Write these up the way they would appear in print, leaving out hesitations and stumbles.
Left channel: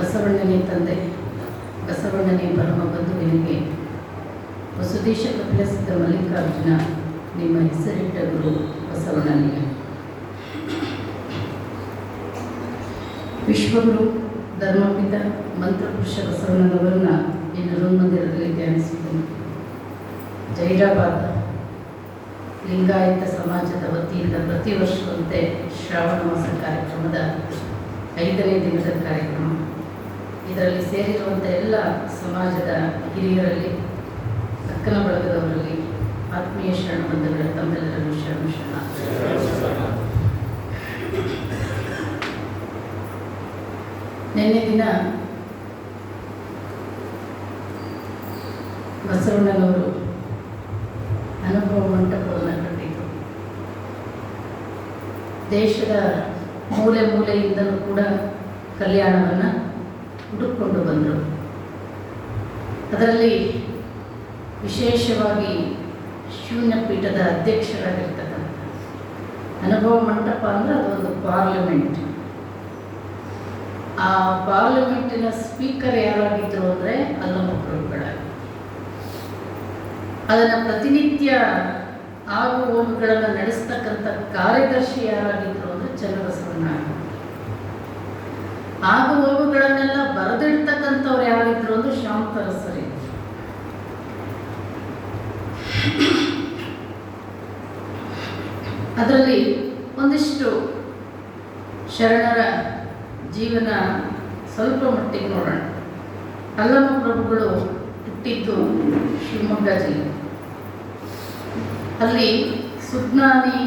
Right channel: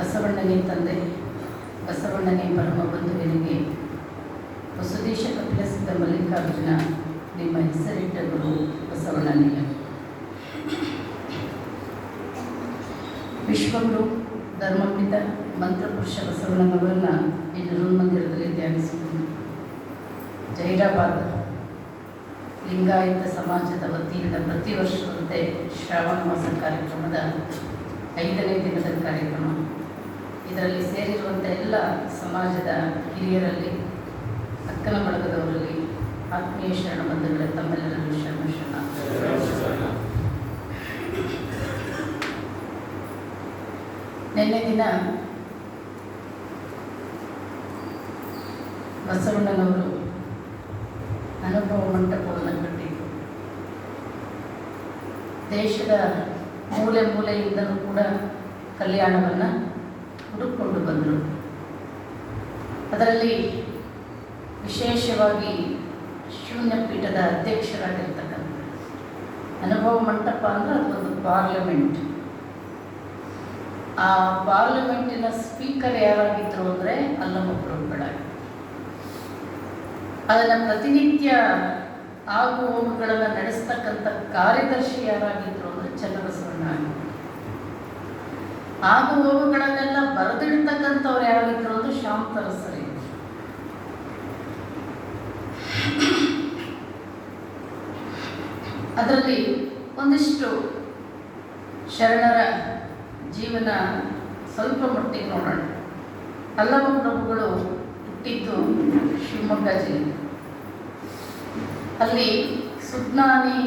ಬಸವಣ್ಣನೇ ತಂದೆ, ಬಸವಣ್ಣನೇ ಪರಮ ಬಂಧುವಿನಿಗೆ ವಸುದೇಶ ಕಪಿಲಸಿದ್ಧ ಮಲ್ಲಿಕಾರ್ಜುನ ನಿಮ್ಮ ಹೆಸರಿಟ್ಟ ಗುರು ಬಸವಣ್ಣನಿಗೆ. ವಿಶ್ವಗುರು ಧರ್ಮಪಿತ ಮಂತ್ರಪುರುಷ ಬಸವಣ್ಣನವರನ್ನು ಇನ್ನು ಮಂದಿರದಲ್ಲಿ ಧ್ಯಾನಿಸಿಕೊಂಡು ಜೈರಾಬಾದ್ ಲಿಂಗಾಯತ ಸಮಾಜದ ವತಿಯಿಂದ ಪ್ರತಿ ವರ್ಷದಂತೆ ಶ್ರಾವಣ ಮಾಸ ಕಾರ್ಯಕ್ರಮದ 5ನೇ ದಿನದ ಕಾರ್ಯಕ್ರಮ. ಇದರಲ್ಲಿ ಸೇರಿರುವಂಥ ಎಲ್ಲ ಸಮಾಜದ ಹಿರಿಯರಲ್ಲಿ, ಅಕ್ಕನ ಬಳಗದವರಲ್ಲಿ, ಆತ್ಮೀಯ ಶರಣ ಬಂಧುಗಳ ತಮ್ಮೆಲ್ಲರೂ ಶರಣ. ನಿನ್ನೆ ದಿನ ಬಸವಣ್ಣನವರು ಅನುಭವ ಮಂಟಪವನ್ನು ಕಟ್ಟಿದ್ದು ದೇಶದ ಮೂಲೆ ಮೂಲೆಯಿಂದಲೂ ಕೂಡ ಕಲ್ಯಾಣವನ್ನು ಹುಡುಕೊಂಡು ಬಂದರು. ಅದರಲ್ಲಿ ವಿಶೇಷವಾಗಿ ಶೂನ್ಯ ಪೀಠದ ಅಧ್ಯಕ್ಷರಾಗಿರ್ತಕ್ಕಂಥ ಅನುಭವ ಮಂಟಪ ಅಂದರೆ ಅದೊಂದು ಪಾರ್ಲಿಮೆಂಟ್. ಆ ಪಾರ್ಲಿಮೆಂಟಿನ ಸ್ಪೀಕರ್ ಯಾರಾಗಿದ್ದರು ಅಂದರೆ ಅಲ್ಲಮಪ್ರಭುಗಳ. ಅದನ್ನು ಪ್ರತಿನಿತ್ಯ ಆಗು ಹೋಗುಗಳನ್ನು ನಡೆಸ್ತಕ್ಕಂಥ ಕಾರ್ಯದರ್ಶಿ ಯಾರಾಗಿದ್ದರು ಅಂದರೆ ಚನ್ನಬಸವಣ್ಣ. ಆಗು ಹೋಗುಗಳನ್ನೆಲ್ಲ ಬರೆದಿಡ್ತಕ್ಕಂಥವ್ರು ಯಾರಾಗಿದ್ದರು ಅಂದ್ರೆ ಶಾಂತರಸರಿ. ಅದರಲ್ಲಿ ಒಂದಿಷ್ಟು ಶರಣರ ಜೀವನ ಸ್ವಲ್ಪ ಮಟ್ಟಿಗೆ ನೋಡೋಣ. ಅಲ್ಲಮಪ್ರಭುಗಳು ಹುಟ್ಟಿದ್ದು ಶಿವಮೊಗ್ಗ ಜಿಲ್ಲೆ. ಅಲ್ಲಿ ಸುಜ್ಞಾನಿ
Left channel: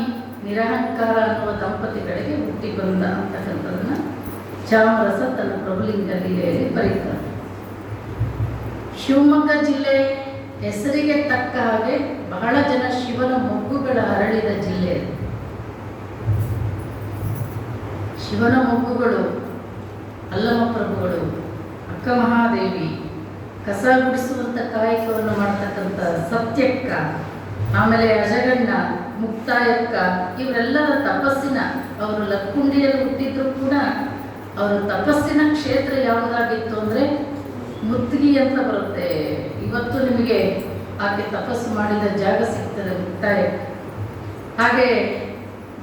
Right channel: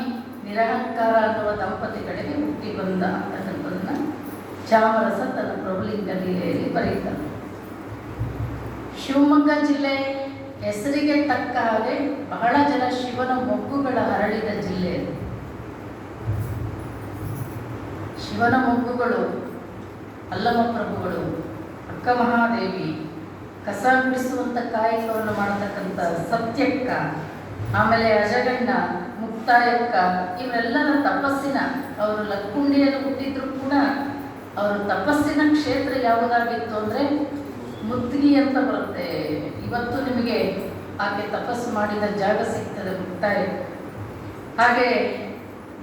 ನಿರಹಂಕಾರ ಅನ್ನುವ ದಂಪತಿಗಳಿಗೆ ಹುಟ್ಟಿ ಬಂದ ಅಂತಕ್ಕಂಥದ್ದನ್ನು ಚಾಮರಸ ತನ್ನ ಪ್ರಭುಲಿಂಗ ಲೀಲೆಯಲ್ಲಿ ಬರೀತಾರೆ. ಶಿವಮೊಗ್ಗ ಜಿಲ್ಲೆ ಹೆಸರಿಗೆ ತಕ್ಕ ಹಾಗೆ ಬಹಳ ಜನ ಶಿವನ ಮೊಗ್ಗುಗಳ ಹರಳಿದ ಜಿಲ್ಲೆ. ಶಿವನ ಮೊಗ್ಗುಗಳು ಅಲ್ಲಮಪ್ರಭುಗಳು, ಅಕ್ಕ ಮಹಾದೇವಿ, ಕಸ ಗುಡಿಸುವಂಥ ಕಾಯಕವನ್ನು ಮಾಡತಕ್ಕಂಥ ಸತ್ಯಕ್ಕ, ಆಮೇಲೆ ಅಜಗಣ್ಣ, ಮುಕ್ತಾಯಕ್ಕ, ಇವರೆಲ್ಲರ ತಪಸ್ಸಿನ, ಅವರು ಲಕ್ಕುಂಡಿಯಲ್ಲಿ ಹುಟ್ಟಿದ್ರು ಕೂಡ ಅವರ ತಪಸ್ಸಿನ ಕ್ಷೇತ್ರ ಯಾವುದಾಗಿತ್ತು ಅಂದರೆ ಮುತ್ತಿಗೆ ಅಂತ ಬರುತ್ತೆ. ಇವತ್ತು ನಿಮಗೆ ಆಕೆ ತಪಸ್ಸು ಮಾಡಿದ ಜಾಗ ಸಿಗ್ತದೆ ಮುಕ್ತಾಯಕ್ಕ. ಹಾಗೆ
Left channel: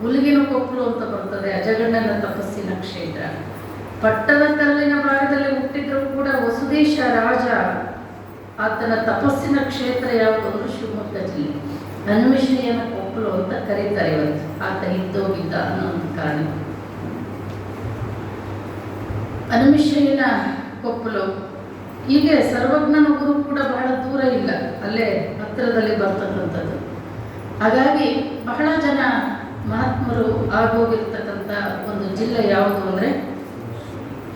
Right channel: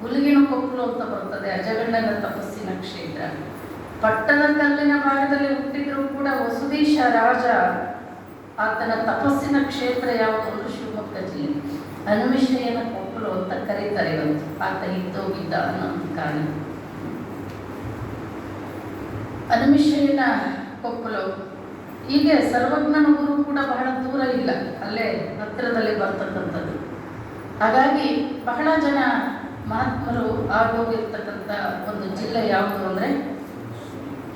ಗುಲ್ಗಿನ ಕೊಪ್ಪಲು ಅಂತ ಬರ್ತದೆ, ಅಜಗಣ್ಣನ ತಪಸ್ಸಿನ ಕ್ಷೇತ್ರ. ಪಟ್ಟದ ಕಲ್ಲಿನ ಭಾಗದಲ್ಲಿ ಹುಟ್ಟಿದ್ರು ಕೂಡ ವಸುದೇಶ ರಾಜ, ಆತನ ತಪಸ್ಸಿನ ಕ್ಷೇತ್ರ ಯಾವುದು ಅಂದ್ರೆ ಶಿವಮೊಗ್ಗ ಜಿಲ್ಲೆ. ಹನುಮಿಷಯ್ಯನ ಕೊಪ್ಪಲು ಅಂತ ಕರೀತಾರೆ ಇವತ್ತು, ಆತ ಇದ್ದೋಗಿದ್ದ ಅನ್ನೋ ಒಂದು ಕಾರಣ. ಹನುಮಿಷಯ್ಯನ ಕೊಪ್ಪಲು ಹೀಗೆ ಸರ್ವಜ್ಞನ ಊರು ಕೂಡ ಬಹಳ ದೂರ ಇಲ್ಲ, ಅಲ್ಲೇ ಹತ್ತಿರದಲ್ಲಿ ಬರ್ತಕ್ಕಂಥದ್ದು. ಹಾಗಾಗಿ ಬಹಳ ಜನ ಮಹಾತ್ಮರು ಆಗೋಗಿರ್ತಕ್ಕಂಥ ಒಂದು ಜಿಲ್ಲೆ ಯಾವುದು ಅಂದರೆ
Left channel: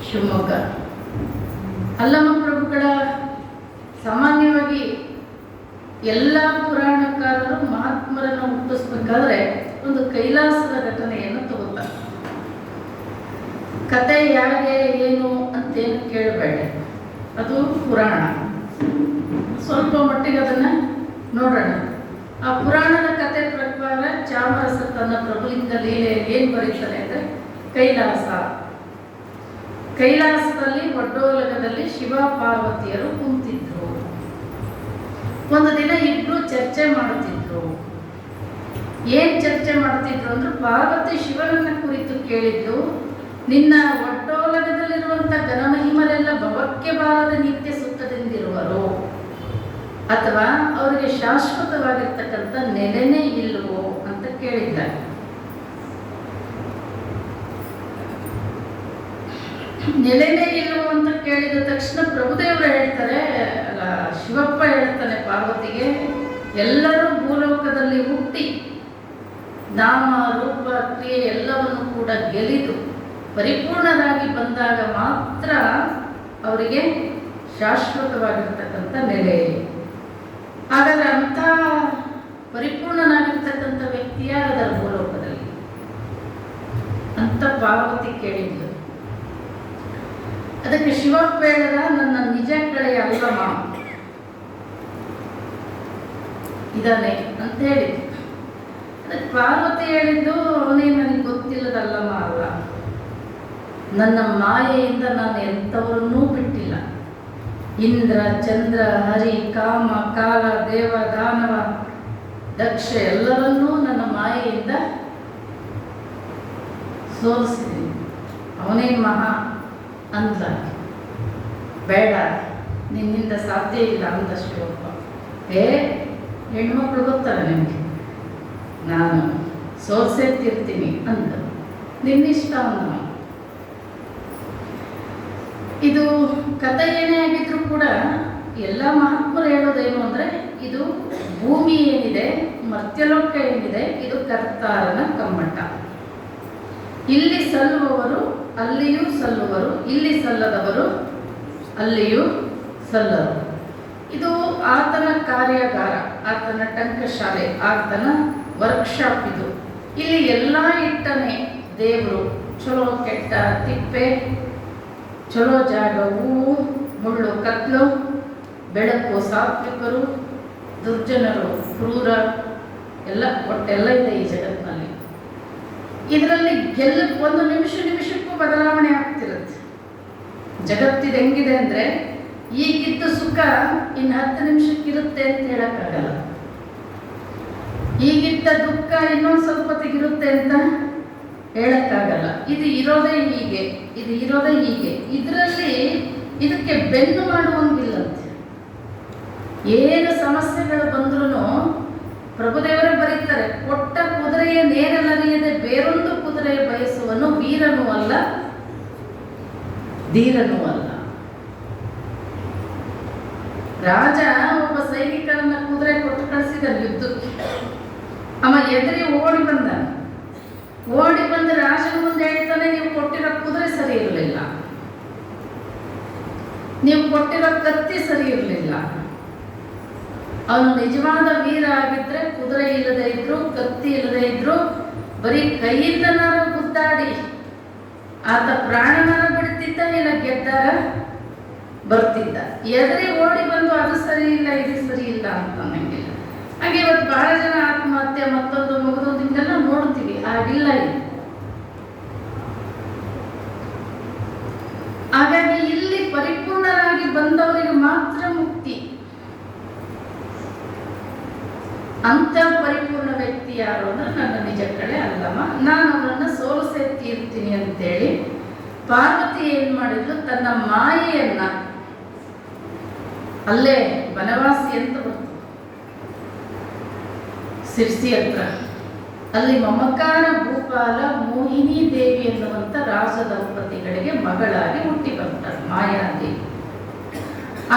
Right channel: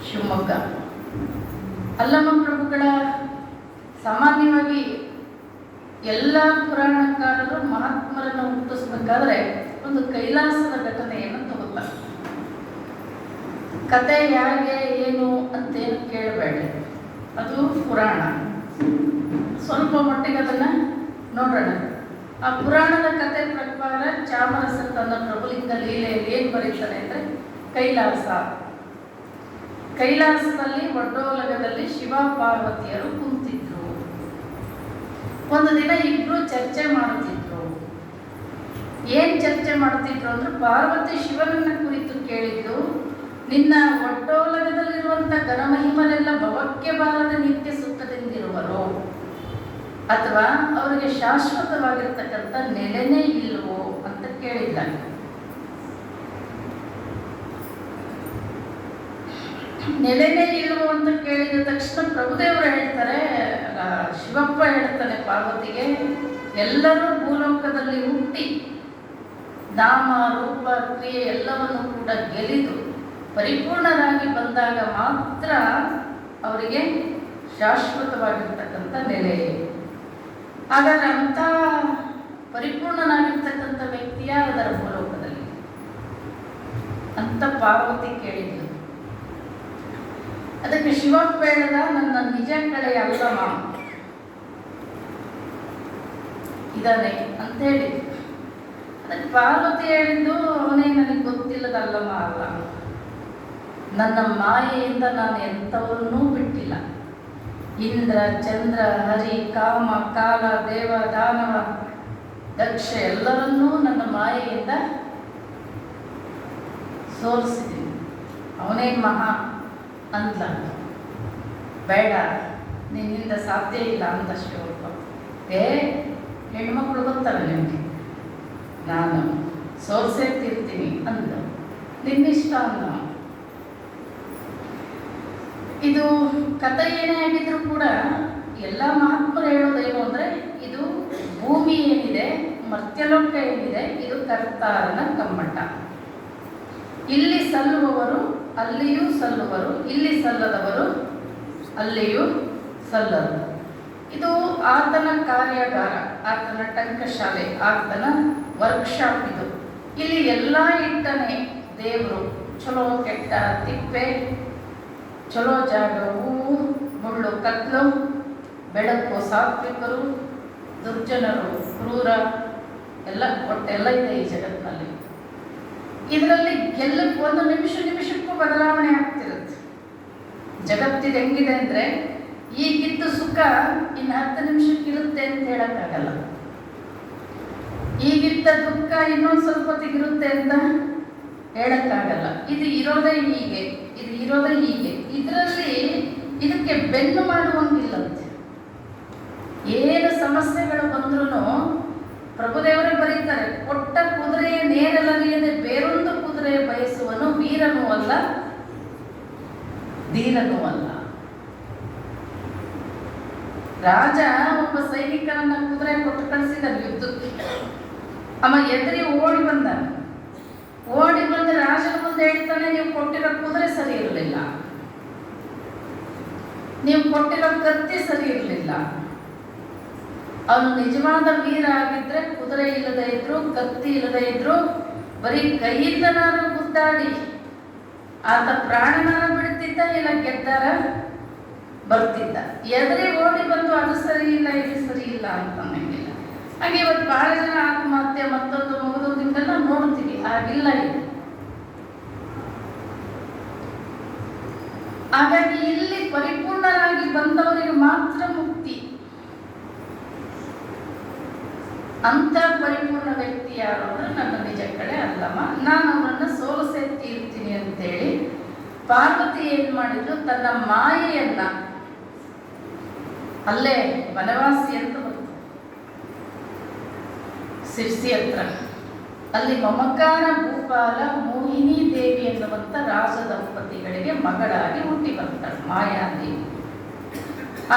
ಶಿವಮೊಗ್ಗ. ಅಲ್ಲಮಪ್ರಭುಗಳ ಸಾಮಾನ್ಯವಾಗಿ ಎಲ್ಲ ಪುರಾಣಕಾರರು ಮಹಾತ್ಮರನ್ನು ಹುಟ್ಟಿಸ್ಬೇಕಾದ್ರೆ ಒಂದು ಕೈಲಾಸದ ಘಟನೆಯನ್ನು ತಗೋತಾರೆ. ಕತೆ ಯಾಕೆ ಏನು ಅಂತೇನು ಕೇಳಬೇಡ, ಅದು ಪುರಾಣ. ಸ್ವಲ್ಪ ಮಟ್ಟಿಗೆ ಅದನ್ನು ನೋಡೋಣ. ಆ ಪುರಾಣದ ಕತೆ ಪ್ರಕಾರ ಚಾಮರಸ ತನ್ನ ಪ್ರಭುಲಿಂಗ ಲೀಲೆಯಲ್ಲಿ ಏನು ಬರೀತಾರೆ ಅಂದರೆ ಕೈಲಾಸದಲ್ಲಿ ಒಡ್ಡೋಲಗದಲ್ಲಿ ಶಿವ ಪಾರ್ವತಿಯರು ಕುಂತಿದ್ರು. ಒಂದು ದಿನ ಇಬ್ರು ಚರ್ಚೆ ಮಾಡ್ತಿದ್ರು. ಏನ್ ಚರ್ಚೆ ಮಾಡ್ತಿದ್ರು ಅಂದ್ರೆ ಪಾರ್ವತಿ ಶಿವನನ್ನ ಕುರಿತು ಕೇಳಿದ್ದು, ನಿನ್ನ ಒಡ್ಡೋಲಗದಲ್ಲಿರುವಂತ ಘನಮಹಿಮರೆಲ್ಲ ಭವಕ್ಕೆ ಬಾರದ ನಿತ್ಯ ಸುಖದಿಂದಿರುವರು, ಅಥವಾ ಅವರಿಗೆ ಶಾಶ್ವತವಾಗಿರ್ತಕ್ಕಂಥ ನೆಲೆನೇ ಇಲ್ವೋ ಅಂತ ಕೇಳಿದ್ದಾರೆ. ನೆಲೆನೇ ಇಲ್ವೋ ಅಂತ ಕೇಳಿದ ತಕ್ಷಣ ಪ್ರಭುದೇವರು ಹೇಳ್ತಾರೆ, ಶಿವಪ್ಪ ಹೇಳ್ತಾನೆ ಪಾರ್ವತಿಗೆ, ಎಲ್ಲರೂ ಭೂಲೋಕದಲ್ಲಿ ಹುಟ್ಟಿ ನಾಮ ರೂಪ ಕ್ರಿಯೆ ಎಲ್ಲವನ್ನು ಕೂಡ ಗೆಲಿದು ಪರಿಪೂರ್ಣರಾಗಿ ಬಂದಾಗ ಮಾತ್ರ ಅವರಿಗೆ ಶಾಶ್ವತವಾಗಿರ್ತಕ್ಕಂಥ ನೆಲೆ. ಹಾಗಾದ್ರೆ ಅಂಥ ಪರಿಪೂರ್ಣನಾಗಿರ್ತಕ್ಕಂಥ ವ್ಯಕ್ತಿ ಯಾರದರ ಭೂಲೋಕದಲ್ಲಿ ಅಂತ ಪಾರ್ವತಿ ಕೇಳಿದ್ಲು. ಅದಕ್ಕೆ ಶಿವಪ್ಪ ಹೇಳಿದ, ನನ್ನ ನಿಜ ಕಡೆಯ ಅಲ್ಲಮ್ಮ ಇದಾನೆ ಅಂತ ಹೇಳಿದ್ರು. ಅದಕ್ಕೆ ಪಾರ್ವತಿ ಹೇಳಿದ್ದು, ಅವನೇ ನನಗೆ ಗೊತ್ತಿಲ್ಲದಲ್ಲಮ್ಮ ಅಲ್ಲ, ನನ್ನ ಮಾಯೆಯಿಂದ ನಾನು ಎಂಥವರನ್ನೂ ಬಿಟ್ಟಿಲ್ಲ. ಇಂದ್ರ, ಚಂದ್ರ, ಹರಿ, ಕಾಮ, ಕಾಲ, ದೇವ, ದಾನವ, ದಕ್ಷ ಎಲ್ಲರನ್ನೂ ನನ್ನ ಮಾಯೆಯಿಂದ ಸೋಲಿಸಿದ್ದೀನಿ. ಅವನೇ ಮಹಾ ಅಂತ. ಬೇಡ, ನಿನ್ನಿಂದ ಸಾಧ್ಯ ಇಲ್ಲ ಅಂತ ಶ್ಲೋಕ. ಹೆಣ್ಮಕ್ಳು ಗೊತ್ತಲ್ಲ ನಿಮಗೆ, ನಾನು ಸೋಲ್ಸೆತ್ತಿರ್ತೀನಿ ಅಂತ. ನಿನ್ನಿಷ್ಟ ಅಂದ. ಇದು ಕಥೆ ಏನೇ ಆಗಿದ್ರು ಕೂಡ ಎಲ್ಲ ಮಹಾತ್ಮರು ಹೇಳೋದೇನು ಅಂದರೆ, ಇದು ಭೂಮಿ ಏನಿದೆ, ಮರ್ತ್ಯಲೋಕ ಏನಿದೆ, ಇದು ಕರ್ತಾರನ ಕಮ್ಮಟ. ಇಲ್ಲಿ ಸಲ್ಲುವವರು ಅಲ್ಲಿಯೂ ಸಲ್ಲುವರು, ಇಲ್ಲಿ ಸಲ್ಲದವರು ಅಲ್ಲಿಯೂ ಸಲ್ಲರು. ಇದು ಆತನ ಕಾರ್ಯಾಗಾರ, ಆತನ ಟಂಕಶಾಲೆ, ಆತನ ವರ್ಕ್ಶಾಪ್. ಇದು ಇಲ್ಲಿ ಎಲ್ಲ ಇಟ್ಟನೆ ದೇವರು. ಚಲೋ ಕೆಟ್ಟ, ತಿಪ್ಪೆ, ಚಲೋ ಜಾಗ, ಹೂವು, ಮುಳ್ಳು, ಕತ್ಲು, ಬೆಳಕು, ಸಾತ್ವಿಕರು, ದುರ್ಜನರು, ಕ್ರೂರ, ಎಲ್ಲ ಒಟ್ಟೆಲ್ಲ ಇದೆ ಈ ಜಗತ್ತಿನಲ್ಲಿ. ಇದರಲ್ಲಿ ಒಂದು ನಿಮಿಷಕ್ಕೂ ಬದಲಾವಣೆ ಆಗ್ತಿರುತ್ತೆ. ಜಗತ್ತಿದು ಹೆಂಗಿದೆ ಅಂದರೆ, ಈಗಿದ್ದು ಸುಖ ಇನ್ನು 10 ನಿಮಿಷಕ್ಕಿರುತ್ತೆ ಅಂತ ಹೇಳಕ್ಕಾಗಲ್ಲ. ಈಗಿದ್ದ ದುಃಖ ಇನ್ನೊಂದು ಸ್ವಲ್ಪ ಹೊತ್ತಿಗಿರುತ್ತೆ ಅಂತ ಹೇಳಕ್ಕಾಗಲ್ಲ. ಇದು ಇರೋದೇ ಹೀಗೆ, ಇದು ಇರೋದೇ ಹೀಗೆ. ಇದರಲ್ಲಿ ಇದಕ್ಕೆ ಬೆನ್ನು ಮಾಡುವಂಗಿಲ್ಲಂತೆ. ಏನು ಸಮಸ್ಯೆಗಳು ಬಂದ್ರೂ ಪ್ರಭುದೇವರು ಬರೀತಾರೆ, ಕೊಟ್ಟ ಕುದುರೆಯ ನೇರಲರಿಯದೆ ಬೇರೊಂದು ಕುದುರೆ ಬಯಸುವನು ವೀರನೂ ಅಲ್ಲ ಧೀರನೂ ಅಲ್ಲ. ರಾಜ ಒಬ್ಬ ಸೈನಿಕರನ್ನ ಕುದುರೆ ಕೊಟ್ಟು ಕಳಿಸಿದ ಯುದ್ಧಕ್ಕೆ. ಅವ ಎದುರಿ ಓಡಿ ಬಂದ ರಾಜನ ಮುಂದೆ ಹೇಳ್ತಾನೆ, ನೀವು ಕೊಟ್ಟಿರೋ ಕುದುರೆ ಸರಿ ಇರಲಿಲ್ಲ, ನೀವು ಕೊಟ್ಟಿರೋ ಕತ್ತಿ ಸರಿ ಇರಲಿಲ್ಲ. ಅವನು ನಿಜವಾದ ವೀರ ಆಗಿದ್ರೆ ಕುದುರೆ ಇಲ್ಲದೆ ಇದ್ರು, ಕತ್ತಿ ಇಲ್ಲದೆ ಇದ್ರು, ಬರೀ ಕೈಯಿಂದ ನಾನು ಗುದ್ದಾಡಿ ಆತ ಪ್ರಾಣನಾರ ಬಿಡ್ತಿದ್ದ, ಇಲ್ಲ ಗೆದ್ದಾಗ ಬರ್ತಿದ್ದ. ಎದುರೇ ಓಡಿ ಬಂದು ಅದು ಸರಿ ಇಲ್ಲ, ಇದು ಸರಿ ಇಲ್ಲ ಅಂತ ಅನ್ನಂಗಿಲ್ಲ. ಹಾಗೆ ಇವತ್ತು ಬಹಳ ಜನ ಆತ್ಮಹತ್ಯೆ, ಮತ್ತೊಂದು ಮಗದೊಂದು ಹಿಂಗೆಲ್ಲ ನೋಡ್ತೀವಿ. ಆಗಿಲ್ಲ ಇದು. ಹಾಗಾಗಿ ಇಲ್ಲಿ ಪರಿಪೂರ್ಣರಾಗಿ ಬಂದವರಿಗೆ ಮಾತ್ರ ಮುಕ್ತಿ. ಅಂತ ಪರಿಪೂರ್ಣ ವ್ಯಕ್ತಿ ಯಾರು ಅಂದ್ರೆ ನನ್ನ ನಿಜ ಕಡೆ ಅಲ್ಲಮ್ಮ, ನಾನು ಅವರನ್ನು ಸೋಲಿಸೆತ್ತಿರ್ತೀನಿ ಅಂತೇಳಿ ಪಾರ್ವತಿ ಏನ್ ಮಾಡಿದ್ರು, ತನ್ನ ಮಾಯೆಯನ್ನ ಅಲ್ಲೇ ವನವಾಸಿ ಅಂತ ಬಂತು ಸಿರ್ಸಿ ಹತ್ರ. ಅಲ್ಲಿ ಮಮಕಾರ ಭೂಪಾಲ ಮೋಹಿನಿ ದೇವಿ ಎನ್ನುವಂತ ರಾಜ ದಂಪತಿಗಳಿಗೆ ಮಗಳಾಗಿ ಹುಟ್ಟಿ ಬರ್ತಾಳೆ ಮಾಯಾದೇವಿ.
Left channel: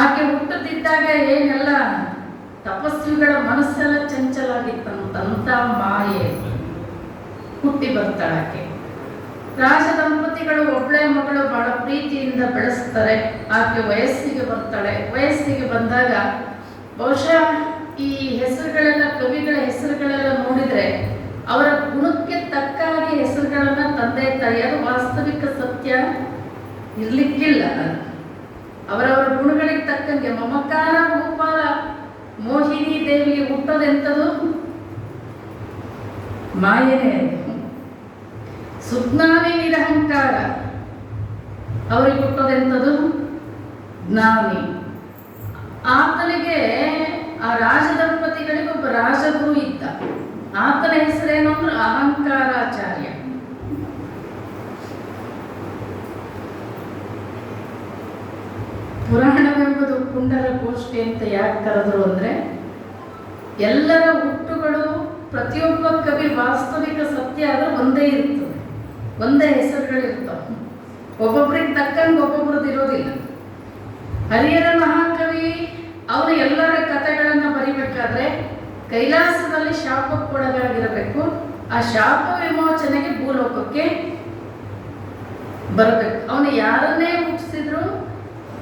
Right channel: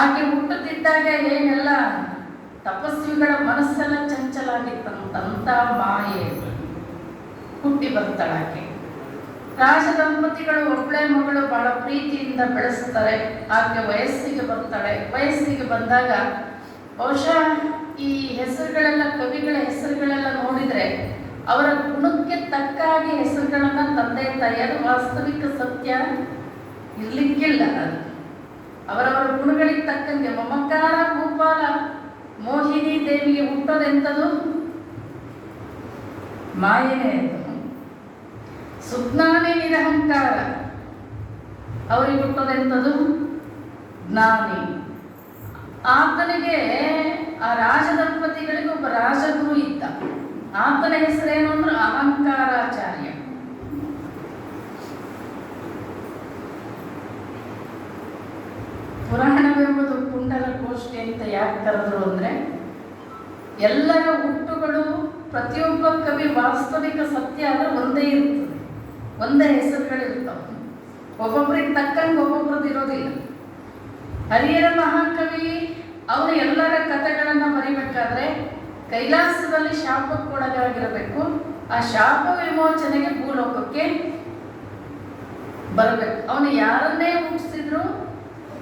ಆಕೆ ಹುಟ್ಟುತ್ತಿದ್ದಾಗ ಏನೆಲ್ಲ ತಪಸ್ವಿಗಳ ಮನಸ್ಸೆಲ್ಲ ಚಂಚಲಾಗಿತ್ತಂತ ಮಾಯೆ ಹುಟ್ಟಿ ಬರ್ತಾಳೆ ಆಕೆ. ರಾಜ ದಂಪತಿಗಳು ಒಬ್ಬಳೆ ಮಗಳು ಬಹಳ ಪ್ರೀತಿಯಿಂದ ಬೆಳೆಸ್ತಾರೆ. ಆಕೆ ವಯಸ್ಸಿಗೆ ಬರ್ತಾಳೆ. ವಯಸ್ಸಿಗೆ ಬಂದಾಗ ಬಹುಶಃ ಈ ಹೆಸರುಗಳೆಲ್ಲ, ಕವಿಗಳ ಹೆಸರುಗಳೆಲ್ಲ ನೋಡಿದ್ರೆ ಅವರ ಗುಣಕ್ಕೆ ತಕ್ಕಾಗಿ ಹೆಸರುಗಳನ್ನ ತಂದೆ ತಾಯಿಯರು, ವಾಸ್ತವಿಕ ಸತ್ಯ ಇರ್ಲಿಕ್ಕಿಲ್ಲ. ಅವರವರ ಗುಣಗಳಿಗೆ ತಕ್ಕಂಗೆ ಮಮಕಾರ ಭೂಪಾಲ ಮೋಹಿನಿ ದೇವಿಗೆ ಹುಟ್ಟೋದೆಂಥದ್ದು ಮಾಯನೇ. ಸುಜ್ಞಾನಿ ನಿರಹಂಕಾರ ಅವರಿಗೆ ಹುಟ್ಟೋದೆಂಥದ್ದು ಜ್ಞಾನಿ. ಆತನಿಗೆ ಆ ರಾಜ ದಂಪತಿಗಳಿಗೆ ಒಬ್ಬ ರಾಜಗುರು ಇದ್ದ. ಆತನ ಹೆಸರೇನು ಅಂದ್ರೆ ಅಹಂಕಾರಾಚಾರ್ಯ. ಪುರಾಣವೆಂಬುದು ಕುಂಡಲ ಗೋಷ್ಠಿ ಅಂತ ಯಾಕೆ ಕರೆದ್ರು ಅಂದ್ರೆ, ಎಲ್ಲರ ಹುಟ್ಟುಗಳು ಪ್ರತಿಯೊಬ್ಬ ಕವಿ ವಾಸ್ತವಿಕ ಸತ್ಯ ಆದ್ರೆ ಒಂದೇ ಇರ್ತದೆ, ಒಂದೇ ಹೆಸರುಗಳಿರ್ತಾವ. ಒಬ್ಬೊಬ್ರಿಗೆ ತಕ್ಕಂಗೆ ಒಬ್ಬೊಬ್ರದ್ದು ಇರೋದಿಲ್ಲ. ಹರಿಹರ ಮಹಾಕವಿ ಅವರು ಎಲ್ಲರ ಕಥೆಗಳನ್ನ ಬರಿಬೇಕಾದ್ರೆ ಕೈಲಾಸದಲ್ಲಿ ಶಾಪಕ್ಕೊಳಗಾಗಿರಬೇಕು. ಆ ಶಾಪ ವಿಮೋಚನೆಗೆ ಭೂಲೋಕಕ್ಕೆ ಬರಬೇಕು. ಅವನು ಯಾರನ್ನೇ ಹುಟ್ಟಿಸಿದ್ರು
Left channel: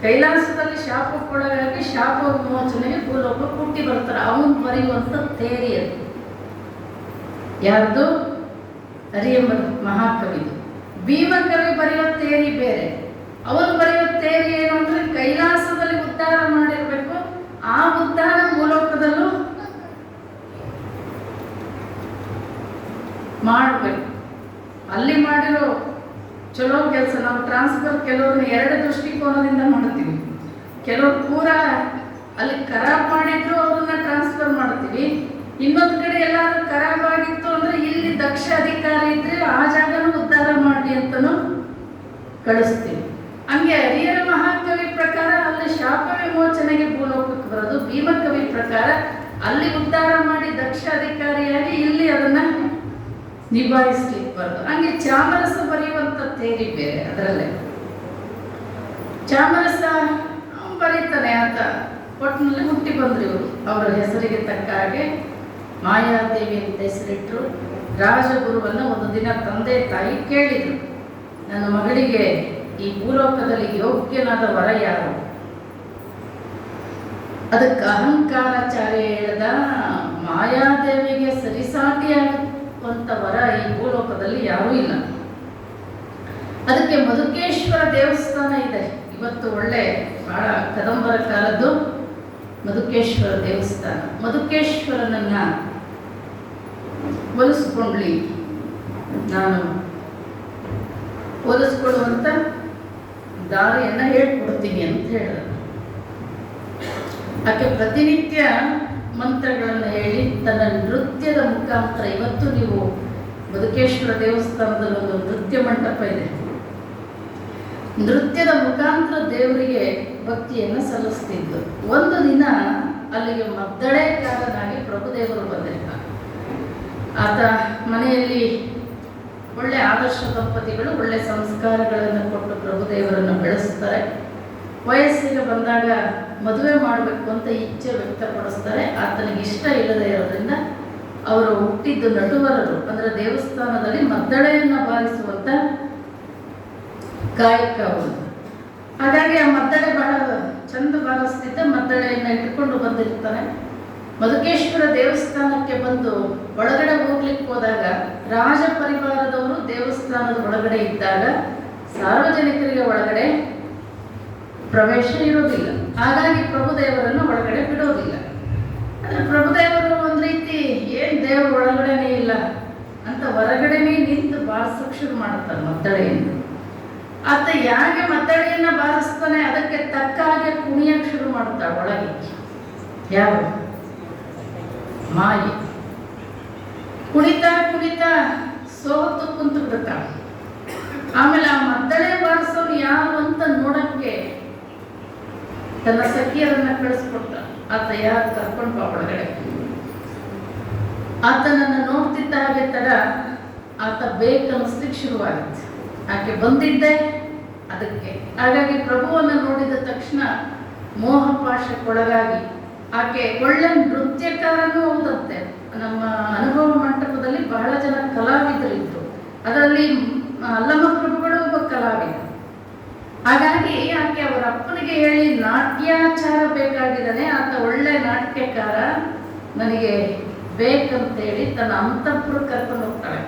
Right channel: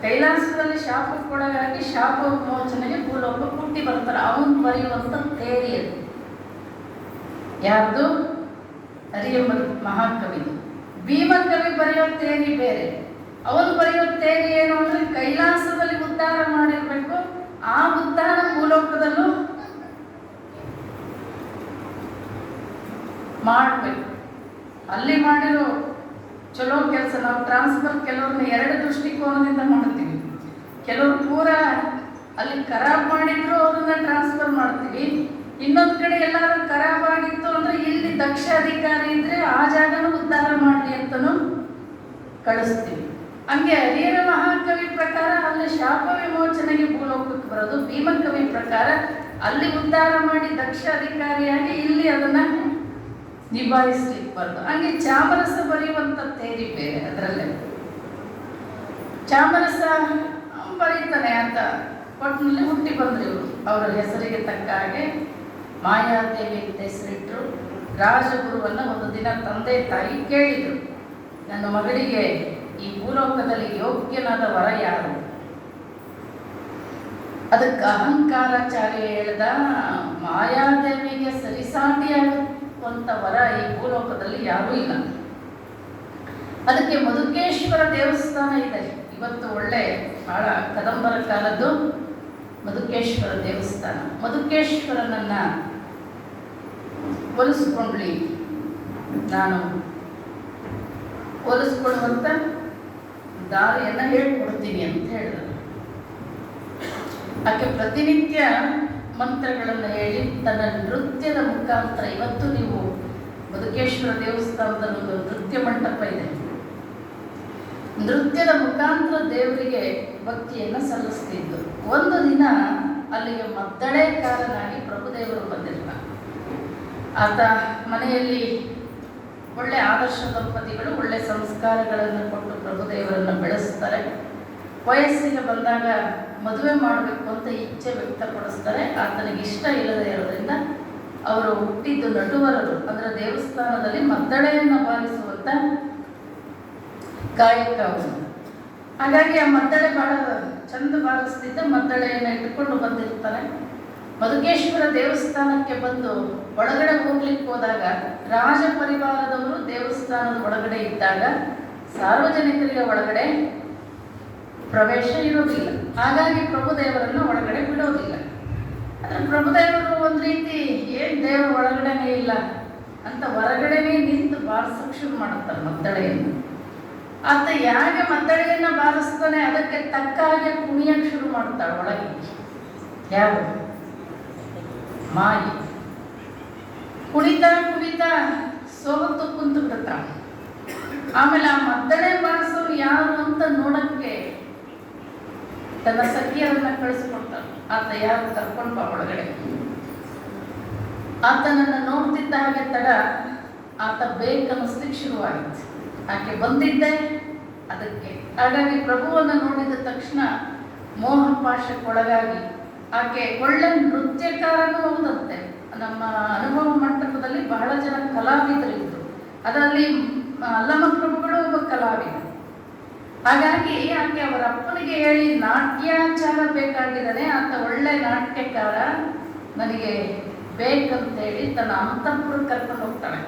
ಕೈಲಾಸದಲ್ಲಿ ಶಾಪಕ್ಕೊಳಗಾಗಿ ಶಾಪ ವಿಮೋಚನೆಗೆ ಭೂಲೋಕಕ್ಕೆ ಹುಟ್ಟಿ ಬರ್ತಾರೆ. ಅವನು ಬರೆಯುವಂಥ ತೇರಿ ಅದು. ಯಾರ್ದು? ಹರಿಹರ ಮಹಾಕವಿದು. ಭೀಮಕವಿ ಬರೆಯೋ ತೇರಿ ಬೇರೆ. ಅವನು ಬರೆಯೋ ತೇರಿ ಏನು ಅಂದ್ರೆ, ಕೈಲಾಸದಲ್ಲಿ ಉದ್ಧಾರ ಮಾಡಿರ್ಬೇಕು, ಆ ಉದ್ಧಾರ ಭೂಲೋಕದಲ್ಲೂ ಮಾಡಬೇಕು. ಅಲ್ಲಿ ಮಾಡಿರೋ ಚಲೋ ಕೆಲಸ. ನಾವು ಟ್ರಾನ್ಸ್ಫರ್ ಕೆಲವ್ರನ್ನ ಎರಡು ದೃಷ್ಟಿಕೋನದಿಂದ ಮಾಡ್ತೀವಿ. ಕೆಲವ್ರು ಪೂರ ಅಲ್ಲಿ ಖರಾಬ್ ಮಾಡಿದ್ರು ಅವ್ರನ್ನ ಟ್ರಾನ್ಸ್ಫರ್ ಮಾಡ್ತೀವಿ. ಇನ್ನೊಂದು ಕಡೆ ಎಲ್ಲಾದ್ರೂ ಖರಾಬ್ ಆಗಿತ್ತು ಅಂದ್ರೆ ಇಲ್ಲಿ ದಕ್ಷ ಅಧಿಕಾರಿ ಇದ್ರೆ ಆ ಜಾಗನೂ ಉದ್ಧಾರ ಮಾಡಿ ಅಂತನೂ ಕಳಿಸ್ತೀವಿ. ಹಂಗೆ ಹರಿಹರ ಮಹಾಕವಿ ಪ್ರಕಾರ ಅಲ್ಲಿ ಶಾಪ ವಿಮೋಚನೆಗೆ ಭೂಲೋಕಕ್ಕೆ ಬರೋದು, ಭೀಮಕವಿ ಪ್ರಕಾರ ಅಲ್ಲಿ ಉದ್ಧಾರ ಮಾಡಿ ದಕ್ಷ ಅಧಿಕಾರಿಯಾಗಿ ಇಲ್ಲಿ ಅದನ್ನ ನಿಭಾಯಿಸ್ಲಿಕ್ಕೆ ಬರೋದು. ಹಂಗೆ ಚಾಮರಸ ಬರೆಯುವಂತ ತೇರಿ ಬೇರೆ. ಅದರಲ್ಲೇ ಚಾಮರಸ ಬರೀತಾನೆ ಅಂತ ಒಟ್ಟಿನಲ್ಲಿ ಹುಟ್ಟಿ ಬಂದ್ರು ಇವರು. ಅವರ ಹೆಸರಿಗೆ ತಕ್ಕ ಹಾಗೆ ಮಾಯಾದೇವಿ ಅಂತ ಹೆಸರಿಟ್ಟರು. ರಾಜಗುರುವನ್ನು ಒಂದು ದಿನ ತಂದೆ ತಾಯಿ ಕೇಳಿದರು, ನನ್ನ ಮಗಳಿಗೆ ಈ ಭೂಲೋಕದಲ್ಲಿ ಯೋಗ್ಯನಾದ ವರ ಯಾರು? ಅದಕ್ಕೆ ಅಹಂಕಾರಾಚಾರ್ಯ ಹೇಳಿದ, ಮಾಯಾದೇವಿಗೆ ಸರಿಸಾಟಿಯಾಗುವಂತ ವರ ಈ ಭೂಲೋಕದಲ್ಲಿ ಯಾರೂ ಇಲ್ಲ. ಅದಕ್ಕೆ ಮಧುಕೇಶ್ವರ ದೇವಸ್ಥಾನ ಇದೆ. ಇವತ್ತು ಒಳ್ಳೆ ಬಹಳ ಕದಂಬರ ಕಾಲದ್ದು ಮಧುಕೇಶ್ವರ ದೇವಸ್ಥಾನ. ಮಧುಕೇಶ್ವರನನ್ನ ಹೋಲಿಸ್ಕೊಂಡ್ಲಿ, ನಾನು ಹೋಲಿಸ್ಕೊಳ್ಳುವಂತ ದಾರಿಯನ್ನ ಹೇಳ್ಕೊಡ್ತೀನಿ ಅಂತ ಹೇಳಿದ. ಆಕೆ ಪ್ರತಿನಿತ್ಯ ಮಂತ್ರಗಳನ್ನು ಹೇಳಿ ತನ್ನ ನೃತ್ಯದ ಮುಖಾಂತರ, ಇವತ್ತು ನೀವು ಮಧುಕೇಶ್ವರ ದೇವಸ್ಥಾನದಲ್ಲಿ ಒಂದು ನೃತ್ಯ ಮಂಟಪ ಇದೆ, ನೃತ್ಯದ ಮುಖಾಂತರ ದೇವರಿಗೆ ಭಕ್ತಿಯನ್ನು ಸಲ್ಲಿಸ್ತಿದ್ದು. ಒಂದು ದಿನ ಅಲ್ಲಿಗೆ ಮದ್ದಳೆಕಾರನಾಗಿ ಪ್ರಭುದೇವರು ಬಂದಿರ್ತಾರೆ. ಆತ ಮನೆಯಲ್ಲಿ ಒಳ್ಳೆ ಆದರ್ಶ ದಂಪತಿಗಳು ಒಳ್ಳೆ ಸಂಸ್ಕಾರಗಳನ್ನು ಕೊಟ್ಟು ಪ್ರಭುದೇವರನ್ನು ಬೆಳೆಸ್ತಾರೆ. ವಯಸ್ಸಿಗೆ ಬಂದಾಗ ಮದುವೆ ಮಾಡಬೇಕು ಅಂತ ಇಚ್ಛೆ ವ್ಯಕ್ತಪಡಿಸ್ತಾರೆ. ಆತನಿಗೆ ಇಷ್ಟ ಇಲ್ಲದೆ ಇರೋದ್ರಿಂದ ಅವರು ಹುಟ್ಟಿದ್ದು ನಟುವರರು, ಅಂದರೆ ದೇವಸ್ಥಾನದಲ್ಲಿ ಮದ್ದಳೆಯನ್ನು ಬಾರಿಸುವಂತ ಕಾಯಕ ಅವರು. ಹಾಗಾಗಿ ಆ ಮದ್ದಳೆ ಬಹಳ ಚಂದ ಬಾರಿಸ್ತಿದ್ದ. ಮದ್ದಳೆಯನ್ನು ಇಟ್ಟುಕೊಂಡು ಬಂದಿರ್ತಾನೆ. ಮಧುಕೇಶ್ವರ ದೇವಸ್ಥಾನಕ್ಕೆ ಬಂದು ಒಳಗಡೆ ಹೋಗ್ಲಿಕ್ಕೆ ಹೋದಾಗ ರಾಜ ಪರಿವಾರದವರು ದೇವಸ್ಥಾನದ ಒಳಗಡೆ ಇದ್ದಾಗ ಸಾರ್ವಜನಿಕರಿಗೆ ಒಳಗಡೆ ಪ್ರವೇಶ ಇರೋದಿಲ್ಲ. ಹಾಗಾಗಿ ಪ್ರಭುದೇವರನ್ನು ಒಳಗಡೆ ಬಿಡೋದಿಲ್ಲ. ಆದರೆ ಪ್ರಭುದೇವರು ಒಂದು ರೀತಿ ಏನ್ ದೇವರು ಒಳಗಡೆನೇ ಇಲ್ಲ ಅಂತ ಹೊರಗಡೆನೇ ನಿಂತು ಬಾರಿಸೋಕೆ ಶುರು ಮಾಡುತ್ತಾರೆ ಮದ್ದಳೆಯನ್ನು. ಆತ ಯಾಕೆ ಮದ್ದಳೆಯನ್ನ ಬಾರಿಸ್ತಾನೆ ಅದಕ್ಕೆ ತಕ್ಕ ಹಾಗೆ ಕುಣಿಯಕ್ಕೆ ಶುರು ಮಾಡುತ್ತಾಳೆ ಒಳಗೆ. ಯಾರು? ಮಾಯಿ. ಕುಣಿತಾ ಕುಣಿತಾ ಸೋತು ಕುಂತು ಬಿಡ್ತಾಳೆ. ಆಮೇಲೆ ಆ ಮದ್ದಳೆ ಬಾರಿಸೋರು ಯಾರು ಅಂತ ನೋಡಕ್ಕೆ ತನ್ನ ಸಖಿಯರನ್ನ ಕಳಿಸ್ಕೊಡ್ತಾನೆ. ಆತ ಯಾರು ಕರ್ಕೊಂಡು ಒಳಗಡೆ. ಆತನನ್ನು ನೋಡ್ತಿದ್ದ ಹಾಗೆ ತಡ ಆತ ಬೇಕನ್ನಿಸ್ಲಿಕ್ಕೆ ಶುರುವಾಗಿತ್ತು. ಆಕೆ ಬಂದಿದ್ದೆ ಅದಕ್ಕೆ. ಹಾಗಾಗಿ ಪ್ರಭುವನ್ನು ನೋಡಿದ ತಕ್ಷಣ ಮೋಹಪಾಶಕ್ಕೊಳಗಾಗಿ ಆಕೆ ಒಳ್ಳೆ ನೃತ್ಯಕಾರನೂ ಹೌದಂತೆ. ನಮ್ಮ ಅನುಭವ ಮಂಟಪದಲ್ಲಿ ಬಹಳ ಜನ ಕಲಾವಿದರಿದ್ರು. ಅದರಲ್ಲಿ ಅಲ್ಲಮ ಪ್ರಭುಗಳು ಒಬ್ಬ ಕಲಾವಿದ. ಹಾಗಾಗಿ ಆಕೆ ಅವರ ಅಪ್ಪನಿಗೆ ಹೇಳಿ ನಾಟ್ಯಾಚಾರ ಬೇಕಾಗಿದ್ದಾನೆ, ಆತ ಒಳ್ಳೆ ನಾಟ್ಯಕಾರ, ನನಗೆ ಬೇಕಂತೇಳಿ ತನ್ನ ಅಂತಃಪುರ ಕರ್ಕೊಂಡು ಹೋಗ್ತಾಳೆ.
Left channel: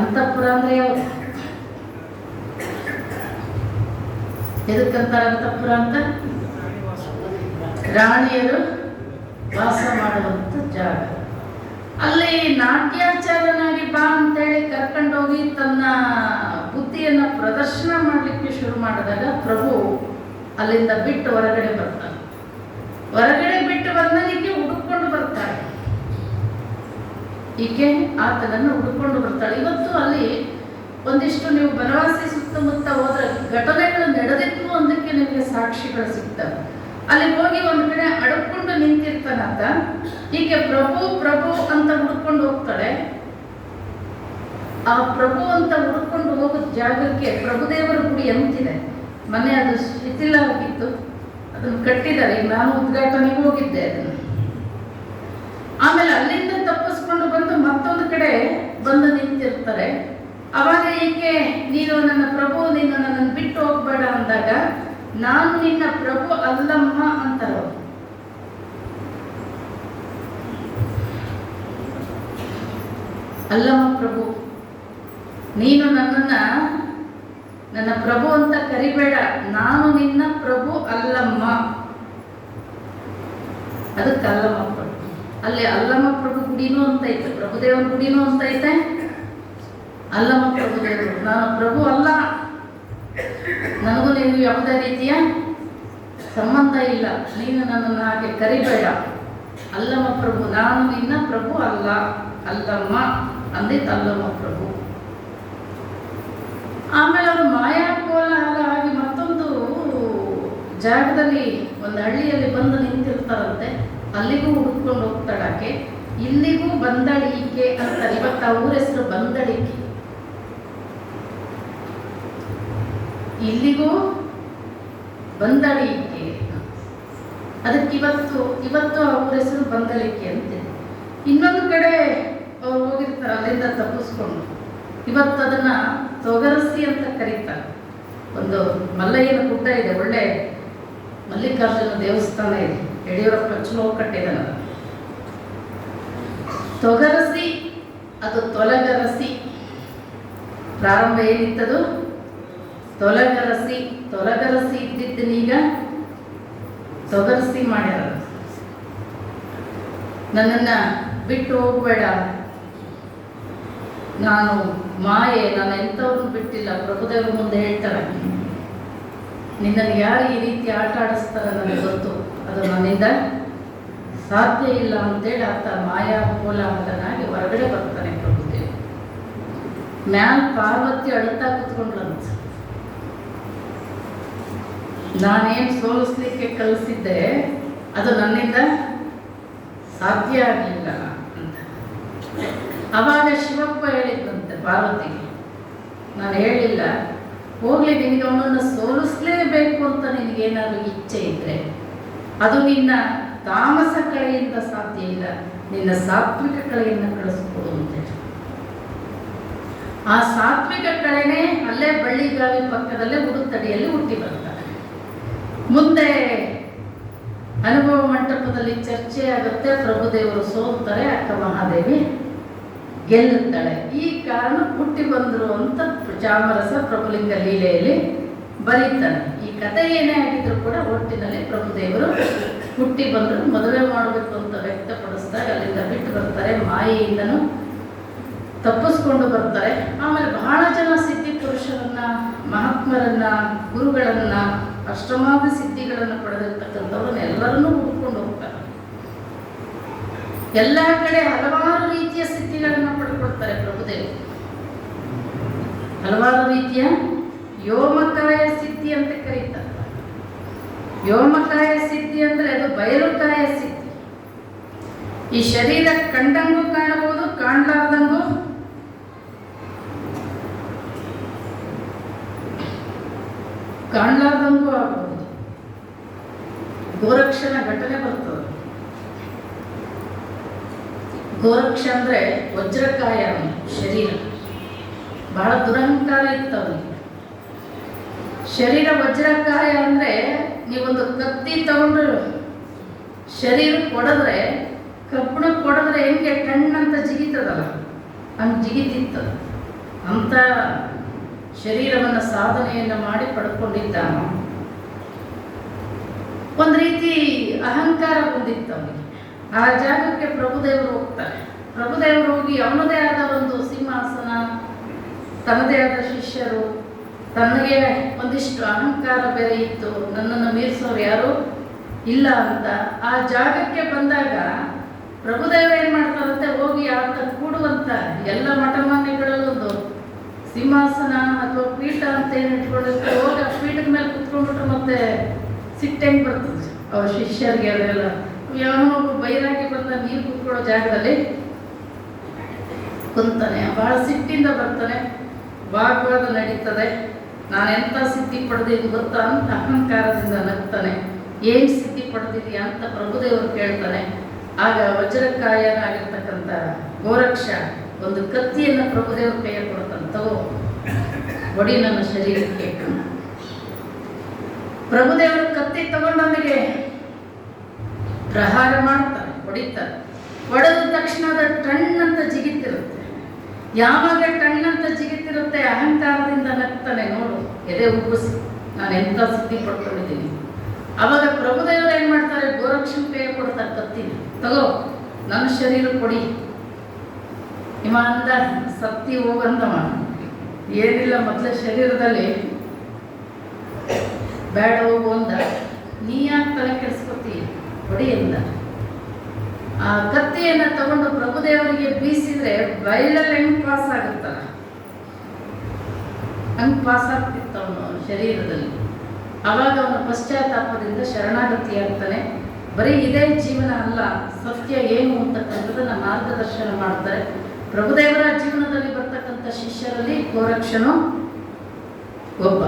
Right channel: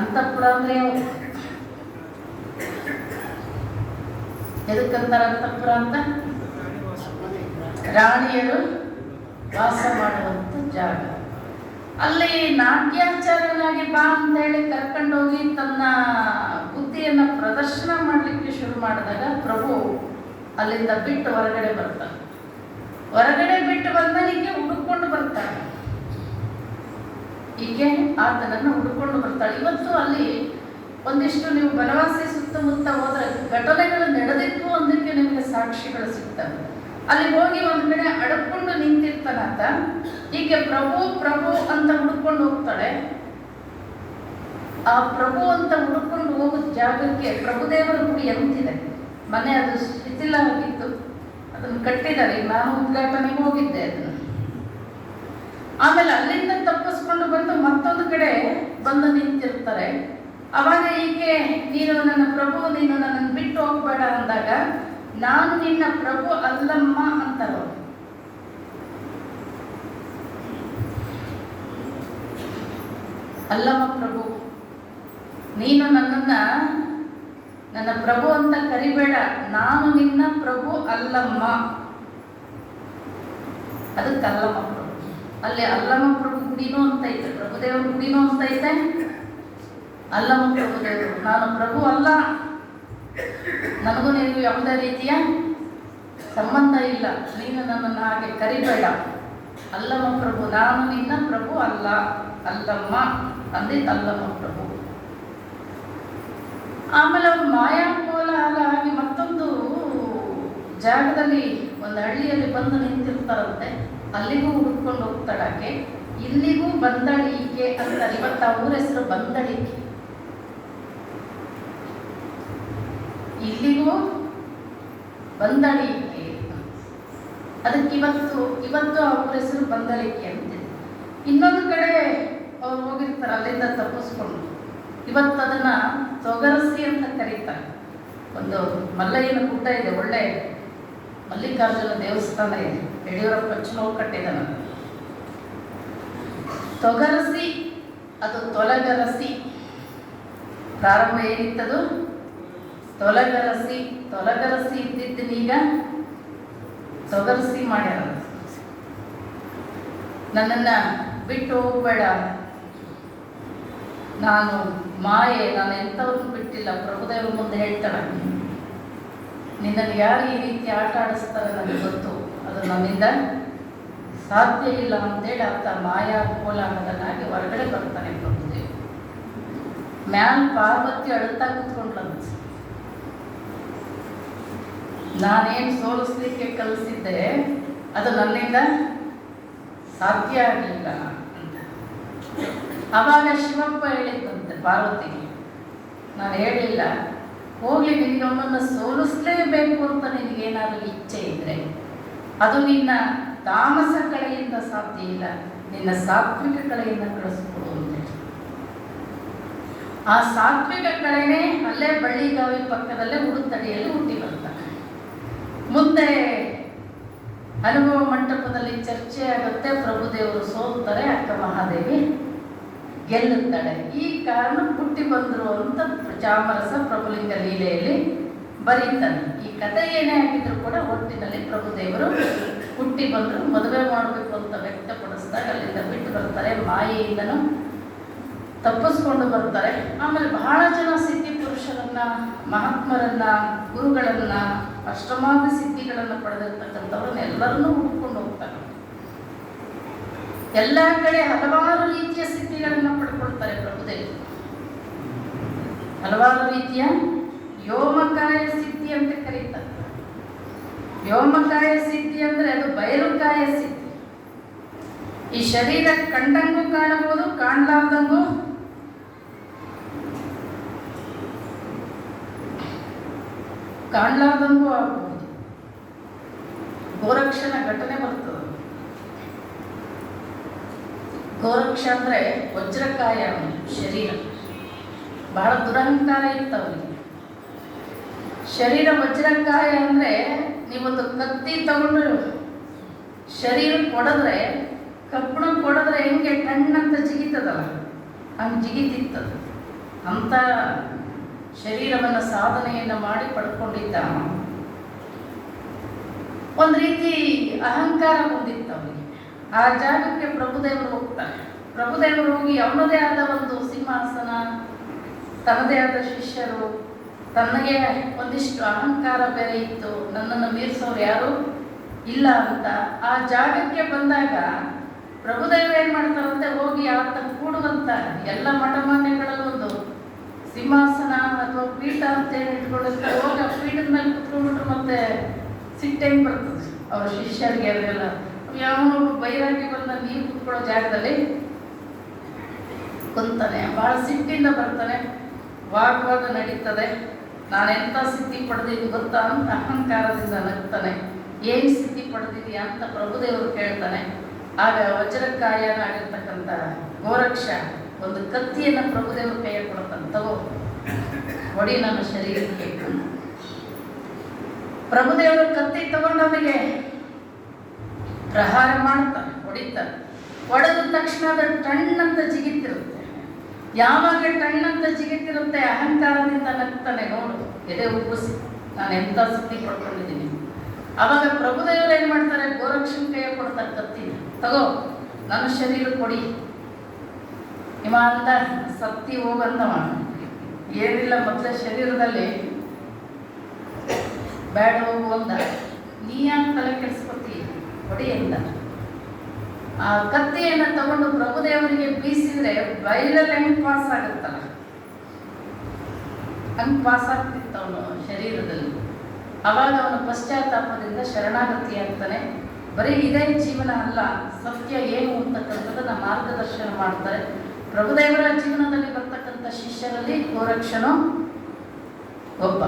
ಅಂತಃಪುರ ಅಂದ್ರೆ ಯಾವುದು? ಎದಕ್ಕಂತಾರೆ ಅಂತಃಪುರ ಅಂತ? ರಾಣಿಯರು ವಾಸ ಮಾಡುವಂತ ಜಾಗ. ಅಲ್ಲಿ ನಾಟ್ಯಾಚಾರನಾಗಿ ಬಾ ಅಂತ ಹೇಳಿ ಕರ್ಕೊಂಡೋಗಿ ತನ್ನ ಬುದ್ಧಿಯನ್ನ ಪ್ರದರ್ಶನ ಮಾಡಲಿಕ್ಕೆ ಶುರು ಮಾಡಿದಾಗ ಪ್ರಭು ಅಲ್ಲಿಂದ ಬಿಟ್ಟು ಹೊರಗಡೆ ಬರ್ತಾನೆ. ಹೊರಗಡೆ ಬಿಟ್ಟು ಬಂದನಿಗೆ ಹುಡುಕೊಂಡು ಬರ್ತಾಳೆ. ಈಕೆ ಆತನನ್ನು ಹುಡುಕೊಂಡು ಬರ್ತಾಳೆ. ಇವತ್ತು ಅಲ್ಲಿ ಒಂದಿಷ್ಟು ನೀವು ಬನವಾಸಿ ಸುತ್ತಮುತ್ತ ಹೋದ್ರೆ ಘಟನೆಗಳು ನಡೆದಿತ್ತು ಒಂದಕ್ಕೆ ನಿಮಗೆ ಸಾಕ್ಷಿಗಳು ಸಿಗ್ತವೆ. ಅಲ್ಲಿ ಹೋಗಿ ಒಂದ್ ಕಡೆ ಅಡ್ಕೊಂಡು ನಿಂತಿರ್ತಾನಂತ. ಹೀಗೆ ಪ್ರಭು ಪ್ರಭು ಅಂತ ಹುಡ್ಕೊಂಡು ಹೋಗ್ತಾಳೆ. ಆ ಪ್ರಭು ಅಂತ ಹುಡ್ಕೊಂಡು ಹೋಗೋದ್ ಜಾಗಕ್ಕೆ ಪ್ರಭುದೇವರ ಗುಡಿ ಅಂತಿದೆ. ಮನೆ ಅದು ಶಿಥಿಲ ಆಗಿತ್ತು, ಅದನ್ನು ಕಟ್ಟಿದ್ದಾರೆ. ನಾನು ಉದ್ಘಾಟನೆಗೆ ಹೋಗಿದ್ದೆ ಅದನ್ನು. ಆಮೇಲೆ ಅಲ್ಲಿಂದ ತಪ್ಪಿಸ್ಕೊಂಡು ಬಂದು ಮತ್ತೊಂದು ಕಡೆ ಬಂದು ನಿಂತಿರ್ತಾರೆ. ಅವಾಗ ಈಕೆ ನೀನು ನನ್ನ ಪ್ರಭು, ನೀನು ನನ್ನನ್ನು ಬಿಟ್ಟು ಹೋಗ್ಬೇಡ ಅಂದಾಗ ನಾನು ನಿನ್ನ ಪ್ರಭು ಅಲ್ಲಮ್ಮ ಅಂತಾರ. ಅಲ್ಲಮ್ಮ ಪ್ರಭು, ನೀನು ನನ್ನನ್ನ ನನ್ನ ಪ್ರಭು ಅಂತ ಕರಿಬೇಡ, ನಾನು ನಿನ್ನ ಪ್ರಭು ಅಲ್ಲಮ್ಮ. ಅದಕ್ಕೆ ಅಲ್ಲಮ್ಮ ಪ್ರಭು. ಅಲ್ಲಿ ಅಲ್ಲಮ್ಮ ಪ್ರಭು ಗುಡಿನೂ ಅಂತ ಐತೆ, ಪ್ರಭುದೇವರ ಗುಡಿನೂ ಅಂತ ಐತೆ. ಅಲ್ಲಮ್ಮ ಪ್ರಭುದೇವರು, ನಾನು ಪ್ರಭು ಅಲ್ಲ ನನಗೂ ನಿನಗೂ ಯಾವುದೇ ರೀತಿಯ ಸಂಬಂಧ ಇಲ್ಲ, ನೀನು ನನ್ನನ್ನು ಹಾಗೆ ಕರಿಬೇಡ. ಅಲ್ಲಮ್ಮ ಪ್ರಭು, ನಾನು ನಿನ್ನ ಪ್ರಭು ಅಲ್ಲ, ಅಲ್ಲಮ್ಮ ಅಂದಿದ್ದಲ್ಲಮ್ಮ ಪ್ರಭು. ಆಮೇಲೆ ಅವರು ಮಾಯಾಕೋಲಾಹಲ ಆಗಿ ಮತ್ತೊಂದು ಜಾಗದಲ್ಲಿ ಒಂದು ಹಳ್ಳಿಯಲ್ಲಿ ಬಂದು ನಿಂತಿರ್ತಾರಂತೆ. ಅಲ್ಲಿಗೂ ಹುಡ್ಕೊಂಡು ಹೋಗ್ತಾಳಾಕೆ. ಇಲ್ಲಿಗೂ ಬಂದಳಿಕೆ ಅಂತಾರೆ. ಇವತ್ತು ಆ ಊರ ಹೆಸರು ಬಂದಳಿಕೆ. ಇಲ್ಲಿಗೂ ಬಂದಳಿಕೆ, ಅದಕ್ಕೆ ಇವತ್ತು ಆ ಊರ ಹೆಸರು ಬಂದಳಿಕೆ ಅಂತಿದೆ. ಇನ್ನೊಂದು ಕಡೆ ಅವ್ರು ಹೋಗಿರ್ತಾರೆ, ಅಲ್ಲಿಂದ ತಪ್ಪಿಸ್ಕೊಂಡು ಇವತ್ತು ಅದನ್ನ ತೊಗರಸಿ ಅಂತ ಕರೀತಾರೆ. ಒಂದು ಮಲ್ಲಯ್ಯನ ಗುಡ್ಡ ಇದೆ, ಒಳ್ಳೆ ಮಲ್ಲಿಕಾರ್ಜುನ ದೇವಸ್ಥಾನ ಇದೆ, ಯಡಿಯೂರಪ್ಪ ಚಲೋ ಕಟ್ಟಿದ್ದಾನೆ. ತೊಗರಸಿ, ಅದು ತೊಲಗರಸಿ. ಪ್ರಾರಂಭ ಏನಿತ್ತದು? ತೊಲಗರಸಿ. ತೊಲಗರಸಿ ಇದ್ದಿದ್ದನೀಗ ತೊಗರಸಿ ಮಾಡ್ಯಾರ. ನನ್ನನ್ನು ಬಿಟ್ಟು ಹೋಗಬೇಡ, ನಾನು ಮಾಯೆ, ನಾನು ಎಂಥವ್ರನ್ನು ಬಿಟ್ಟಿಲ್ಲ. ಪ್ರಭುದೇವರು ಮುಂದೆ ಹೇಳ್ತಾರೆ, ನಿನ್ನನ್ನು ಯಾರು ಈ ರೀತಿ ಆಟ ಆಡಿಸ್ತಾರೆ ನನಗೆ ಗೊತ್ತು, ಅದು ನನ್ನಿಂದ ಸಾಧ್ಯ ಇಲ್ಲ ಅಂತೇಳಿ ಆತ ಮಾಯಾ ಕೋಲಾಹಲನಾಗಿ ಹೊರಗಡೆ ಬರ್ತಾನೆ ಪ್ರಭುದೇವ. ಮ್ಯಾಲ್ ಪಾರ್ವತಿ ಅಳುತ್ತಾ ಕುತ್ಕೊಂಡ್ರಂತ, ನಾನೇನು ಸೋಲಿಸ್ಲಿಕ್ಕೆ ಕಲಿಸಿದ್ದೆ ಅದು ನನ್ನಿಂದ ಸಾಧ್ಯ ಆಗಲಿಲ್ಲ ಅಂತ. ಅವಾಗ ಶಿವಪ್ಪ ಹೇಳಿದ್ದಂತೆ ಪಾರ್ವತಿಗೆ, ನಾನು ಹೇಳಿಲ್ಲ, ಹೋಗ್ಲಿ, ನಿನಗೆ ಅವನನ್ನು ಸೋಲಿಸ್ಲೇಬೇಕು ಅಂತ ನಿನಗೇನಾದರೂ ಇಚ್ಛೆ ಇದ್ರೆ ಅದು ನಿನ್ನ ತಾಮಸ ಕಳೆಯಿಂದ ಸಾಧ್ಯ ಇಲ್ಲ, ನಿನ್ನ ಸಾತ್ವಿಕ ಕಳೆಯಿಂದ ಕಳಿಸ್ಕೊಡು ಅಂತೇಳಿ. ಆ ಸಾತ್ವಿಕ ಕಳೆನೇ ಅಲ್ಲೇ ಬಳ್ಳಿಗಾವಿ ಪಕ್ಕದಲ್ಲೇ ಉಡುತಡಿಯಲ್ಲಿ ಹುಟ್ಟಿ ಬರ್ತಾರೆ. ಮುಂದೆ ಅನುಭವ ಮಂಟಪದಲ್ಲಿ ಚರ್ಚೆ ಆಗುತ್ತೆ, ಪ್ರಭುದೇವರು ಸೋಲ್ತಾರೆ, ಅಕ್ಕ ಮಹಾದೇವಿ ಗೆಲ್ಲುತ್ತಾಳೆ. ಈ ಕಾರಣ ಹುಟ್ಟಿ ಬಂದರು ಅಂತ ಚಾಮರಸ ಪ್ರಭುಲಿಂಗ ಲೀಲೆಯಲ್ಲಿ ಬರೀತಾನೆ. ಈ ಕಥೆ ಏನೇ ಆಗಿದ್ರು ಕೂಡ ಒಟ್ಟಿನಲ್ಲಿ ಪ್ರಭುದೇವರು ಹುಟ್ಟಿ ಬಂದರು, ಮದುವೆ ಮಾಡಬೇಕು ಅಂತ ವ್ಯಕ್ತಪಡಿಸಿದಾಗ ಅಲ್ಲಿಂದ ಬಿಟ್ಟು ಬರ್ತಾರೆ, ಮಾಯೆಯಿಂದನೂ ತಪ್ಪಿಸ್ಕೊಂಡು ಬರ್ತಾರೆ. ಆಮೇಲೆ ಬಹಳ ಜನ ಸಿದ್ಧಿ ಪುರುಷರನ್ನ, ಮಹಾತ್ಮರನ್ನ, ಗುರುಗಳನ್ನ, ಅಷ್ಟಮಾದ ಸಿದ್ಧಿಗಳನ್ನು ಪಡೆದಿರ್ತಕ್ಕಂಥವ್ರನ್ನ ಎಲ್ಲರನ್ನೂ ಹುಡ್ಕೊಂಡು ಹೋಗ್ತಾರೆ. ಎಲ್ಲ ಕಡೆ ಹಲವಾರು ರೀತಿಯ ಸಿದ್ಧಿಗಳನ್ನು ಪಡ್ಕೊಳ್ತಾರೆ ಪ್ರಭುದೇವರು. ಹಲವಾರು ರೀತಿಯ ವ್ಯೋಮಕಾಯ ಸಿದ್ಧಿ ಅಂತ ಕರೀತಾರೆ. ವ್ಯೋಮಕಾಯ ಸಿದ್ಧಿ ಅಂದ್ರೆ ಅದು ಬಯಲುಕಾಯ ಸಿದ್ಧಿ. ಈ ಶರೀರ ಕಂಡಂಗೂ ಕಾಣಬಹುದು, ಕಾಣಲಾರ್ದಂಗೂ ಆಗಬಹುದು. ಗೋರಕ್ಷನ ಘಟನೆ ಬರ್ತದೆ. ಗೋರಕ್ಷ ಅಂದ್ರೆ ವಜ್ರಕಾಯ ಶರೀರ, ಬಹಳ ದುರಹಂಕಾರ ಇತ್ತು ಅವನಿಗೆ. ಶರೀರ ವಜ್ರಕಾಯ ಅಂದ್ರೆ ನೀವೊಂದು ಕತ್ತಿ ತಗೊಂಡು ಶರೀರ ಕೊಡಿದ್ರೆ, ಕಬ್ಬಣ ಕೊಡಿದ್ರೆ ಹೆಂಗೆ ಟಣ್ಣಂತ ಜಿಗಿತದಲ್ಲ, ಹಂಗೆ ಜಿಗಿತಿತ್ತದ. ಅಂತ ಶರೀರವನ್ನು ಸಾಧನೆಯನ್ನು ಮಾಡಿ ಪಡ್ಕೊಂಡಿದ್ದ. ಒಂದು ರೀತಿ ಅಹಂಕಾರ ಬಂದಿತ್ತು ಅವನಿಗೆ. ಆ ಜಾಗಕ್ಕೆ ಪ್ರಭುದೇವರು ಹೋಗ್ತಾರೆ. ಪ್ರಭುದೇವರು ಹೋಗಿ ಅವನದೇ ಆದ ಒಂದು ಸಿಂಹಾಸನ, ತನ್ನದೇ ಆದ ಶಿಷ್ಯರು, ತನಗೆ ಒಂದಿಷ್ಟು ಅಹಂಕಾರ ಬೇರೆ ಇತ್ತು, ನನ್ನನ್ನು ಮೀರಿಸೋರು ಯಾರು ಇಲ್ಲ ಅಂತ ಆ ಜಾಗಕ್ಕೆ ಬಂದಾಗ ಪ್ರಭುದೇವರು ಏನು ಮಾಡ್ತಾರಂತೆ, ಹೋಗಿ ಆತ ಕೂಡುವಂತ ಎಲ್ಲ ಮಠಮಾನ್ಯಗಳಲ್ಲೊಂದು ಸಿಂಹಾಸನ ಅಥವಾ ಪೀಠ ಅಂತ ಏನು ಇಟ್ಕೊಂಡಿರ್ತಾರೆ, ಹೋಗಿ ಆ ಪೀಠದ ಮೇಲೆ ಕುತ್ಕೊಂಡ್ಬಿಟ್ಟು ಮತ್ತೆ ಸಿಟ್ಟೆಂಗೆ ಬರ್ತದೆ ಅವ್ರ ಶಿಷ್ಯರಿಗೆ. ಅವರೆಲ್ಲ ಯಾವನೊಬ್ಬ ಬೈರಾಗಿ ಬಂದ ನೀರು ಕುತ್ಕೊಳ್ಳೋ ಜಾಗದಲ್ಲಿ ಕುಂತಾನೆ, ಬಹಳ ಸಿಟ್ಟಿಂದ ಬರ್ತಾನೆ, ವಾಗ್ವಾದ ನಡೀತದೆ. ನಾನೆಂಥ ಸಿದ್ಧಿ ಪಡೆದಿದ್ದು ಗೊತ್ತಾ ಅಂತ ಅಹಂಕಾರದಿಂದ ನಗ್ತಾನೆ. ಏನು ಸಿದ್ಧಿ ಪಡೆದಿದೆಯಾ ಅಂತ ಪ್ರಭುದೇವರು ಕೇಳ್ತಾನೆ. ಆಗ ವಜ್ರಕಾಯನಾಗಿರ್ತಕ್ಕಂಥ ಗೋರಕ್ಷ ಒಂದು ಕತ್ತಿಯನ್ನು ಪ್ರಭುದೇವರು ಕೈಯಲ್ಲಿ ಕೊಡ್ತಾನೆ, ತಗೋ ಹೊಡಿ ನನ್ನ ಶರೀರಕ್ಕೆ. ಪ್ರಭುದೇವರು ಕತ್ತಿ ತಗೊಂಡವನಿಗೆ ಪ್ರಹಾರ ಮಾಡ್ತಾರೆ, ಹೊಡಿತಾರೆ. ಹೊಡೆದ ತಕ್ಷಣ ಅದು ಟಣ್ಣಂತ ಜಿಗಿತಿರುತ್ತೆ. ಯಾವಾಗ ಟಣ್ಣಂತ ಜಿಗಿತಿರುತ್ತೆ ಅಹಂಕಾರದಿಂದ ನಗ್ತಾನೆ, ನೋಡು ಎದೆ ಉಬ್ಬಿಸಿ ನಾನು ಎಂಥ ಸಿದ್ಧಿ ಪಡ್ಕೊಂಡಿದ್ದೀನಿ. ಅವಾಗ ಪ್ರಭುದೇವರು ಏನು ಮಾಡ್ತಾರೆ, ಗೋರಕ್ಷನ ಕೈ ಕೊಡ್ತಾರೆ ಕತ್ತಿ, ತಗೋ ನನ್ನ ಶರೀರ ಕೊಡಿ. ಇವ ಅಂತ ಸತ್ತಿ ಹೋಗಂದವ ಏನಿಲ್ಲ, ಮೊದಲ ಶರೀರದಲ್ಲಿ ಬೇಡ ಹೋಗು ಅಂದ. ನೀ ಯಾಕೆ ತಲೆ ಕೆಡಿಸ್ಕೊತಿ, ಹೊಡಿ ಅಂದ. ಆ ಕತ್ತಿಯನ್ನು ತಗೊಂಡು ಪ್ರಭುದೇವರಿಗೆ ಬೀಸಿದ್ರೆ ಬಯಲಲ್ಲಿ ಹೆಂಗ್ ಪಾಸ್ ಆಗುತ್ತಲ್ಲ, ಹಂಗೆ ಪಾಸ್ ಆಗ್ತಿತ್ತು ಅವನು ಶರೀರದಲ್ಲಿ. ಆವಾಗ ಅವನು ಪಶ್ಚಾತ್ತಾಪದಿಂದ ಶರಣಾಗತಿ ಆಗ್ತಾನೆ. ಬರೀ ಇದೇ ಜೀವನ ಅಲ್ಲ, ಸತ್ಯ ಏನು ಅಂತಕ್ಕಂಥದ್ದನ್ನ ಮಾರ್ಗದರ್ಶನ ಮಾಡ್ತಾರೆ. ಪ್ರಭುದೇವರ ಜೀವನದಲ್ಲಿ ಬರ್ತಕ್ಕಂಥ ಶಿಷ್ಯರಲ್ಲಿ ಗೋರಕ್ಷನು ಒಬ್ಬ.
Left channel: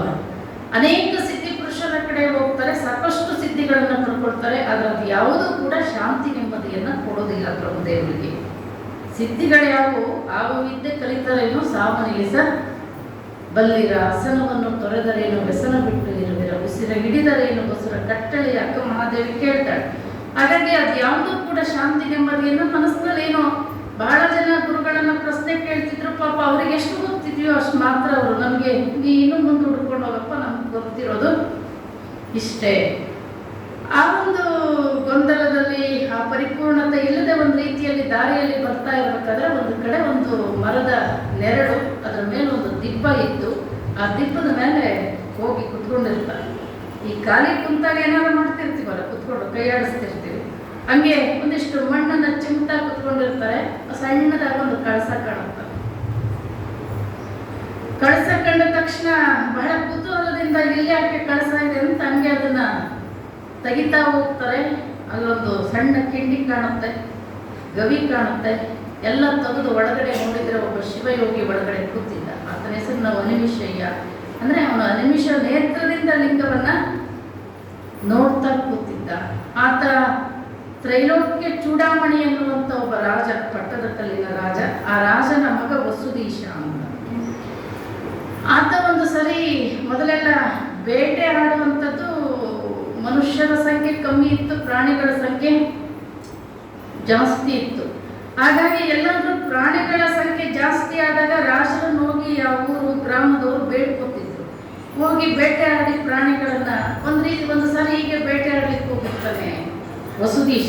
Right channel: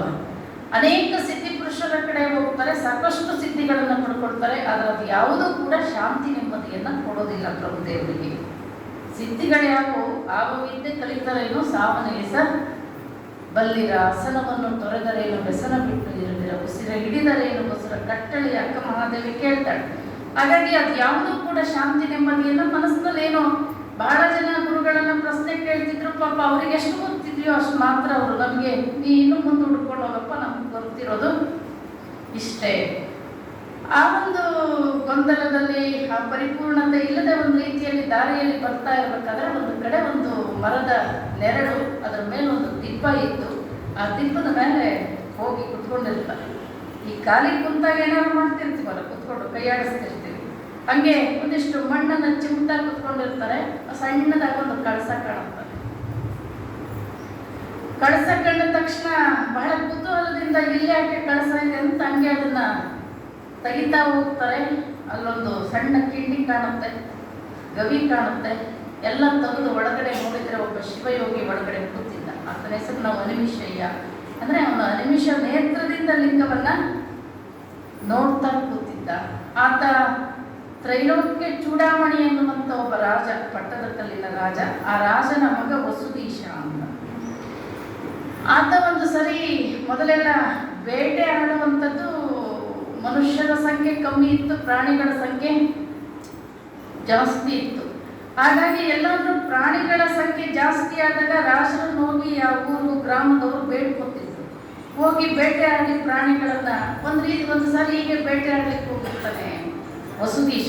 ಅನೇಕ ಸಿದ್ಧಿ ಪುರುಷರ ಕಡೆ ಹೋಗ್ತಾರೆ, ಸಾಕಷ್ಟು ಸಿದ್ಧಿಗಳನ್ನು ಪಡ್ಕೊಳ್ತಾರೆ, ಆದರೆ ಅದು ಯಾವುದೂ ಕೂಡ ಶಾಂತಿ ನೆಮ್ಮದಿಯನ್ನು ಕೊಡೋದಿಲ್ಲ ಪ್ರಭುದೇವರಿಗೆ. ಸಿದ್ಧಿಗಳು ಯಾವುವು? ಆಗುವಿದ್ದೆ ಕಲಿತರೇನು ಸಾವನಿಲಿಸ ಬಲ್ಲಿರ, ಆಸನವನ್ನು ತೊರೆದರೇನು ವ್ಯಸನ ಬಿಟ್ಟು ಇರದಿರ, ಉಸಿರ ಹಿಡಿದರೇನು ಉಸಿರ ಕಟ್ಟಳಿ ಅಕ್ಕ ಮಹಾದೇವಿ ಕೇಳ್ತಾಳೆ. ಹಾಗಾಗಿ ಅದು ಯಾವುದೂ ಕೂಡ ಶಾಂತಿ ನೆಮ್ಮದಿಯನ್ನು ಮನಸ್ಸಿನಲ್ಲಿ ಏನೋ ಬಹಳ ಜನ ಗುರುಗಳನ್ನ ಪ್ರಶ್ನೆ ಕೇಳ್ತಿದ್ರು. ಪಾಪ ಅವ್ರಿಗೆ ಎಷ್ಟು ಗೊತ್ತಿದೆಯೋ ಅಷ್ಟು ಮಾತ್ರ ಅವರು ನಮಗೆ ನೀ ಇನ್ನೂ ಮುಂದೆ ಹುಡ್ಕೊಂಡು ಹೋಗಪ್ಪ, ನಮ್ಗೆ ಗೊತ್ತಿರೋದು ಇಷ್ಟೇ. ಆ ಒಂದು ಗೊಂದಲದಲ್ಲಿ, ಆ ಪರಿಪೂರ್ಣತೆ ಇಲ್ಲದೆ ಒಂದು ರೀತಿಯಲ್ಲಿ ದಾರಿಯಲ್ಲಿ ಬರ್ತಾ ಇರಬೇಕಾದ್ರೆ ಒಂದು ಕಡೆ ಒಂದು ಮರದ ನೆರಳು, ಅದರ ಮೇಲೆ ಒಂದು ದಿಬ್ಬ ಇತ್ತು. ಆ ದಿಬ್ಬದ ಮೇಲೆ ಹೋಗಿ ಕುತ್ಕೊಂಡಿರ್ತಾರೆ. ಈ ಖಾಲಿ ಕುಂತಾಗ ಏನಾದ್ರು ಮಾಡ್ತಿರ್ತೀವಲ್ಲ, ಕುತ್ಕೊಂಡು ಕೈಯಾಡಿಸ್ತಿರ್ತೀವಿ, ಹಂಗೆ ಒಂದಿಷ್ಟು ಮಣ್ಣನ್ನು ಚಿಮ್ತಾ ಕುತ್ಕೊಂಡಿರ್ತಾರೆ. ಸಣ್ಣದಾಗ ಒಂದು ಕಳಸ ಕಾಣುತ್ತೆ. ಕಳಸ ಕಂಡ ತಕ್ಷಣ ಬಹಳ ಕುತೂಹಲದಿಂದ ಇಲ್ಲಿ ಯಾಕೆ ಕಳಸ ಇದೆ ಅಂತ ಹಂಗೆ ಅದನ್ನ ತೆಗಿತಾ ಹೋಗ್ತಾರೆ. ಅಲ್ಲೊಂದು ಸಣ್ಣ ಕಿಂಡಿ ಕಾಣುತ್ತೆ, ಗವಿ ಕಾಣುತ್ತೆ. ಎಲ್ಲ ತೆಗೆದು ಒಳಗಡೆ ನೋಡಿದ್ರೆ ಒಬ್ಬ ಶಿವಯೋಗಿ ಒಳಗಡೆ ಕೂತಿದ್ದ. ಆತನ ಹೆಸರು ನಾವು ಅನಿಮಿಷಯ್ಯ. ಅಂದ್ರೆ ಅವನು ಅನಿಮಿಷ ನೇತ್ರದಿಂದ ಲಿಂಗವನ್ನ ನೋಡ್ತಾ ಕೂತಿದ್ದ. ಆತ ತ್ರೈಲೋಕ್ಯ ಚೂಡಾಮಣಿ ಎನ್ನುವಂತ ಒಬ್ಬ ರಾಜ, ಪಟ್ಟದ ಕಲ್ಲಿನ ರಾಜ. ಆ ರಾಜನ ಮಗ ವಸುದೀಶ ಅಂತ. ಆತ ಒಂದು ಸರಿ ಮೊದಲೆಲ್ಲ ಬೇಟೆ ಆಡುವಂಥದ್ದು, ಮನುಷ್ಯರ ಸಂಖ್ಯೆ ಕಮ್ಮಿ ಇತ್ತು, ಪ್ರಾಣಿಗಳ ಸಂಖ್ಯೆ ಜಾಸ್ತಿ ಇತ್ತು. ಹಾಗಾಗಿ ಎಲ್ಲಾದ್ರೂ ಪ್ರಾಣಿಗಳ ಸಂಖ್ಯೆ ಜಾಸ್ತಿ ಆದಾಗ ರಾಜರನ್ನು ಹೋಗಿ ಆ ಊರು ಗ್ರಾಮದವರು ಬೇಡ್ಕೊತಿದ್ರು. ಹೋಗಿ ಬೇಟೆ ಆಡಿ ಪ್ರಾಣಿಗಳನ್ನ ಒಂದು ಸಾರಿ ಹೀಗೆ ಬೇಟೆ ಆಡ್ಲಿಕ್ಕೆ ಹೋಗಿರ್ತಾನೆ ವಸುದೀಶ.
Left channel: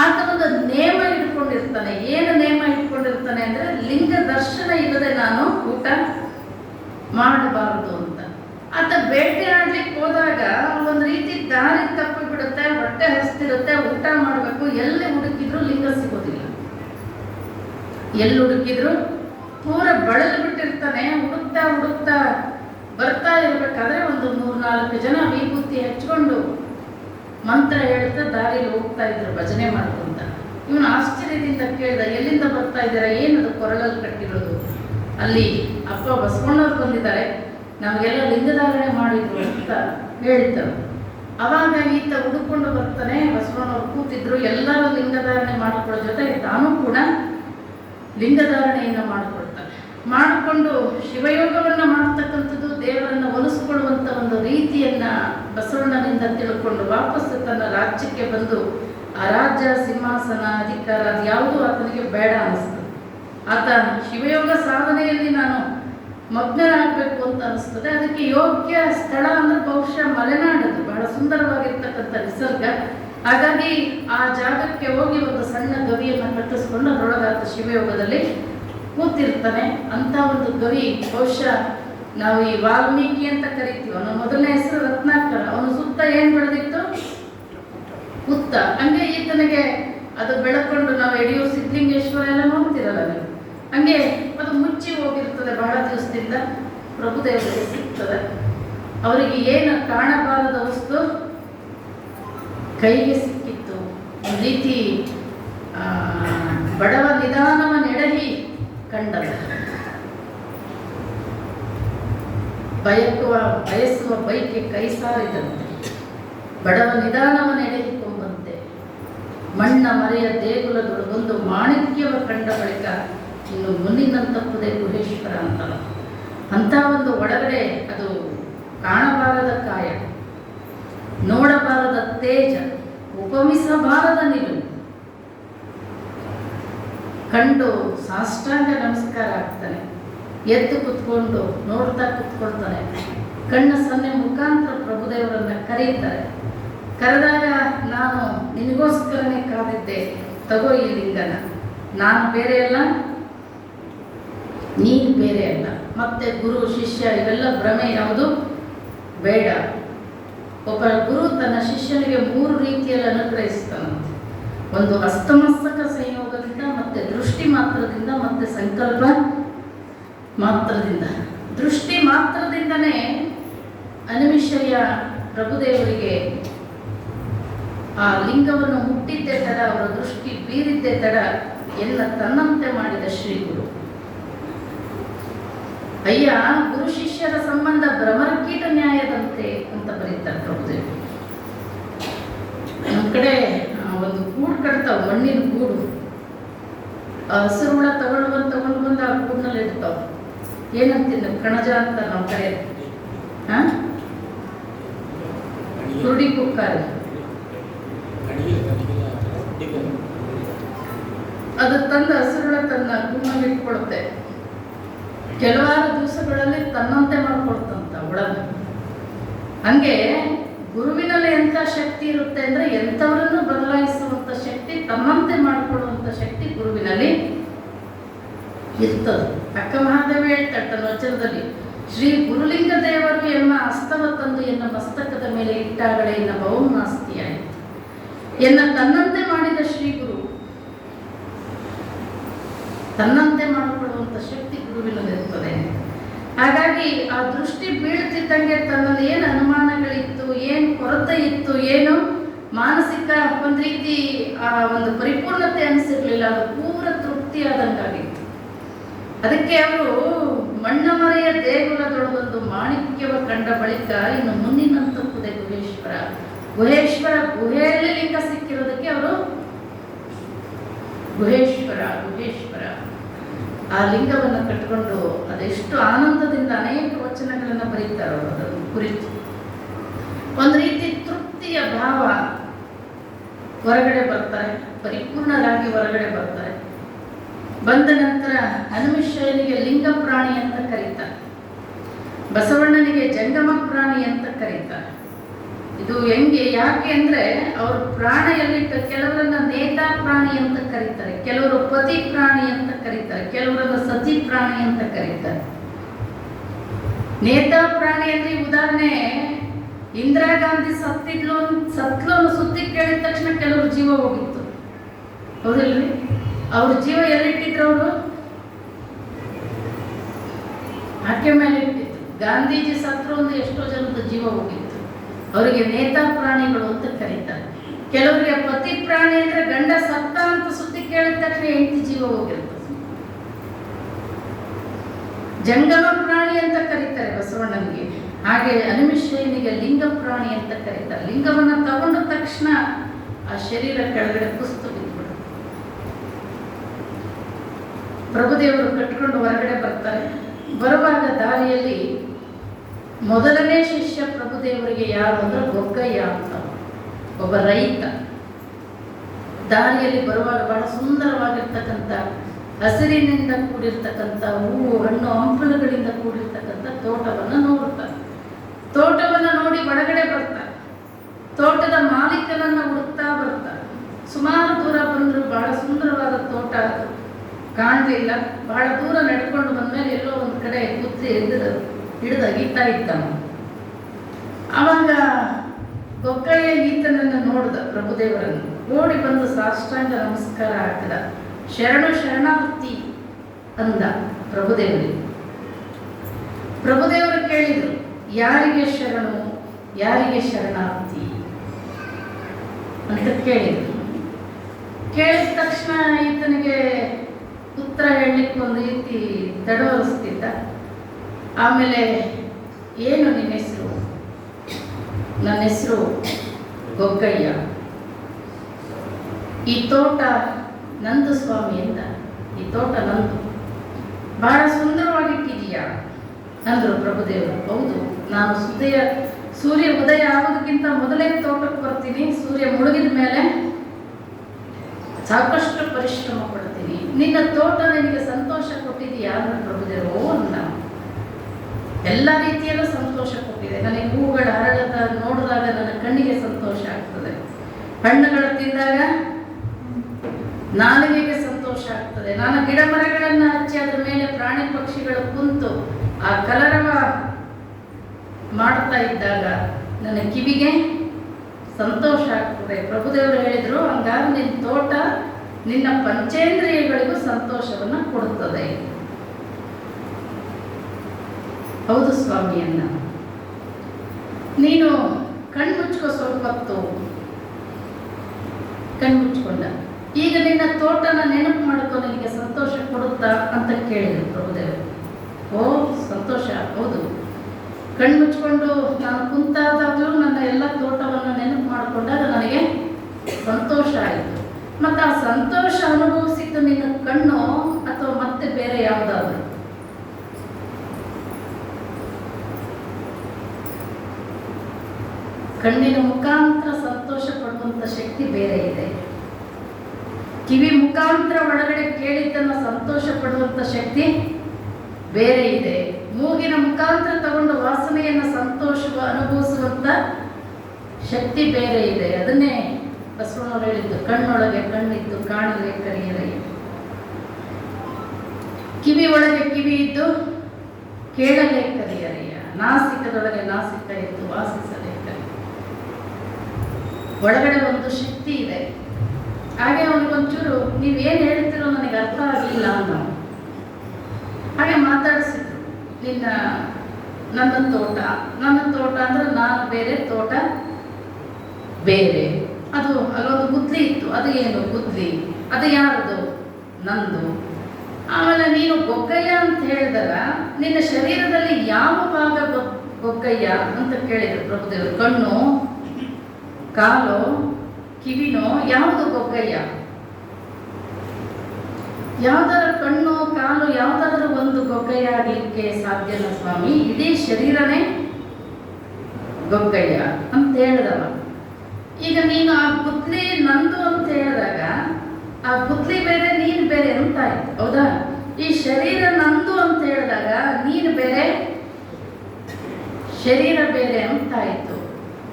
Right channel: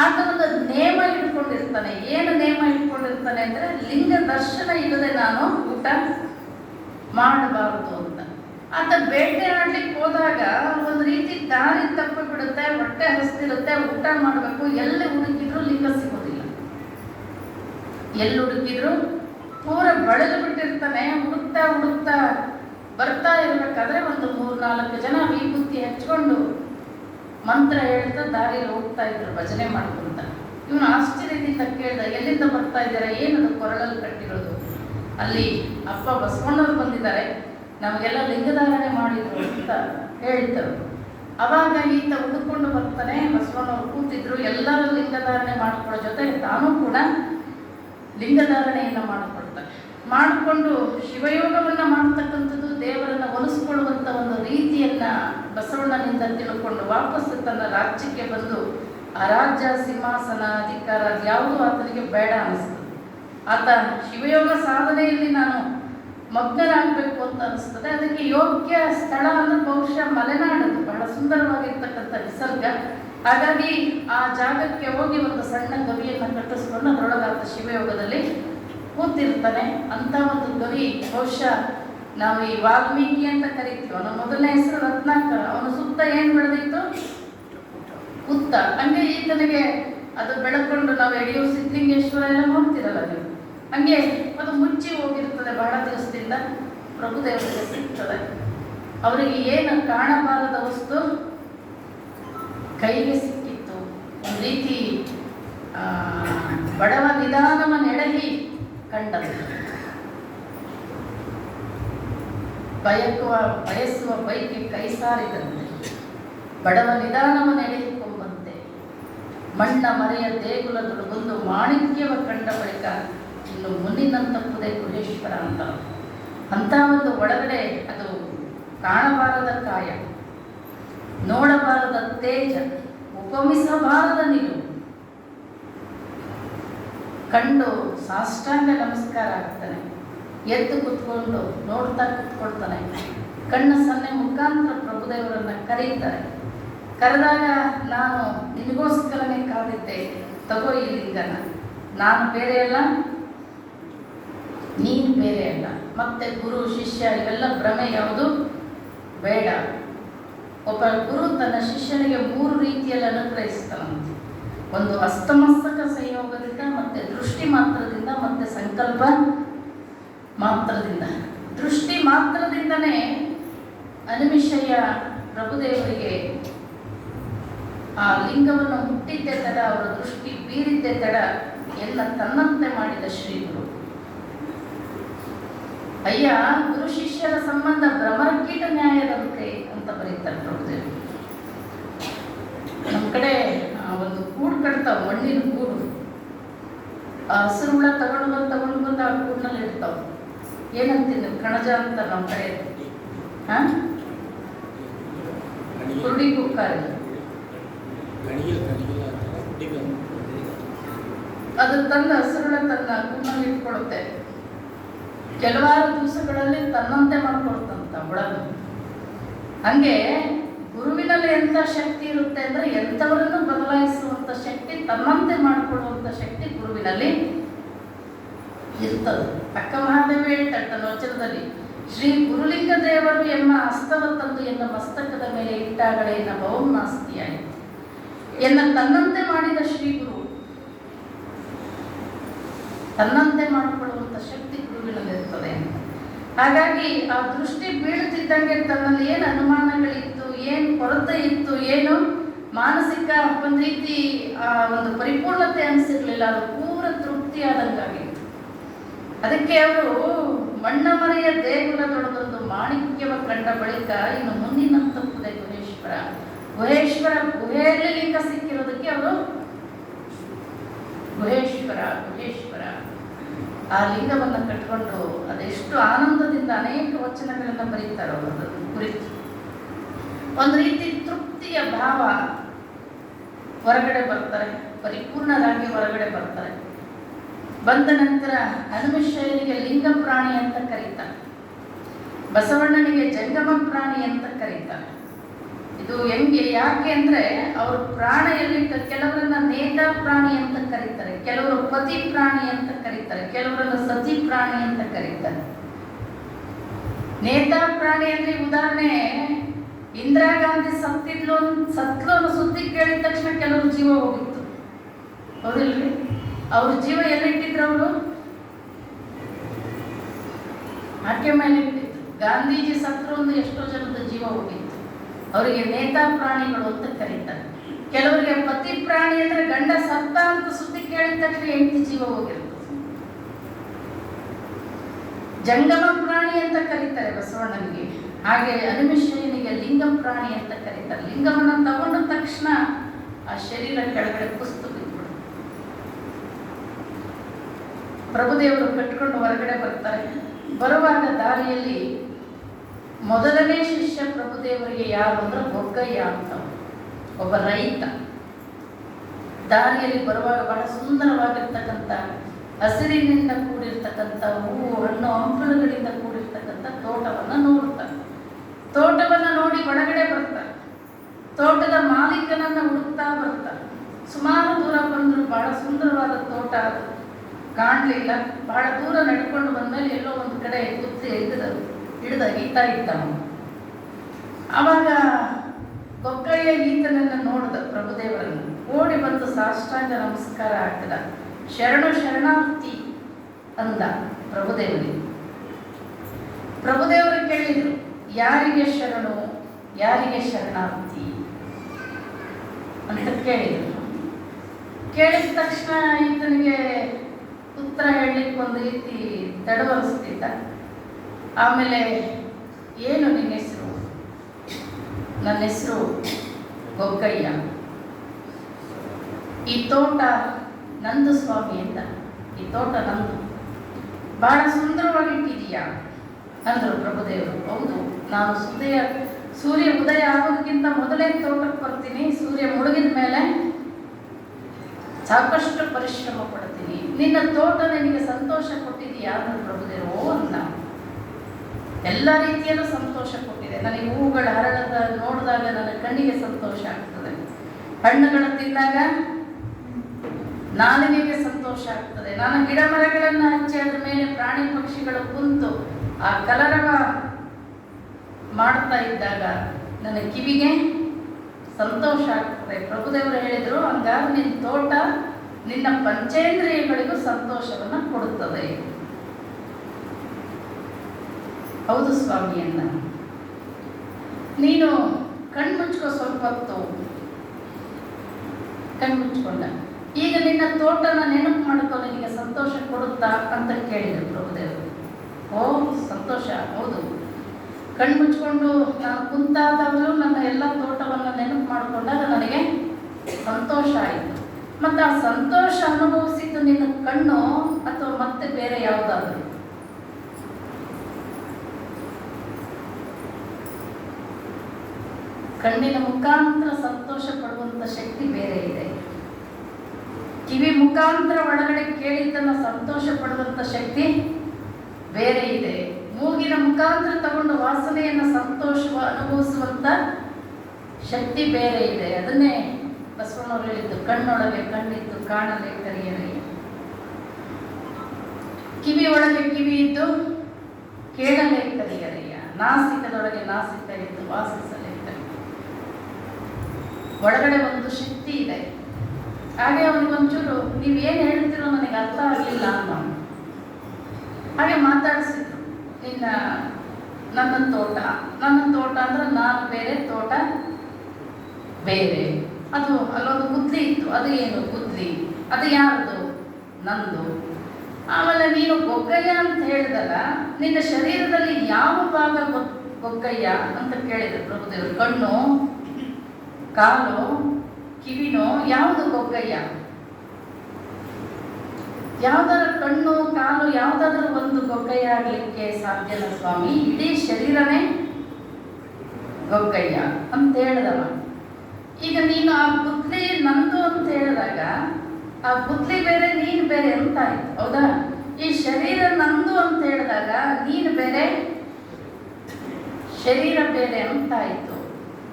ಆತನದ ನೇಮ ಇಟ್ಕೊಂಡಿರ್ತಾನೆ. ಏನು ನೇಮ ಇಟ್ಕೊಂಡಿರ್ತಾನೆ ಅಂದ್ರೆ, ಲಿಂಗ ದರ್ಶನ ಇಲ್ಲದೆ ನಾನು ಊಟ ಮಾಡಬಾರದು ಅಂತ. ಆತ ಬೇಟೆ ಆಡ್ಲಿಕ್ಕೆ ಹೋದಾಗ ಒಂದು ರೀತಿ ದಾರಿ ತಪ್ಪಿ ಬಿಡುತ್ತೆ, ಹೊಟ್ಟೆ ಹಸ್ತಿರುತ್ತೆ, ಊಟ ಮಾಡಬೇಕು. ಎಲ್ಲಿ ಹುಡುಕಿದ್ರು ಲಿಂಗ ಸಿಗೋದಿಲ್ಲ. ಎಲ್ಲಿ ಹುಡುಕಿದ್ರು ಪೂರ ಬಳಲು ಬಿಟ್ಟಿರ್ತಾನೆ. ಹುಡುಕ್ತಾ ಹುಡುಕ್ತಾ ಬರ್ತಾ ಇರ್ಬೇಕಾದ್ರೆ ಒಂದು 3-4 ಜನ ವಿಭೂತಿ ಹಚ್ಕೊಂಡು ಮಂತ್ರ ಹೇಳ್ತಾ ದಾರಿಯಲ್ಲಿ ಹೋಗ್ತಾ ಇದ್ರು, ಭಜನೆ ಮಾಡ್ಕೊಂತ. ಇವನು ಆಶ್ಚರ್ಯದಿಂದ ಕೇಳ್ದ, ಎಲ್ಲಿಂದ ಬರ್ತಾ ಇದ್ದಾರೆ, ಏನದು ಕೊರಳಲ್ಲಿ ಕಟ್ಟಿರೋದು? ಅಲ್ಲಿ ಅಪ್ಪ ಬಸವಣ್ಣವ್ರು ಬಂದಿದ್ದಾರೆ, ನಮಗೆಲ್ಲ ಲಿಂಗಧಾರಣೆ ಮಾಡಿದ್ರು ಅಂತ ಹೇಳಿದ್ದರು. ಅವಾಗ ಈತ ಹುಡುಕೊಂಡು ಬರ್ತಾನೆ. ಬಸವಣ್ಣವ್ರು ಕೂತಿದ್ರು, ಎಲ್ಲರೂ ಲಿಂಗಧಾರಣೆ ಮಾಡಿಕೊಳ್ಳೋ ಜೊತೆ ತಾನೂ ಕೂಡ ಲಿಂಗಧಾರಣೆಯನ್ನು ಮಾಡಿಕೊಳ್ತಾರೆ. ಮಾಡಿಕೊಂಡು ಶಿವಯೋಗವನ್ನು ಮಾಡ್ತಕ್ಕಂಥದ್ದು, ದೇವರನ್ನು ಒಲಿಸ್ಕೊಳ್ಳುವಂಥ ಒಂದು ರೀತಿಯನ್ನ ಬಸವಣ್ಣನಿಂದ ತಿಳ್ಕೊಂಡು ವಾಪಸ್ ತನ್ನ ರಾಜ್ಯಕ್ಕೆ ಬಂದು ಆ ರಾಜ್ಯ, ಸಿಂಹಾಸನ, ಅಧಿಕಾರ ಯಾವುದೂ ಆತನಿಗೆ ಬೇಡ ಅನಿಸ್ತು. ಆತ ಶಿವಯೋಗ ಸಾಧನೆಯಲ್ಲಿ ನಾನು ಮಗ್ನರಾಗಬೇಕು ಅಂತ ಅನಿಸ್ತದೆ. ಅದಕ್ಕೆ ಯೋಗ್ಯ ಸ್ಥಳ ಅಂದ್ರೆ ಬಹುಶಃ ಮಲೆನಾಡದು, ಬಹಳ ಸುಂದರವಾಗಿರ್ತಕ್ಕಂಥ ನಿಸರ್ಗ. ಹಾಗಾಗಿ ಆ ಜಾಗಕ್ಕೆ ಹೋಗಿ ಒಂದು ಸಣ್ಣ ಗವಿಯನ್ನು ಕಟ್ಟಿಸ್ಕೊಂಡು ಅದರೊಳಗೆ ಆತ ಶಿವಯೋಗದಲ್ಲಿ ಕೂತಿರ್ತಾನೆ. ಅಂತ ಒಂದು ಗವಿ ಬಹುಶಃ ನಾವು ಈ ವಾಲ್ಮೀಕಿ ಅಂತ ಕರಿತೀವಿ. ಅವನ ಮೊದಲನೇ ಹೆಸರು ರತ್ನಾಕರ. ಅವನ ಸುತ್ತ ಏನ್ ಬೆಳೆದಿತ್ತು? ಹುತ್ತ. ಹಂಗೆ ಈತನಿಗೆ ಅದು ಬೆಳಕೊಂಡು ನಾವು ಯಡಿಯೂರು ಸಿದ್ಧಲಿಂಗೇಶ್ವರ ಎಲ್ಲ ನೋಡ್ತಿರಲ್ಲ ನೀವು, ಹಂಗೆ ಅದು ಮುಚ್ಚಿ ಹೋಗಿರ್ತದೆ ಬಹಳ ದಿವಸದಿಂದ. ಪ್ರಭುದೇವರಿಗೆ ಸಿಗ್ತದೆ. ಅವರಿಗೆ ಏನು ಕಾಣಬಾರದ ವಸ್ತು ಕೈಗೆ ಸಿಕ್ಕಿತ್ತು. ಒಂದು ರೀತಿ ಬಡವ ನಿಧಾನವ ನೆಡಹಿ ಕಂಡದ, ಬಯಸುವ ಬೈಕೆ ಕೈ ಸಾರಿದಂತೆ, ಬಡವ ನಿಧಾನವ ನೆಡೆದುಕೊಂಡಂತೆ, ಮಣ್ಣ ಮರೆಯ ದೇಗುಲಗಳು ಒಂದು ಮಾಣಿಕ್ಯವ ಕಂಡ ಬಳಿಕ ಇನ್ನು ಮುಂದಿನ ತಪ್ಪದೆ ಗುರೇಶ್ವರ ಅಂತಾರೆ. ಅಂತ ಒಂದು ಒಳಗಡೆ ಅದು ಕಾಣಬಾರದ ಕಾಯ, ನೋಡಬಾರದ ತೇಜ, ಉಪಮಿಸಬಾರದ ನಿಲುವು ಕಂಡು ಸಾಷ್ಟಾಂಗ ನಮಸ್ಕಾರ ಆಗ್ತಾನೆ. ಎದ್ದು ಕುತ್ಕೊಂಡು ನೋಡ್ತಾ ಕುತ್ಕೊಳ್ತಾನೆ. ಕಣ್ಣ ಸನ್ನೆ ಮುಖಾಂತರ ಪ್ರಭುದೇವರನ್ನ ಕರೀತಾರೆ. ಕರೆದಾಗ, ನಾನು ನಿನಗೋಸ್ಕರನೇ ಕಾದಿದ್ದೆ, ತಗೋ ಈ ಲಿಂಗನ. ನಾನು ಬೇರೆ ಅಲ್ಲ, ನೀನು ಬೇರೆ ಅಲ್ಲ. ಮತ್ತೆ ಗುರು ಶಿಷ್ಯ ಇವೆಲ್ಲ ಭ್ರಮೆ ಯಾವುದು ಬೇಡ. ಒಬ್ಬ ಗುರು ತನ್ನ ಶಿಷ್ಯನಿಗೆ 3 ರೀತಿಯಲ್ಲಿ ಅನುಗ್ರಹಿಸ್ತಾನಂತೆ. ಒಂದು ಹಸ್ತಮಸ್ತಕ ಸಂಯೋಗದಿಂದ, ಮತ್ತೆ ದೃಷ್ಟಿ ಮಾತ್ರದಿಂದ, ಮತ್ತೆ ಸಂಕಲ್ಪ ಮಾತ್ರದಿಂದ. ದೃಷ್ಟಿ ಮಾತ್ರದಿಂದನೇ ಅನಿಮಿಷಯ್ಯ ಪ್ರಭುದೇವರಿಗೆ ಆ ಲಿಂಗವನ್ನು ಮುಟ್ಟಿದ್ದೇ ತಡ, ಅವರ ದೃಷ್ಟಿ ಬೀರಿದ್ದೇ ತಡ ಎಲ್ಲ ತನ್ನಂತೆ ಮಾಡಿದ ಶ್ರೀ ಗುರು. ಅಯ್ಯ, ಗುರು ಶಿಷ್ಯರ ಸಂಬಂಧ ಭ್ರಮರಕೀಟ ನ್ಯಾಯದಂತೆ ಅಂತ ಬರೀತಾರೆ ಪ್ರಭುದೇವರು. ನಮ್ಮ ಕಡೆ ಒಂದು ಗೂಡು ಕಟ್ತಾವ, ಮಣ್ಣಿನ ಗೂಡು. ಆ ಹಸಿರು ಹುಳ ತಗೊಂಡು ಬಂದು ಆ ಗೂಡಿನಲ್ಲಿ ಇಡ್ತಾವ. ಏನಂತೀನಿ, ಕಣಜ ಅಂತ ನಮ್ಮ ಕಡೆ. ಕುರುಡಿ ಕುಕ್ಕಾರಿ ಅದು ತಂದು ಹಸಿರುಳ ತನ್ನ ಗೂಡಿನಲ್ಲಿ ಇಟ್ಕೊಳುತ್ತೆ. ಕೆಲವಾರು ದಿವಸಗಳಲ್ಲಿ ತನ್ನಂತೆ ಮಾಡ್ಕೊಳ್ತಂತ ಹುಳ. ಹಂಗೆ ಗುರುವಿನಲ್ಲಿ ಎಂಥ ಶಕ್ತಿ ಇರುತ್ತೆ ಅಂದ್ರೆ ಎಂಥವರನ್ನು ಬದಲಾಯಿಸುವಂತ ಶಕ್ತಿ, ತನ್ನಂತೆ ಮಾಡಿಕೊಳ್ಳುವಂತ ಶಕ್ತಿ ಗುರುವಿನಲ್ಲಿ ಇರ್ತದೆ. ಅಕ್ಕ ಮಹಾದೇವಿ ಹೇಳ್ತಾಳೆ ತನ್ನ ವಚನದಲ್ಲಿ, ಶ್ರೀ ಗುರುಲಿಂಗ ದೇವರು ಎಂಬ ಹಸ್ತವ ತಂದು ಎನ್ನ ಮಸ್ತಕದ ಮೇಲೆ ಇಟ್ಟಾಗಲೇ ಎನ್ನ ಬಹುನಾಸ್ತಿಯಾಯಿತು. ಎನ್ನ ತನ್ನಂತೆ ಮಾಡಿದ ಶ್ರೀ ಗುರು, ತನ್ನಂತೆ ಮಾಡಿಕೊಳ್ಳುವಂತ ಶಕ್ತಿ ಗುರುವಿನಲ್ಲಿರುತ್ತದೆ. ಹಾಗಾಗಿ ಆ ದೃಷ್ಟಿ ಬೀಳ್ತಿದ್ದಂಗೆ ತನ್ನಲ್ಲಿ ಏನು ಅನುಮಾನಗಳಿತ್ತು, ಏನು ಕೊರತೆ ಇತ್ತು, ಏನು ಮಾನಸಿಕ ಒಂದು ರೀತಿ ಆ ಒಂದು ಪರಿಪೂರ್ಣತೆ ಅನಿಸಿರ್ಲಿಲ್ಲ, ಅದು ಪೂರ ತೃಪ್ತಿಯಾದಂಗಾಗಿತ್ತು. ಅದಕ್ಕೆ ಅವರು ಮಣ್ಣಮರೆಯ ದೇಗುಲದೊಳಗೊಂದು ಮಾಣಿಕ್ಯವ ಕಂಡ ಬಳಿಕ ಇನ್ನು ಮುಂದಿನಂತಪ್ಪದೆ ಗುಹೇಶ್ವರ ಗುಹೆಯಲ್ಲಿ ಲಿಂಗ ಸಿಕ್ಕಿರೋದಕ್ಕೆ ಅವರು ಗುಹೇಶ್ವರ ಆ ಲಿಂಗವನ್ನು ಕಟ್ಕೊಂಡು ಅದೆಷ್ಟು ಆನಂದದಿಂದ ಅನೇಕ ವಚನಗಳನ್ನು ಬರೀತಾರೆ ಅದರ ಕುರಿತು. ಒಂದು ರೀತಿ ತೃಪ್ತಿಯ ಭಾವ ಹೊರಗಡೆ ಬರ್ತಾರೆ, ಪರಿಪೂರ್ಣರಾಗಿ ಹೊರಗಡೆ ಬರ್ತಾರೆ. ಬಂದ ನಂತರ ಹನುಮಿಷನಿಗೆ ಲಿಂಗ ಪ್ರಾಣಿ ಅಂತ ಕರೀತಾರೆ, ಬಸವಣ್ಣನಿಗೆ ಜಂಗಮ ಪ್ರಾಣಿ ಅಂತ ಕರೀತಾರೆ. ಇದು ಹೆಂಗೆ, ಯಾಕೆ ಅಂದ್ರೆ ಅವರು ಪ್ರಾಣಿಯಲ್ಲಿ ಕೆಲವರನ್ನ ನೇತಾ ಪ್ರಾಣಿ ಅಂತ ಕರೀತಾರೆ, ಕೆಲವರು ಪತಿ ಪ್ರಾಣಿ ಅಂತ ಕರೀತಾರೆ, ಕೆಲವರನ್ನ ಸತಿ ಪ್ರಾಣಿ ಅಂತ ಕರೀತಾರೆ. ನೇತಾ ಪ್ರಾಣಿ ಅಂದ್ರೆ ಉದಾಹರಣೆ, ಇಂದಿರಾ ಗಾಂಧಿ ಸತ್ಲು ಸುದ್ದಿ ಕೇಳಿದ ತಕ್ಷಣ ಕೆಲವರು ಜೀವ ಹೋಗಿತ್ತು, ಹೌದಿಲ್ರಿ? ಅವ್ರ ಜೀವ ಎಲ್ಲಿಟ್ಟಿದ್ರು? ಅವರು ಆಕೆ ಮೇಲೆ ಇಟ್ಟಿತ್ತು. ಗಾಂಧೀಜಿ ಸತ್ರು ಅಂದ್ರೆ ಎಷ್ಟೋ ಜನದ ಜೀವ ಹೋಗಿತ್ತು. ಅವರಿಗೆ ನೇತಾ ಪ್ರಾಣಿಗಳು ಅಂತ ಕರೀತಾರೆ. ಕೆಲವರಿಗೆ ಪತಿ ಪ್ರಾಣಿ ಅಂದ್ರೆ ಗಂಡ ಸತ್ತ ಅಂತ ಸುದ್ದಿ ಕೇಳಿದ ತಕ್ಷಣ ಹೆಂಡತಿ ಜೀವ ಹೋಗಿರುತ್ತೆ. ಜಂಗಮ ಪ್ರಾಣಿ ಅಂತ ಕರೀತಾರೆ ಬಸವಣ್ಣನಿಗೆ. ಹಾಗೆ ಹನುಮಿಷನಿಗೆ ಲಿಂಗ ಪ್ರಾಣಿ ಅಂತ ಕರೀತಾರೆ. ಲಿಂಗವನ್ನು ತಗೊಂಡ ತಕ್ಷಣ ಆ ಶರೀರ ಕೆಳಗಡೆ ಕುಸಿದು ಬಿದ್ದುಬಿಡುತ್ತೆ. ಪ್ರಭುದೇವರು ಕಟ್ಕೊಂಡು ಹೊರಗಡೆ ಬರ್ತಾರೆ. ಬರುವಾಗ ದಾರಿಯಲ್ಲಿ ಮೊದಲನೇ ಶಿಷ್ಯ ಪ್ರಭುದೇವರಿಗೆ ಯಾರು ಅಂದ್ರೆ ಬೊಕ್ಕಯ್ಯ ಅಂತ, ಒಬ್ಬ ರೈತ. ದಾರಿಯಲ್ಲಿ ಬರುವಾಗ ಬಹಳ ಸುಂದರವಾಗಿರ್ತಕ್ಕಂಥ ಹಸಿರಿನಿಂದ ಕೂಡಿರ್ತಕ್ಕಂಥ ಹೂವು, ಹಣ್ಣು, ಹಂಪಲುಗಳಿಂದ ಕೂಡಿರ್ತಕ್ಕಂಥ ತೋಟವನ್ನು ನೋಡ್ತಾರೆ. ತೋಟವನ್ನು ನೋಡಿ ಒಳಗಡೆ ಬರ್ತಾರೆ. ತೋಟದ ಮಾಲೀಕನನ್ನ ಹುಡುಕ್ತಾ ಬರ್ತಾರೆ. ಸುಮಾರು ದೂರ ಬಂದರು, ಬಹಳ ಸುಂದರವಾದ ತೋಟ ಅದು ಕಾಣಲಿಲ್ಲ. ಬಹಳ ದೂರ ನಡ್ಕೊಂಡು ಬಂದ್ಮೇಲೆ ಎಲ್ಲೋ ಒಂದು ಕಡೆ ಕುತ್ತಿ ಹಿಡಿದು ಅಗಿತಾ ಇದ್ದಾನ. ಆವಾಗ ಬೊಕ್ಕಯ್ಯ ಈತನನ್ನು ನೋಡಿದ ಪ್ರಭುದೇವರನ್ನು, ಓಡಿ ಬಂದು ಸಾಷ್ಟಾಂಗ ನಮಸ್ಕಾರ ಹಾಕಿದ. ಶರಣಾರ್ಥಿ ಅಂದ ಪ್ರಭುದೇವರಿಗೆ. ಪ್ರಭುದೇವರು ಕೇಳಿದರು, ಯಾರಿಗೆ ಶರಣು, ಯಾರಿಗೆ ಶರಣಾರ್ಥಿ ಅಂತ ಕೇಳಿದರು. ಕೇಳಿದ ತಕ್ಷಣ ಈತನಿಗೆ ಉತ್ತರ ಹೇಳಲಿಕ್ಕೆ ಒಂದು ರೀತಿ ತಡವರಿಸ್ತಿದ್ದ. ಆಮೇಲೆ, ಏನು ನಿನ್ನ ಹೆಸರು? ನನ್ನ ಹೆಸರು ಬೊಕ್ಕಯ್ಯ, ಈ ತೋಟ ನಂದು ಸ್ವಾಮಿ ಅಂತ, ಈ ತೋಟ ನಂದು, ಬಹಳ ಸುಂದರವಾಗಿಟ್ಟಿದೀಯಾ ಅಂದರು ಪ್ರಭುದೇವರು. ಹೌದು, ನಾನು ಸೂರ್ಯ ಉದಯ ಆಗೋದಕ್ಕಿಂತ ಮೊದಲೇ ತೋಟಕ್ಕೆ ಬರ್ತೀನಿ, ಸೂರ್ಯ ಮುಳುಗಿದ ಮೇಲೆ ಸಾಕಷ್ಟು ಪರಿಶ್ರಮ ಕೊಡ್ತೀನಿ. ನಿನ್ನ ತೋಟ ನಿನಗೆ ಸಂತೋಷ ಕೊಟ್ಟಿದೆಯಾ ಅಂತ ಪ್ರಭುದೇವರು. ಓ ಅಂದ. ಎಲ್ಲ ರೀತಿಯಲ್ಲೂ ಸಂತೋಷ ಕೊಟ್ಟಿದೆ. ನನಗೆ ಹೂವುಗಳ ಹರಳದ ನೋಡಿದಾಗ ನನ್ನ ಕಣ್ಣಿಗೆ ಸಂತೋಷ ಆಗ್ತದೆ, ಹಣ್ಣುಗಳು ತಿಂದಾಗ ನಾಲಿಗೆಗೆ ಸಂತೋಷ ಆಗ್ತದೆ. ನಾನು ಗಿಡ ಮರಗಳನ್ನು ಹಚ್ಚಿ ಅದರ ಮೇಲೆ ಪ್ರಾಣಿ ಪಕ್ಷಿಗಳು ಕುಂತು ಆ ಕಲರವ ಮಾಡ್ತಾ ಇದ್ದಾಗ ನನ್ನ ಕಿವಿಗೆ ಸಂತೋಷ ಆಗ್ತದೆ. ಪ್ರಭುದೇವರು ಹೇಳಿದರು, ಹಂಗಾದ್ರೆ ನಿನ್ನ ತೋಟ ನಿನ್ನ ಪಂಚೇಂದ್ರಿಯಗಳಿಗೂ ಸಂತೋಷವನ್ನು ಕೊಡುತ್ತದೆ. ಹೌದು ಸ್ವಾಮಿಯನ್ನ. ನೀನು ಕಣ್ಮುಚ್ಕೋ, ಸ್ವಲ್ಪ ಹೊತ್ತು ಕಣ್ಮುಚ್ಕೊಂಡ. ಈಗ ನಿನ್ನ ತೋಟನ ನೆನಪು ಮಾಡ್ಕೊ, ನಿನಗೆ ಸಂತೋಷ ಕೊಡುತ್ತಾ ಅಂತ ಕೇಳಿದ್ರು ಪ್ರಭುದೇವರು. ಓ ಸಂತೋಷ, ಹೌದು. ಕಣ್ಮುಚ್ಕೊಂಡು ನಾನು ಕುಂತಾದಾಗಲೂ ನನ್ನ ಎಲ್ಲ ತೋಟವನ್ನು ನೆನಪು ಮಾಡಿಕೊಂಡಾಗ ನನಗೆ ಸಂತೋಷ ಆಯಿತು. ಮತ್ತು ಆ ಸಂತೋಷ ಅನುಭವಿಸಿದ್ದು ನಿನ್ನ ಕಣ್ಣು ಅಥವಾ ಮತ್ತೆ ಬೇರೆ ಯಾವುದಾದ್ರು? ಕಣ್ಣಿನ ಮುಖಾಂತರ ಸಂತೋಷ ಪಡುವಂಥ ಶಕ್ತಿ ಬೇರೆ ಇದೆ. ಕಿವಿ ಮುಖಾಂತರ ಒಳಗಡೆ ಕೇಳಿದ್ದನ್ನು ಸಂತೋಷ ಪಡುವಂಥ ಶಕ್ತಿ ಬೇರೆ ಇದೆ. ಮೂಗಿನ ಮುಖಾಂತರ ತಗೊಂಡು ವಾಸನೆಯನ್ನು ಸಂತೋಷ ಅನುಭವಿಸುವಂಥ ಶಕ್ತಿ ಬೇರೆ ಇದೆ. ಅದನ್ನೇ ಬಸವಣ್ಣವರು ಹೇಳಿದ್ದು, ಕಣ್ಣೊಳಗೆ ಕಣ್ಣಿದ್ದು ಕಾಣಲೆ ಕರಿಯರೆ. ಕಿವಿ ಒಳಗೆ ಕಿವಿ ಇದ್ದು ಕೇಳಲೆ ಕರಿಯರೆಯ. ನಾಸಿಕದೊಳಗೆ ನಾಸಿಕ ಇದ್ದು ವಾಸಿಸಲೆ ಕರಿ. ಒಳಗಡೆ ಒಂದು ಶಕ್ತಿ ಇದೆ. ಹಾಗೆ ಅವನಿಗೊಂಚೂರು ನೀವೇನು ಹೇಳ್ತಿರೋ ನನಗೆ ಅರ್ಥ ಆಗಲಿಲ್ಲ ಅನ್ನೋ ಹಾಗೆ ಮಾತಾಡಿಸಿದ್ರು. ನನ್ನ ತೋಟ ಅಂದ್ರೆ ನಾನು ಬೇರೆ, ತೋಟ ಬೇರೆ. ಅದು ಅಲ್ಲೊಂದು ಗುದ್ಲಿ ಇತ್ತು, ಅದು ಏನು ಗುದ್ಲಿ, ಅದು ಯಾರದು? ನಂದು. ಆಮೇಲೆ ನೀನು ಗೊಗ್ಗಯ್ಯ ಅಂತ ಹೇಳಿದಾಗ ನಿನ್ನ ಶರೀರದಲ್ಲಿ ಯಾವ ಭಾಗ ಗೊಗ್ಗಯ್ಯ ಅಂತ ಕೇಳಿದ್ರು ಪ್ರಭುದೇವರು. ಕಣ್ಣು, ಕಾಲು, ಕಿವಿನೋ, ಯಾವುದು ಗೊಗ್ಗಯ್ಯ? ಯಾವುದರ ಕಣ್ಣು ಕಾಲು ಯಾವುದಾದ್ರೂ ಒಂದು ಗೊಗ್ಗಯ್ಯ ಆಗಲಿಕ್ಕೆ ಸಾಧ್ಯನ ಸ್ವಾಮಿ? ಇಡೀ ಶರೀರನೇ ಗೊಗ್ಗಯ್ಯ ಅಂತ ಹೇಳಿದ. ಈಗ ನೀನು ಆ ಪುತ್ಲಿ ನಂದು ಅಂತ ಹೇಳಿದಾಗ ಆ ಪುತ್ಲಿ ಬೇರೆ, ನೀನು ಬೇರೆ ಅಂತ ಆಯ್ತು, ಹೌದಾ? ಈ ಶರೀರ ನಂದು ಅಂತ ಹೇಳಿದಾಗ ನೀನು ಬೇರೆ, ಶರೀರ ಬೇರೆ ಅಂತ ಆಯ್ತು.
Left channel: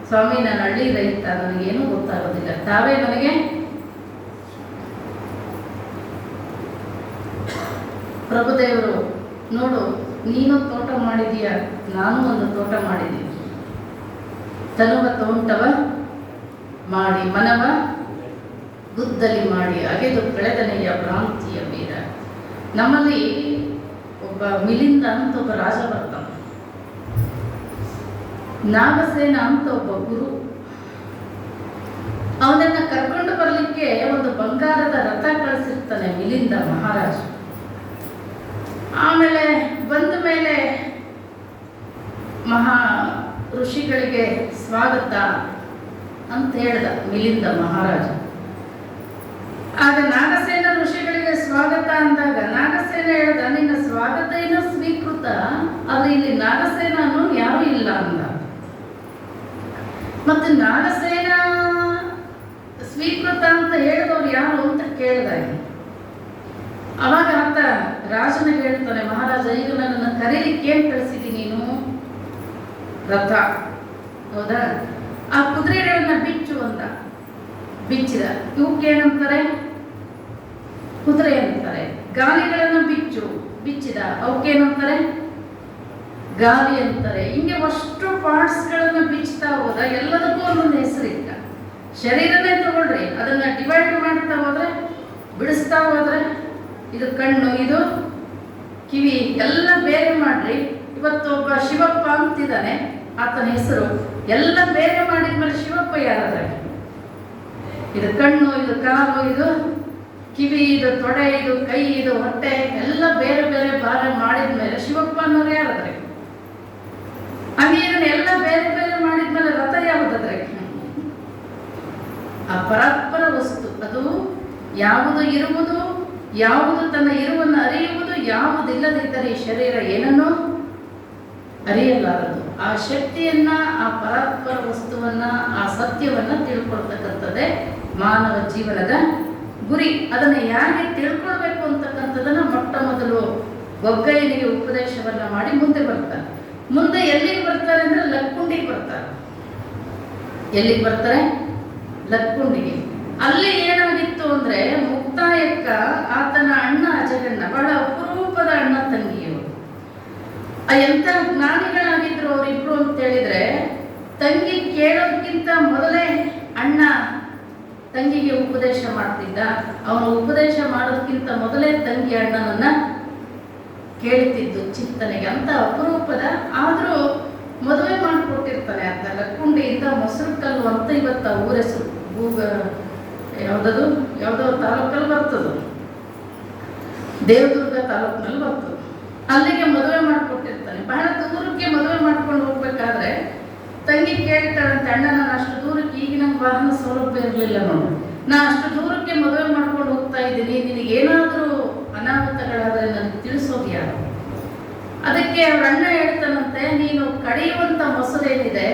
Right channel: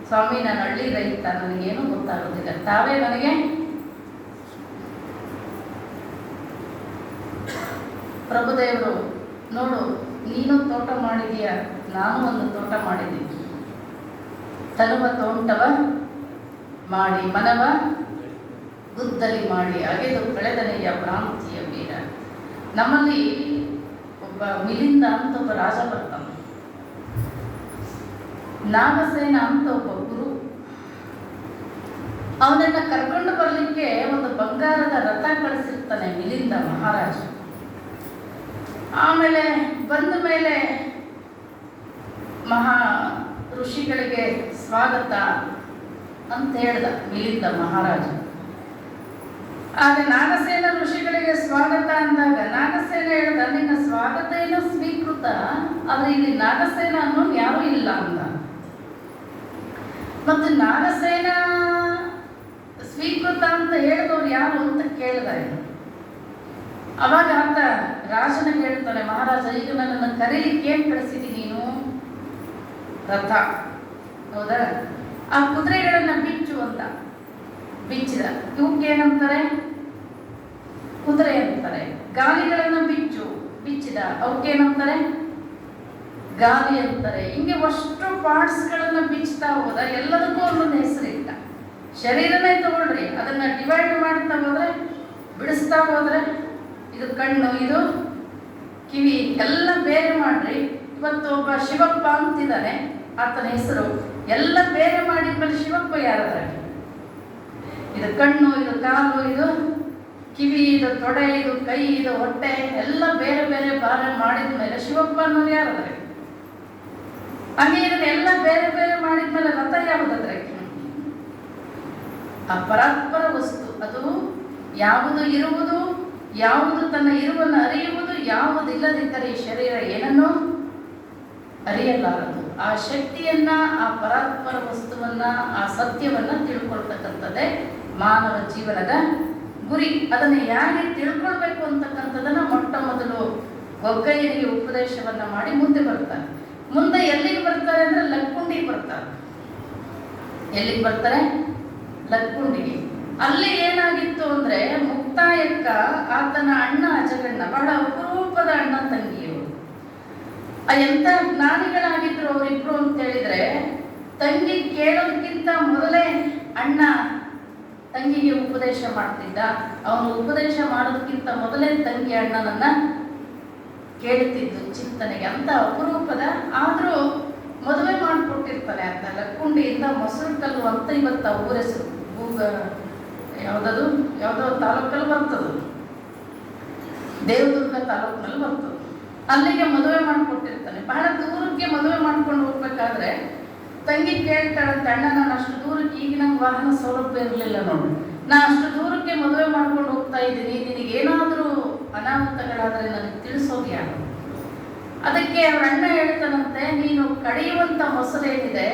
ಸ್ವಾಮಿ, ನಾನು ಹಳ್ಳಿ ರೈತ, ನನಗೇನು ಗೊತ್ತಾಗೋದಿಲ್ಲ. ತಾವೇ ನನಗೆ ಪ್ರಭುದೇವರು, ನೋಡು, ನೀನು ತೋಟ ಮಾಡಿದೀಯ, ನಾನು ಒಂದು ತೋಟ ಮಾಡಿದ್ದೀನಿ. ತನುವ ತೋಂಟವ ಮಾಡಿ ಮನವ ಗುದ್ದಲಿ ಮಾಡಿ ಅಗೆದು ಕಳೆದನೆಯ ಭ್ರಾಂತಿಯ ವೀರ. ನಮ್ಮಲ್ಲಿ ಒಬ್ಬ ಮಿಲಿಂದ ಅಂತ ಒಬ್ಬ ರಾಜ ಬರ್ತಾನೆ. ನಾಗಸೇನ ಅಂತ ಒಬ್ಬ ಗುರು. ಅವನನ್ನ ಕರ್ಕೊಂಡು ಬರಲಿಕ್ಕೆ ಒಂದು ಬಂಗಾರದ ರಥ ಕಳಿಸಿರ್ತಾನೆ ಮಿಲಿಂದ ಮಹಾರಾಜ. ಆಮೇಲೆ ಬಂದ ಮೇಲೆ ಮಹಾ ಋಷಿಗಳಿಗೆ ಸ್ವಾಗತ ಅಂತ ಹೇಳ್ದ ಮಿಲಿಂದ ಮಹಾರಾಜ. ಆಗ ನಾಗಸೇನ ಋಷಿಗಳಿಗೆ ಸ್ವಾಗತ ಅಂದಾಗ ನಾಗಸೇನ ಹೇಳ್ದ, ನಿನ್ನ ಸ್ವಾಗತ ಏನೋ ಸ್ವೀಕೃತ, ಆದ್ರೆ ಇಲ್ಲಿ ನಾಗಸೇನ ಅನ್ನೋನು ಯಾರೂ ಇಲ್ಲ ಅಂದ. ಮತ್ತೆ ನಾಗಸೇನ ಸ್ವೀಕೃತ ಅಂತ ಹೇಳಿದವ್ರು ಯಾರು ಅಂತ ಕೇಳಿದಾಗ ಅವಾಗ ಆತ ರಾಜನಿಗೆ ಹೇಳ್ತಾನೆ, ಮಹಾರಾಜ, ಈಗ ನನ್ನನ್ನು ಕರೀಲಿಕ್ಕೆ ಏನ್ ಕಳಿಸಿದಿ ನೀನು? ರಥ, ಹೌದಾ? ಆ ಕುದುರೆಗಳನ್ನ ಬಿಚ್ಚು ಅಂತ ಬಿಚ್ಚಿದ. ಇವಕ್ಕೆ ಏನಂತಾರೆ? ಕುದುರೆ ಅಂತಾರೆ. ಗಾಲಿಗಳನ್ನ ಬಿಚ್ಚಿದ, ಅವಕ್ಕೇನಂತಾರೆ? ಗಾಲಿ ಅಂತಾರೆ. ಹಿಂಗೆ ಅಷ್ಟು ಪಾರ್ಟ್ಸ್ಗಳನ್ನ ಬಿಚ್ಚುತ್ತಾ ಹೋದ. ಎಲ್ಲದಕ್ಕೂ ಒಂದೊಂದು ಹೆಸರಿಲ್ಲ. ಶರೀರನೇ ತಗೊಳ್ರಿ, ಅದನ್ನ ಡಿವೈಡ್ ಮಾಡ್ತಾ ಹೋದ್ರೆ, ಬಿಡಿಸ್ತಾ ಹೋದ್ರೆ, ಇದು ಕಣ್ಣು, ಇದು ಕಿವಿ, ಎಲ್ಲ ಬೇರೆ ಮಾಡ್ರಿ. ಇವತ್ತು ಒಬ್ಬ ಶಿವಪ್ಪ ಅಂತಿದ್ದಾನೆ, ಆತನ ಹೆಸರು. ಎಲ್ಲ ಬೇರೆ ಮಾಡಿದ್ಮೇಲೆ ಶಿವಪ್ಪ ಯಾರಾದ್ರೆ? ಇದು ಕಣ್ಣು, ಇದು ಕಾಲು, ಇದು ಕಿವಿ, ಇದು ತೊಡೆ, ಇದು ಕೈ, ಇದು ಹೊಟ್ಟೆ, ಎಲ್ಲ ಬೇರೆ ಬೇರೆ ಭಾರ ಮಾಡಿದ್ಮೇಲೆ ಶಿವಪ್ಪ ಅನ್ನೋರು ಯಾರಾದ್ರೆ? ಹಾಗೆ ಇದನ್ನೆಲ್ಲ ಬೇರೆ ಬೇರೆ ಮಾಡಿದ್ಮೇಲೆ ರಥ ಯಾವುದಾದ್ರೆ? ಆ ಪರಾತ್ಪರ ವಸ್ತು. ಅದು ಯಾವುದು ಇರುವುದು, ಯಾವುದು ತನ್ನ ಇರುವನ್ನು ಅರಿಯುವುದು, ಯಾವುದಿಲ್ಲದಿದ್ದರೆ ಈ ಶರೀರ ಏನನ್ನು ಅರಿಯಲಾರದು. ಆ ಶಕ್ತಿಯನ್ನ, ಆ ಪರಾತ್ಪರ ವಸ್ತುವನ್ನ, ಆ ಸತ್ಯವನ್ನ ತಿಳ್ಕೊಳ್ತಕ್ಕಂಥದ್ದೇ ಮಾನವ ಜೀವನದ ಗುರಿ. ಅದನ್ನ ಯಾಕೆ ತಿಳ್ಕೊಳ್ಬೇಕು ಅಂತಕ್ಕಂಥದನ್ನ ಮೊಟ್ಟ ಮೊದಲು ಗೊಗ್ಗಯ್ಯನಿಗೆ ಉಪದೇಶವನ್ನ ಮಾಡಿ ಮುಂದೆ ಬರ್ತಾರೆ. ಮುಂದೆ ಎಲ್ಲಿಗೆ ಬರ್ತಾರೆ ಅಂದ್ರೆ ಲಕ್ಕುಂಡಿಗೆ ಬರ್ತಾರೆ. ಎಲ್ಲಿಗೆ ಬರ್ತಾರೆ? ಲಕ್ಕುಂಡಿಗೆ. ಅಲ್ಲಿ ಏನಾಗಿತ್ತು ಅಂದ್ರೆ, ಮುಕ್ತಾಯಕ್ಕ ಆತನ ಅಣ್ಣ ಅಜಗಣ್ಣ, ಬಹಳ ಅಪರೂಪದ ಅಣ್ಣ ತಂಗಿಯರು. ಎಂತ ಜ್ಞಾನಿಗಳಾಗಿದ್ರು ಅವರಿಬ್ರು ಅಂತ ಹೇಳಿದ್ರೆ, ತಂಗಿ ಕೇಳೋದಕ್ಕಿಂತ ಮೊದಲೇ ಅಣ್ಣ ತಂಗಿಗೆ ಉಪದೇಶ ಮಾಡ್ತಿದ್ದ. ಅವನು ಉಪದೇಶ ಮಾಡೋದಕ್ಕಿಂತ ಮೊದಲೇ ತಂಗಿ ಅಣ್ಣನನ್ನ ಕೇಳ್ತಿದ್ದು ಚಿಂತನೆಗೆ. ಅಂತ ಅಪರೂಪದ, ಆದರೂ ಮದುವೆ ಮಾಡಿಕೊಟ್ಟಿರ್ತಾರೆ ಅಂತ. ಲಕ್ಕುಂಡಿಯಿಂದ ಮೊಸರು ಕಲ್ಲು ಅಂತ ಇವತ್ತು ಊರ ಹೆಸರು. ಯಾವುದದು ಯಾವುದೋ ತಾಲೂಕಲ್ಲಿ ಬರ್ತದೆ, ದೇವದುರ್ಗ ತಾಲೂಕಿನಲ್ಲಿ ಬರ್ತದೆ. ಅಲ್ಲಿಗೆ ಮದುವೆ ಮಾಡಿಕೊಟ್ಟಿರ್ತಾನೆ. ಬಹಳ ದೂರಕ್ಕೆ ಮದುವೆ ಮಾಡ್ಕೊಂಡು ಹೋಗ್ಬೇಕಾದ್ರೆ ತಂಗಿ ಕೇಳ್ತಾಳಂತೆ, ಅಣ್ಣ ನಾನು ಅಷ್ಟು ದೂರಕ್ಕೆ, ಈಗ ನಂಗೆ ವಾಹನ ಸೌಲಭ್ಯ ಇರಲಿಲ್ಲ ನೋಡಿ, ನಾನು ಅಷ್ಟು ದೂರಕ್ಕೆ ಮದುವೆ ಮಾಡ್ಕೊಂಡು ಹೋಗ್ತಾ ಇದ್ದೀನಿ, ನಿನಗೆ ಏನಾದರೂ ಅನಾಹುತಗಳಾದರೆ ನನಗೆ ತಿಳಿಸೋದು ಯಾರು? ಅದಕ್ಕೆ ಅವ್ರ ಅಣ್ಣ ಹೇಳ್ತಾನಂತೆ, ನೀನು ಕಡಿಯುವಂಥ ಮೊಸರೇನಿದೆ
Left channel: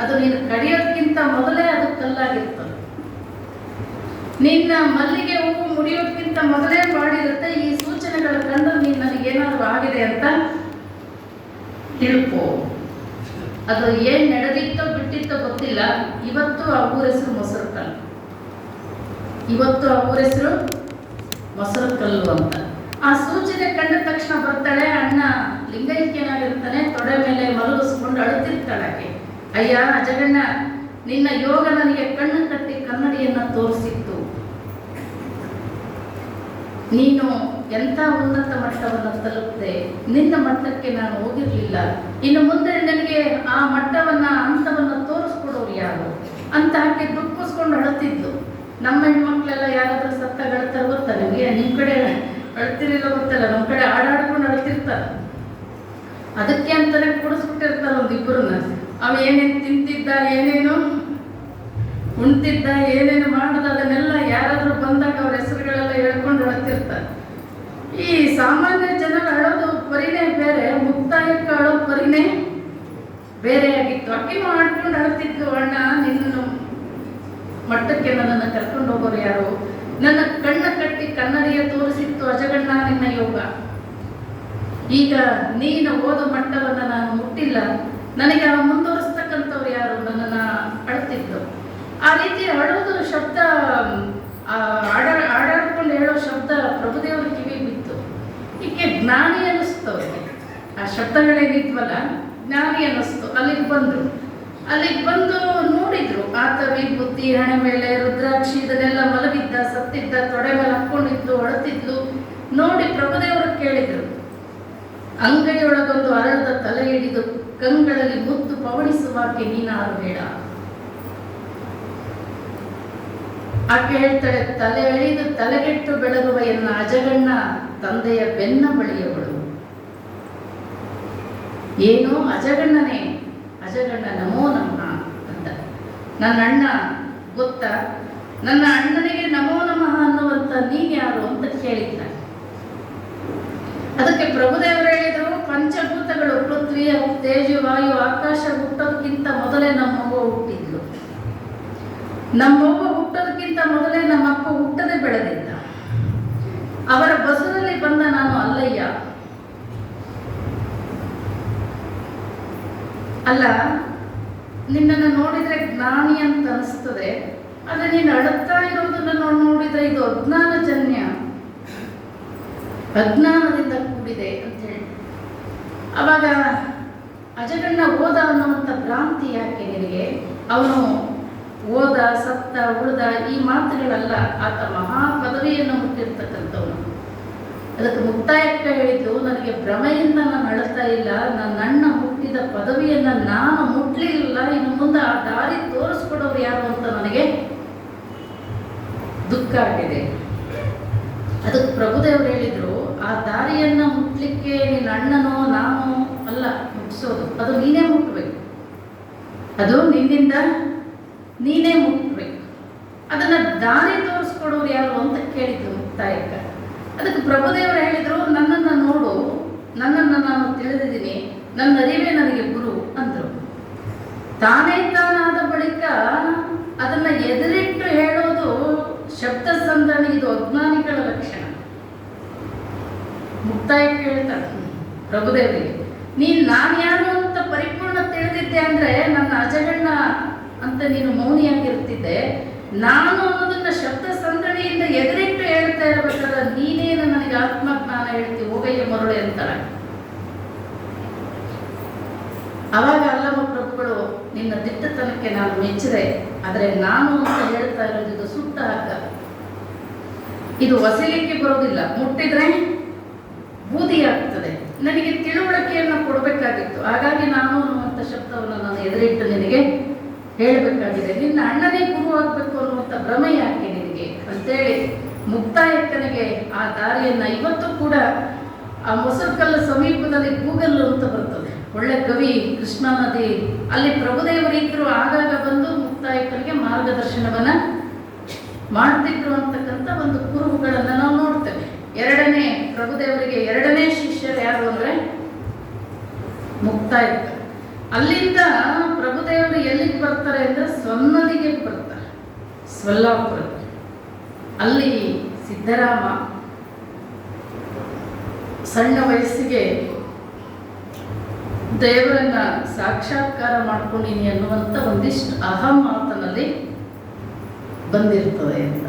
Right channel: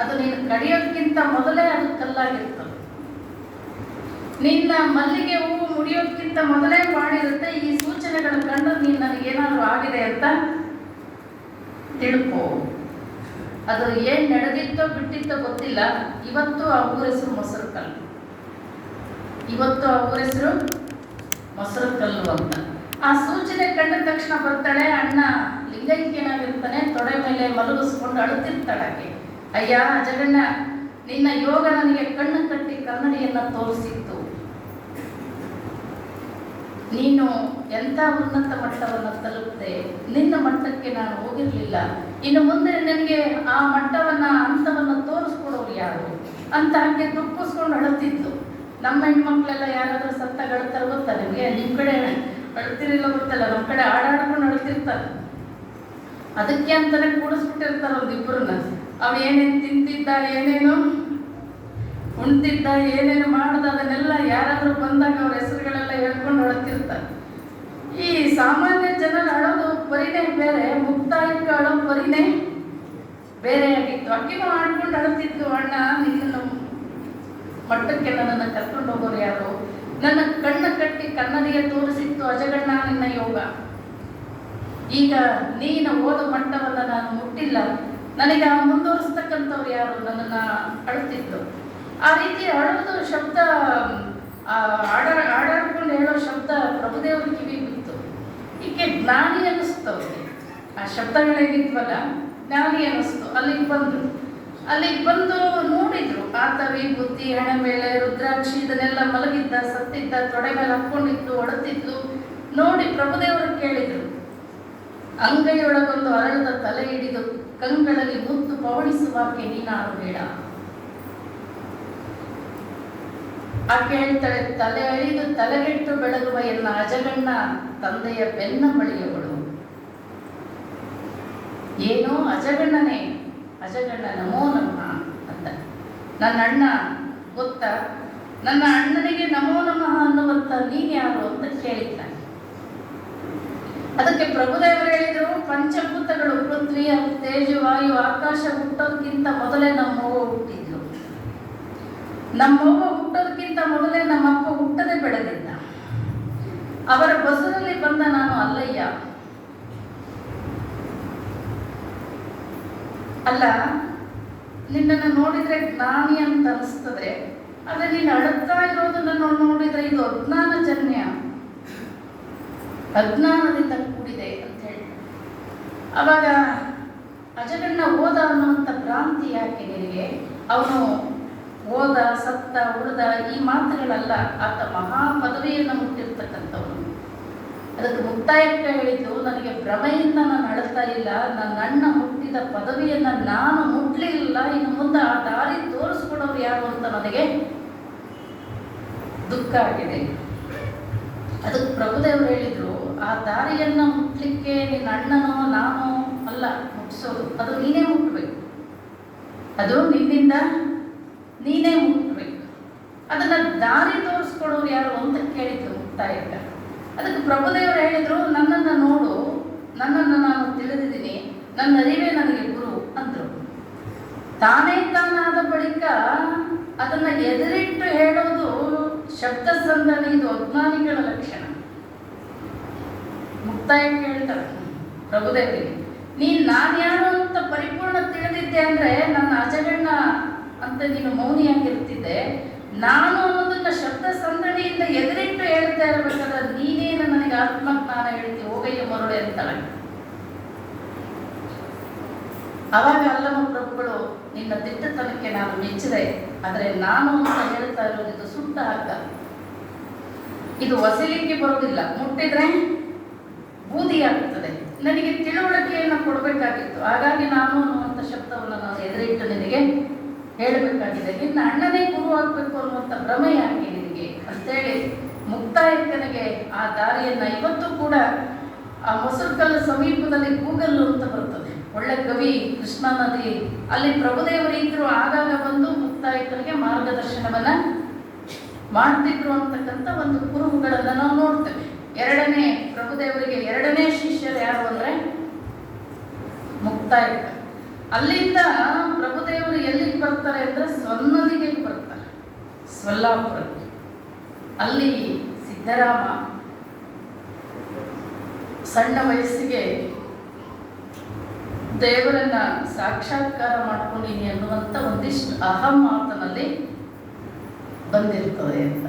ಅದು ನೀನು ಕಡಿಯೋದಕ್ಕಿಂತ ಮೊದಲೇ ಅದು ಕಲ್ಲಾಗಿರ್ತದೆ. ನಿನ್ನ ಮಲ್ಲಿಗೆ ಹೂವು ಮುಡಿಯೋದಕ್ಕಿಂತ ಮೊದಲೇ ಮಾಡಿರುತ್ತೆ. ಈ ಸೂಚನೆಗಳ ಕಂಡು ನೀನು ನನಗೇನಾದರೂ ಆಗಿದೆ ಅಂತ ತಿಳ್ಕೋ. ಅದು ಏನ್ ನಡೆದಿತ್ತೋ ಬಿಟ್ಟಿತ್ತೋ ಗೊತ್ತಿಲ್ಲ. ಇವತ್ತು ಆ ಊರ ಹೆಸರು ಮೊಸರು ಕಲ್ಲು. ಇವತ್ತು ಆ ಊರ ಹೆಸರು ಮೊಸರು ಕಲ್ಲು ಅಂತ. ಆ ಸೂಚನೆ ಕಂಡ ತಕ್ಷಣ ಬರ್ತಾಳೆ. ಅಣ್ಣ ಲಿಂಗೈಕ್ಯನಾಗಿರ್ತಾನೆ, ತೊಡೆ ಮೇಲೆ ಮಲಗಿಸ್ಕೊಂಡು ಅಳುತ್ತಿರ್ತಾಳೆ ಆಕೆ. ಅಯ್ಯ ಜಗಣ್ಣ, ನಿನ್ನ ಯೋಗ ನನಗೆ ಕಣ್ಣು ಕಟ್ಟಿ ಕನ್ನಡಿಯನ್ನ ತೋರಿಸಿತ್ತು. ನೀನು ಎಂಥ ಉನ್ನತ ಮಟ್ಟವನ್ನು ತಲುಪಿದೆ, ನಿನ್ನ ಮಟ್ಟಕ್ಕೆ ನಾನು ಹೋಗಿರ್ಲಿಲ್ಲ. ಇನ್ನು ಮುಂದೆ ನನಗೆ ಆ ಮಟ್ಟವನ್ನ ಹಂತವನ್ನ ತೋರಿಸ್ಕೊಡೋರು ಯಾರು ಅಂತ ಹಾಕಿ ದುಃಖಿಸ್ಕೊಂಡು ಅಳುತ್ತಿದ್ದು. ನಮ್ಮ ಹೆಣ್ಮಕ್ಳೆಲ್ಲ ಯಾರಾದ್ರೂ ಸತ್ತ ಅಳ್ತಾರೆ ಗೊತ್ತಾ ನಿಮಗೆ? ನಿಮ್ ಕಡೆ ಅಳ್ತಿರಿಲ್ಲ ಗೊತ್ತಲ್ಲ, ನಮ್ಮ ಕಡೆ ಆಡಾಡ್ಕೊಂಡು ಅಳ್ತಿರ್ತಾರೆ. ಅದಕ್ಕೆ ಅಂತಾನೆ ಕೂಡಿಸ್ಬಿಟ್ಟಿರ್ತಾರೆ ಒಂದಿಬ್ಬರನ್ನ. ಅವ ಏನೇನು ತಿಂತಿದ್ದ, ಏನೇನು ಉಣ್ತಿದ್ದ, ಏನೇನು ಮಾಡುದ, ಅದನ್ನೆಲ್ಲ ಯಾರಾದ್ರೂ ಬಂದಾಗ ಅವ್ರ ಹೆಸರುಗಳೆಲ್ಲ ಹೇಳ್ಕೊಂಡು ಅಳ್ತಿರ್ತಾರೆ. ಈ ಸಾಮಾನ್ಯ ಜನರು ಅಳೋದು ಪರಿನೇ ಬೇರೆ, ಮುಕ್ತಾಯಕ್ಕೆ ಅಳೋ ಪರಿನೇ ಬೇರೆ ಆಗಿತ್ತು. ಅಕ್ಕಿನೂ ಆಡ್ಕೊಂಡು ಅಳ್ತಿದ್ದು, ಅಣ್ಣ ನಿನ್ನ ಮಟ್ಟಕ್ಕೆ ನನ್ನನ್ನು ಕರ್ಕೊಂಡು ಹೋಗೋರು ಯಾರು? ನನ್ನ ಕಣ್ಣ ಕಟ್ಟಿ ಕನ್ನಡಿಯ ತೋರಿಸಿತ್ತು ಅಜಗಣ್ಣ ನಿನ್ನ ಯೋಗ. ಈಗ ನೀನ ಓದೋ ಮಟ್ಟವನ್ನ ನಾನು ಮುಟ್ಟಿಲ್ಲ, ನನಗೆ ಆ ಮುಂದುವರಿಸ್ತಕ್ಕಂಥವ್ರು ಯಾರು? ನನ್ನನ್ನ ಅಳ್ತಿದ್ದು. ಆ ರೀತಿ ಅಳೋದು ಶಬ್ದ, ಆಡಾಡ್ಕೊಂಡು ಹೇಳೋ ಶಬ್ದ ಪ್ರಭುದೇವರ ಕಿವಿ ಬಿತ್ತು. ಈಕೆ ಜ್ಞಾನಿ ಅನ್ನಿಸ್ತು ಅವ್ರಿಗೆ. ಆ ಶಬ್ದಗಳೇನಿದ್ವಲ್ಲ ಜ್ಞಾನಿ ಅನ್ನಿಸ್ತು. ಅಲ್ಲಿಗೆ ಬಂದು ನೋಡಿದ್ರು. ಆತ ವಿಭೂತಿ ಹಣೆ ಮೇಲೆ ರುದ್ರಾಕ್ಷಿ ಇದನ್ನೆಲ್ಲ ಮಲಗಿದ್ದ, ಸತ್ತಿದ್ದ, ತೊಡೆ ಮೇಲೆ ಹಾಕೊಂಡಿದ್ದು, ಅಳತಿದ್ಲು ನೋಡಿ ಪ್ರಭುದೇವರು ಕೇಳಿದ್ರು. ಅಂಗೈಯೊಳಗೊಂದು ಅರಳದ ತಲೆ ಹಿಡಿದು ಕಂಗಳಲ್ಲಿ ಮುತ್ತು ಪವಡಿಸುವಾಕೆ ನೀನಾರು ಬೇಡ. ಆಕೆ ಹೇಳ್ತಾಳೆ, ತಲೆ ಎಳಿದು ತಲೆಗೆಟ್ಟು ಬೆಳಗುವ ಎನ್ನ ಅಜಗಣ್ಣ ತಂದೆಯ ಬೆನ್ನ ಬಳಿಯವಳು. ಏನೋ ಅಜಗಣ್ಣನೇ, ಅಜಗಣ್ಣ ನಮೋ ನಮಃ ಅಂತ. ನನ್ನ ಅಣ್ಣ ಗೊತ್ತಾ? ನನ್ನ ಅಣ್ಣನಿಗೆ ನಮೋ ನಮಃ ಅನ್ನುವಂತ ನೀನ್ ಯಾರು ಅಂತ ಕೇಳಿದ್ದಾನೆ. ಅದಕ್ಕೆ ಪ್ರಭುದೇವರು ಹೇಳಿದರು, ಪಂಚಭೂತಗಳು ಪೃಥ್ವಿ, ತೇಜು, ವಾಯು, ಆಕಾಶ ಹುಟ್ಟೋದಕ್ಕಿಂತ ಮೊದಲೇ ನಮ್ಮವ್ವ ಹುಟ್ಟಿದ್ರು. ನಮ್ಮವ್ವ ಹುಟ್ಟೋದಕ್ಕಿಂತ ಮೊದಲೇ ನಮ್ಮಪ್ಪ ಹುಟ್ಟದೆ ಬೆಳೆದಿದ್ದ. ಅವರ ಬಸರಲ್ಲಿ ಬಂದ ನಾನು ಅಲ್ಲಯ್ಯ. ಅಲ್ಲ, ನಿನ್ನನ್ನು ನೋಡಿದ್ರೆ ಜ್ಞಾನಿ ಅಂತ ಅನಿಸ್ತದೆ, ಆದ್ರೆ ನೀನು ಅಳುತ್ತಾ ಇರೋದನ್ನ ನೋಡಿದ್ರೆ ಇದು ಅಜ್ಞಾನಜನ್ಯ, ಅಜ್ಞಾನದಿಂದ ಕೂಡಿದೆ ಅಂತ ಹೇಳಿ. ಅವಾಗ ಅಜಗಣ್ಣ ಓದ ಅನ್ನುವಂಥ ಭ್ರಾಂತಿ ಯಾಕೆ ನಿನಗೆ? ಅವನು ಓದ, ಸತ್ತ, ಉಳಿದ ಈ ಮಾತುಗಳಲ್ಲ. ಆತ ಮಹಾ ಪದವಿಯನ್ನು ಮುಟ್ಟಿರ್ತಕ್ಕಂಥವನು. ಅದಕ್ಕೆ ಮುಕ್ತಾಯಕ್ಕೆ ಹೇಳಿದ್ದು, ನನಗೆ ಭ್ರಮೆಯಿಂದ ನಾನು ಅಳ್ತಾ ಇಲ್ಲ, ನನ್ನ ಅಣ್ಣ ಹುಟ್ಟಿದ ಪದವಿಯನ್ನು ನಾನು ಮುಟ್ಲಿಲ್ಲ, ಇನ್ನು ಮುಂದೆ ಆ ದಾರಿ ತೋರಿಸ್ಕೊಡೋರು ಯಾರು ಅಂತ ನನಗೆ ದುಃಖ ಆಗಿದೆ. ಅದಕ್ಕೆ ಪ್ರಭುದೇವರು ಹೇಳಿದ್ರು, ಆ ದಾರಿಯನ್ನ ಮುಟ್ಲಿಕ್ಕೆ ನಿನ್ನ ಅಣ್ಣನೋ ನಾನು ಅಲ್ಲ ಮುಟ್ಟಿಸೋದು, ಅದು ನೀನೇ ಮುಟ್ಬೇಕು. ಅದು ನಿನ್ನಿಂದ ನೀನೇ ಮುಟ್ಬೇಕು. ಅದನ್ನ ದಾರಿ ತೋರಿಸ್ಕೊಡೋರು ಯಾರು ಅಂತ ಕೇಳಿದ್ರು ಮುಕ್ತಾಯಕ್ಕೆ. ಅದಕ್ಕೆ ಪ್ರಭುದೇವರು ಹೇಳಿದ್ರು, ನನ್ನನ್ನು ನೋಡು, ನನ್ನನ್ನು ನಾನು ತಿಳಿದಿದ್ದೀನಿ, ನನ್ನ ಅರಿವೇ ನನಗೆ ಗುರು ಅಂದ್ರು. ತಾನೇ ತಾನಾದ ಬಳಿಕ ಅದನ್ನ ಎದುರಿಟ್ಟು ಹೇಳೋದು ಶಬ್ದ ಸಂಧಾನ, ಇದು ಅಜ್ಞಾನಿಗಳ ಲಕ್ಷಣ. ಮುಕ್ತಾಯಕ್ಕೆ ಹೇಳ್ತಾರೆ ಪ್ರಭುದೇವರಿಗೆ, ನೀನ್ ನಾನು ಯಾರು ಅಂತ ಪರಿಪೂರ್ಣ ತಿಳಿದಿದ್ದೆ ಅಂದ್ರೆ ನನ್ನ ಅಜಗಣ್ಣ ಅಂತ ನೀನು ಮೌನಿಯಾಗಿರ್ತಿದ್ದೆ. ನಾನು ಅನ್ನೋದನ್ನ ಶಬ್ದ ಸಂದಣಿಯಿಂದ ಎದುರಿಟ್ಟು ಹೇಳ್ತಾ ಇರಬೇಕಾದ್ರೆ ನೀನೇನು ನನಗೆ ಆತ್ಮಜ್ಞಾನ ಹೇಳ್ತಿ, ಹೋಗಯ್ಯ ಮರುಳೆ ಅಂತಾಳೆ. ಅವಾಗ ಅಲ್ಲಮ್ಮ ಪ್ರಭುಗಳು ನಿನ್ನ ದಿಟ್ಟತನಕ್ಕೆ ನಾನು ಮೆಚ್ಚಿದೆ. ಆದರೆ ನಾನು ಅಂತ ಹೇಳ್ತಾ ಇರೋದು ಇದು ಸುಟ್ಟ ಹಗ್ಗ, ಇದು ಒಸಲಿಕ್ಕೆ ಬರೋದಿಲ್ಲ, ಮುಟ್ಟಿದ್ರೆ ಬೂದಿ ಆಗ್ತದೆ. ನನಗೆ ತಿಳುವಳಿಕೆಯನ್ನು ಕೊಡಬೇಕಾಗಿತ್ತು, ಹಾಗಾಗಿ ನಾನು ಅನ್ನುವಂಥ ಶಬ್ದವನ್ನು ನಾನು ಎದುರಿಟ್ಟು ನಿನಗೆ ಹೇಳಬೇಕಾಗಿದೆ. ನಿನ್ನ ಅಣ್ಣನೇ ಗುರುವಾಗಬೇಕು ಅನ್ನುವಂಥ ಭ್ರಮೆ ಯಾಕೆ ನಿನಗೆ ಅಂತೇಳಿ ಮುಕ್ತಾಯಕ್ಕನಿಗೆ ಆ ದಾರಿಯನ್ನು ಇವತ್ತು ಕೂಡ ಆ ಮೊಸರುಕಲ್ಲು ಸಮೀಪದಲ್ಲಿ ಗೂಗಲ್ ಅಂತ ಬರ್ತದೆ, ಒಳ್ಳೆ ಕವಿ ಕೃಷ್ಣಾ ನದಿ, ಅಲ್ಲಿ ಪ್ರಭುದೇವರು ಇದ್ರು, ಆಗಾಗ ಬಂದು ಮುಕ್ತಾಯಕ್ಕನಿಗೆ ಮಾರ್ಗದರ್ಶನವನ್ನ ಮಾಡ್ತಿದ್ರು ಅಂತಕ್ಕಂಥ ಒಂದು ಕುರುಹುಗಳನ್ನು ನಾವು ನೋಡ್ತೇವೆ. ಎರಡನೇ ಪ್ರಭುದೇವರಿಗೆ ಎರಡನೇ ಶಿಷ್ಯರು ಯಾರು ಅಂದ್ರೆ ಮುಕ್ತಾಯಕ್ಕ. ಅಲ್ಲಿಂದ ಪ್ರಭುದೇವರು ಎಲ್ಲಿಗೆ ಬರ್ತಾರೆ ಅಂದ್ರೆ ಸ್ವನ್ನದಿಗೆ ಬರ್ತಾರೆ, ಸ್ವಲ್ಲಾಪುರ. ಅಲ್ಲಿ ಸಿದ್ದರಾಮ ಸಣ್ಣ ವಯಸ್ಸಿಗೆ ದೇವರನ್ನ ಸಾಕ್ಷಾತ್ಕಾರ ಮಾಡ್ಕೊಂಡಿನಿ ಅನ್ನುವಂಥ ಒಂದಿಷ್ಟು ಅಹಂ ಮಾತನಲ್ಲಿ ಬಂದಿರ್ತದೆ ಅಂತ.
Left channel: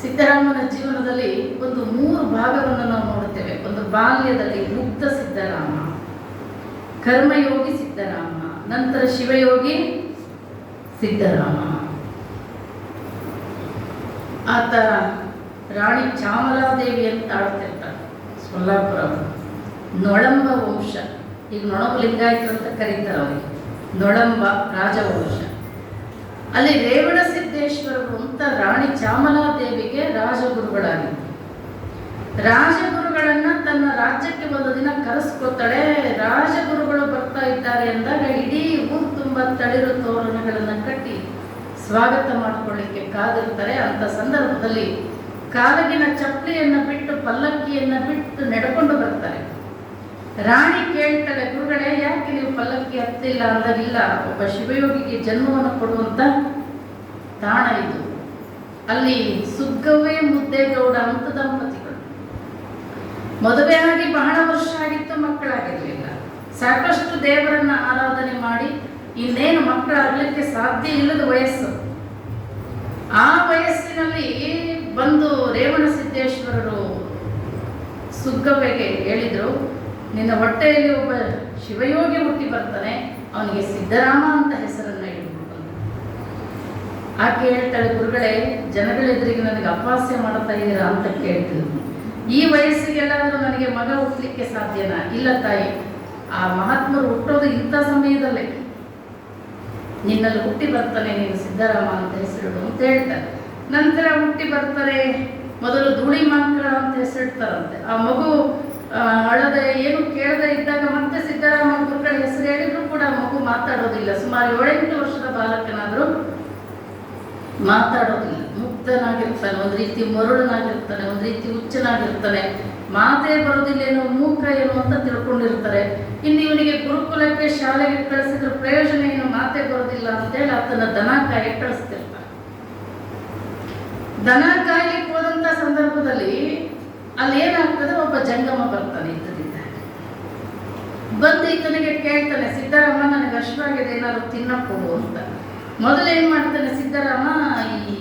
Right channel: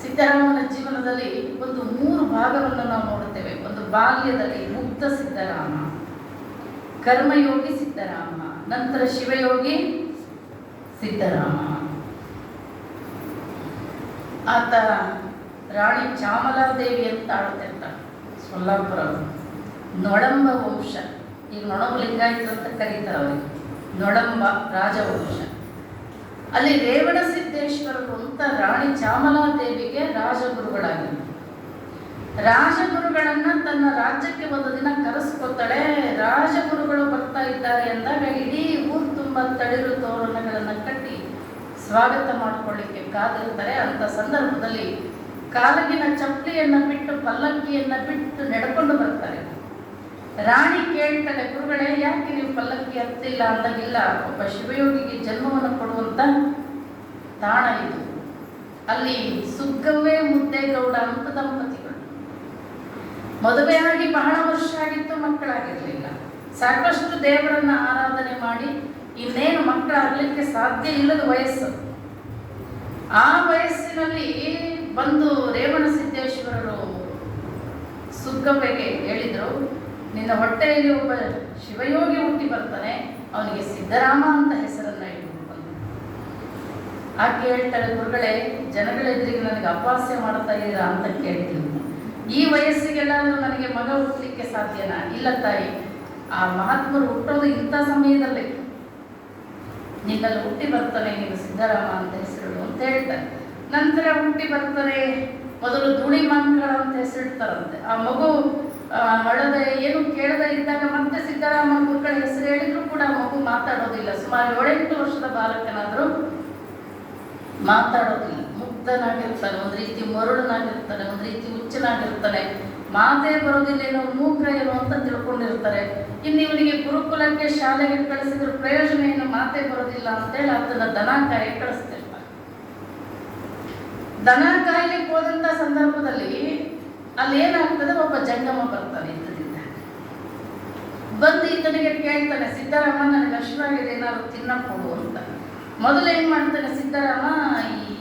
ಸಿದ್ದರಾಮನ ಜೀವನದಲ್ಲಿ ಒಂದು 3 ಭಾಗವನ್ನು ನಾವು ನೋಡ್ತೇವೆ. ಒಂದು ಬಾಲ್ಯದಲ್ಲಿ ಮುಗ್ಧ ಸಿದ್ದರಾಮ, ಕರ್ಮಯೋಗಿ ಸಿದ್ದರಾಮ, ನಂತರ ಶಿವಯೋಗಿ ಸಿದ್ದರಾಮ. ಆತ ರಾಣಿ ಚಾಮಲಾದೇವಿ ಅಂತ ಆಳ್ತಿರ್ತಾರೆ ಸೊಲ್ಲಾಪುರ, ನೊಳಂಬ ವಂಶ. ಈಗ ನೊಣಬ ಲಿಂಗಾಯತರು ಅಂತ ಕರೀತಾರೆ ಅವರಿಗೆ, ನೊಳಂಬ ರಾಜವಂಶ. ಅಲ್ಲಿ ರೇವಣ ಸಿದ್ದೇಶ್ವರರು ಅಂತ ರಾಣಿ ಚಾಮಲಾದೇವಿಗೆ ರಾಜಗುರುಗಳಾಗಿದ್ದರು. ರಾಜಗುರುಗಳನ್ನ ತನ್ನ ರಾಜ್ಯಕ್ಕೆ ಒಂದು ದಿನ ಕರೆಸ್ಕೊತಾಳೆ. ರಾಜಗುರುಗಳು ಬರ್ತಾ ಇದ್ದಾರೆ ಅಂದಾಗ ಇಡೀ ಊರು ತುಂಬ ತಳಿರು ತೋರಣಗಳನ್ನು ಕಟ್ಟಿ ಸ್ವಾಗತ ಮಾಡಿಕೊಳ್ಳಿಕ್ಕೆ ಕಾದಿರ್ತಾರೆ. ಅಂತ ಸಂದರ್ಭದಲ್ಲಿ ಕಾಲಗಿನ ಚಪ್ಪಲಿಯನ್ನು ಬಿಟ್ಟು ಪಲ್ಲಕ್ಕಿಯನ್ನು ಬಿಟ್ಟು ನಡ್ಕೊಂಡು ಬರ್ತಾರೆ. ರಾಣಿ ಕೇಳ್ತಾಳೆ, ಗುರುಗಳೇ ಯಾಕೆ ನೀವು ಪಲ್ಲಕ್ಕಿ ಹತ್ತಿಲ್ಲ ಅಂದಾಗಿಲ್ಲ, ಒಬ್ಬ ಶಿವಯೋಗಿಗೆ ಜನ್ಮವನ್ನು ಕೊಡುವಂತ ತಾಣ ಇದು. ಅಲ್ಲಿ ಸುಗ್ಗವ್ವೆ ಮುದ್ದೇಗೌಡ ಅಂತ ದಂಪತಿಗಳು ಮದುವೆಯಾಗಿ ಬಹಳ ವರ್ಷ ಆಗಿತ್ತು, ಮಕ್ಕಳಾಗಿರ್ಲಿಲ್ಲ. ಸಾಕಷ್ಟು ದೇವರನ್ನ ಆರಾಧನೆ ಮಾಡಿ ಇನ್ನೇನು ಮಕ್ಕಳಾಗಲಿಕ್ಕೆ ಸಾಧ್ಯ ಇಲ್ಲದ ವಯಸ್ಸು. ಆ ವಯಸ್ಸಿನಲ್ಲಿ ಬಂದು ರೇವಣ ಸಿದ್ದೇಶ್ವರರು ಸುಗ್ಗವ್ವೆಗೆ ಹೇಳಿದರು, ನಿನ್ನ ಹೊಟ್ಟೆಯಲ್ಲಿ ಒಬ್ಬ ಶಿವಯೋಗಿ ಹುಟ್ಟಿ ಬರ್ತಾನೆ, ಅವನಿಗೆ ಸಿದ್ದರಾಮ ಅಂತ ಹೆಸರನ್ನ ಇಟ್ಬಿಟ್ಟು. ಆಕೆ ಹೇಳ್ತಾಳೆ, ಗುರುಗಳೇ ಜನಗಳೆದುರಿಗೆ ನನಗೆ ಅಪಹಾಸ್ಯ ಮಾಡ್ತಾ ಇದ್ದೀರಾ ಅಂತ ಕೇಳ್ತಿದ್ರು. ಈ ವಯಸ್ಸಿಗೆಲ್ಲಾದ್ರೂ ನನಗೆ ಮಗ ಹುಟ್ಟಲಿಕ್ಕೆ ಸಾಧ್ಯನಾ? ಇಲ್ಲ ತಾಯಿ, ಆ ಮಹಾತ್ಮರು ಹುಟ್ಟೋದು ಇಂಥ ಸಮಯದಲ್ಲೇ, ನಿನ್ನಲ್ಲಿ ಹುಟ್ಟಿ ಬರ್ತಾನೆ, ನೀನು ಸಿದ್ದರಾಮ ಅಂತ ಹೆಸರಿಡು ಅಂತ ಹೇಳ್ತಾರೆ. ನಂತರ ಹುಟ್ಟಿ ಬರ್ತಾರೆ, ಮೊದಲು ಧೂಳಿ ಮಕ್ಕಳ ಅಂತ ಹೆಸರಿಡ್ತಾರಂತೆ. ಆ ಮಗು ಹಳದ ಏನು ಕೇಳದೆ ಇದ್ದಾಗ ಮತ್ತೆ ಸಿದ್ದರಾಮ ಗುರುಗಳ ಹೆಸರು ಹೇಳಿದ್ರು ಕೂಡ ಮಗು ಮಾತಾಡೋದಿಲ್ಲ. ಸುಮಾರು 7-8 ವರ್ಷದ ಬಾಲಕನಾದ್ರೂ ಮಾತಾಡೋದಿಲ್ಲ, ಮುಗ್ಧನಾಗಿರ್ತಾನೆ, ಒಂದು ರೀತಿ ಮರುಳನಾಗಿರ್ತಾನೆ, ಒಂದು ರೀತಿ ಹುಚ್ಚನಾಗಿರ್ತಾನೆ, ಮಾತೇ ಬರೋದಿಲ್ಲ, ಏನೋ ಮೂಕ ಏನು ಅಂತ ತಿಳ್ಕೊಂಡಿರ್ತಾರೆ. ಇನ್ನು ಇವನಿಗೆ ಗುರುಕುಲಕ್ಕೆ ಶಾಲೆಗೆ ಕಳಿಸಿದ್ರೆ ಪ್ರಯೋಜನ ಏನು, ಮಾತೇ ಬರೋದಿಲ್ಲ ಅಂತೇಳಿ ಆತನ ದನ ಕಾಯಿ ಕಳಿಸ್ತಿರ್ತಾರೆ. ದನ ಕಾಯ್ಲಿಕ್ಕೆ ಹೋದಂತ ಸಂದರ್ಭದಲ್ಲಿ ಅಲ್ಲಿ ಏನಾಗ್ತದೆ, ಒಬ್ಬ ಜಂಗಮ ಬರ್ತಾನೆ ಇದ್ದದಿಂದ. ಬಂದು ಈತನಿಗೆ ಕೇಳ್ತಾನೆ, ಸಿದ್ದರಾಮ ನನಗೆ ಹಶ್ವಾಗಿದೆ, ಏನಾದ್ರು ತಿನ್ನಕ್ಕೆ ಕೊಡು ಅಂತ. ಮೊದಲು ಏನ್ ಮಾಡ್ತಾನೆ ಸಿದ್ದರಾಮ, ಈ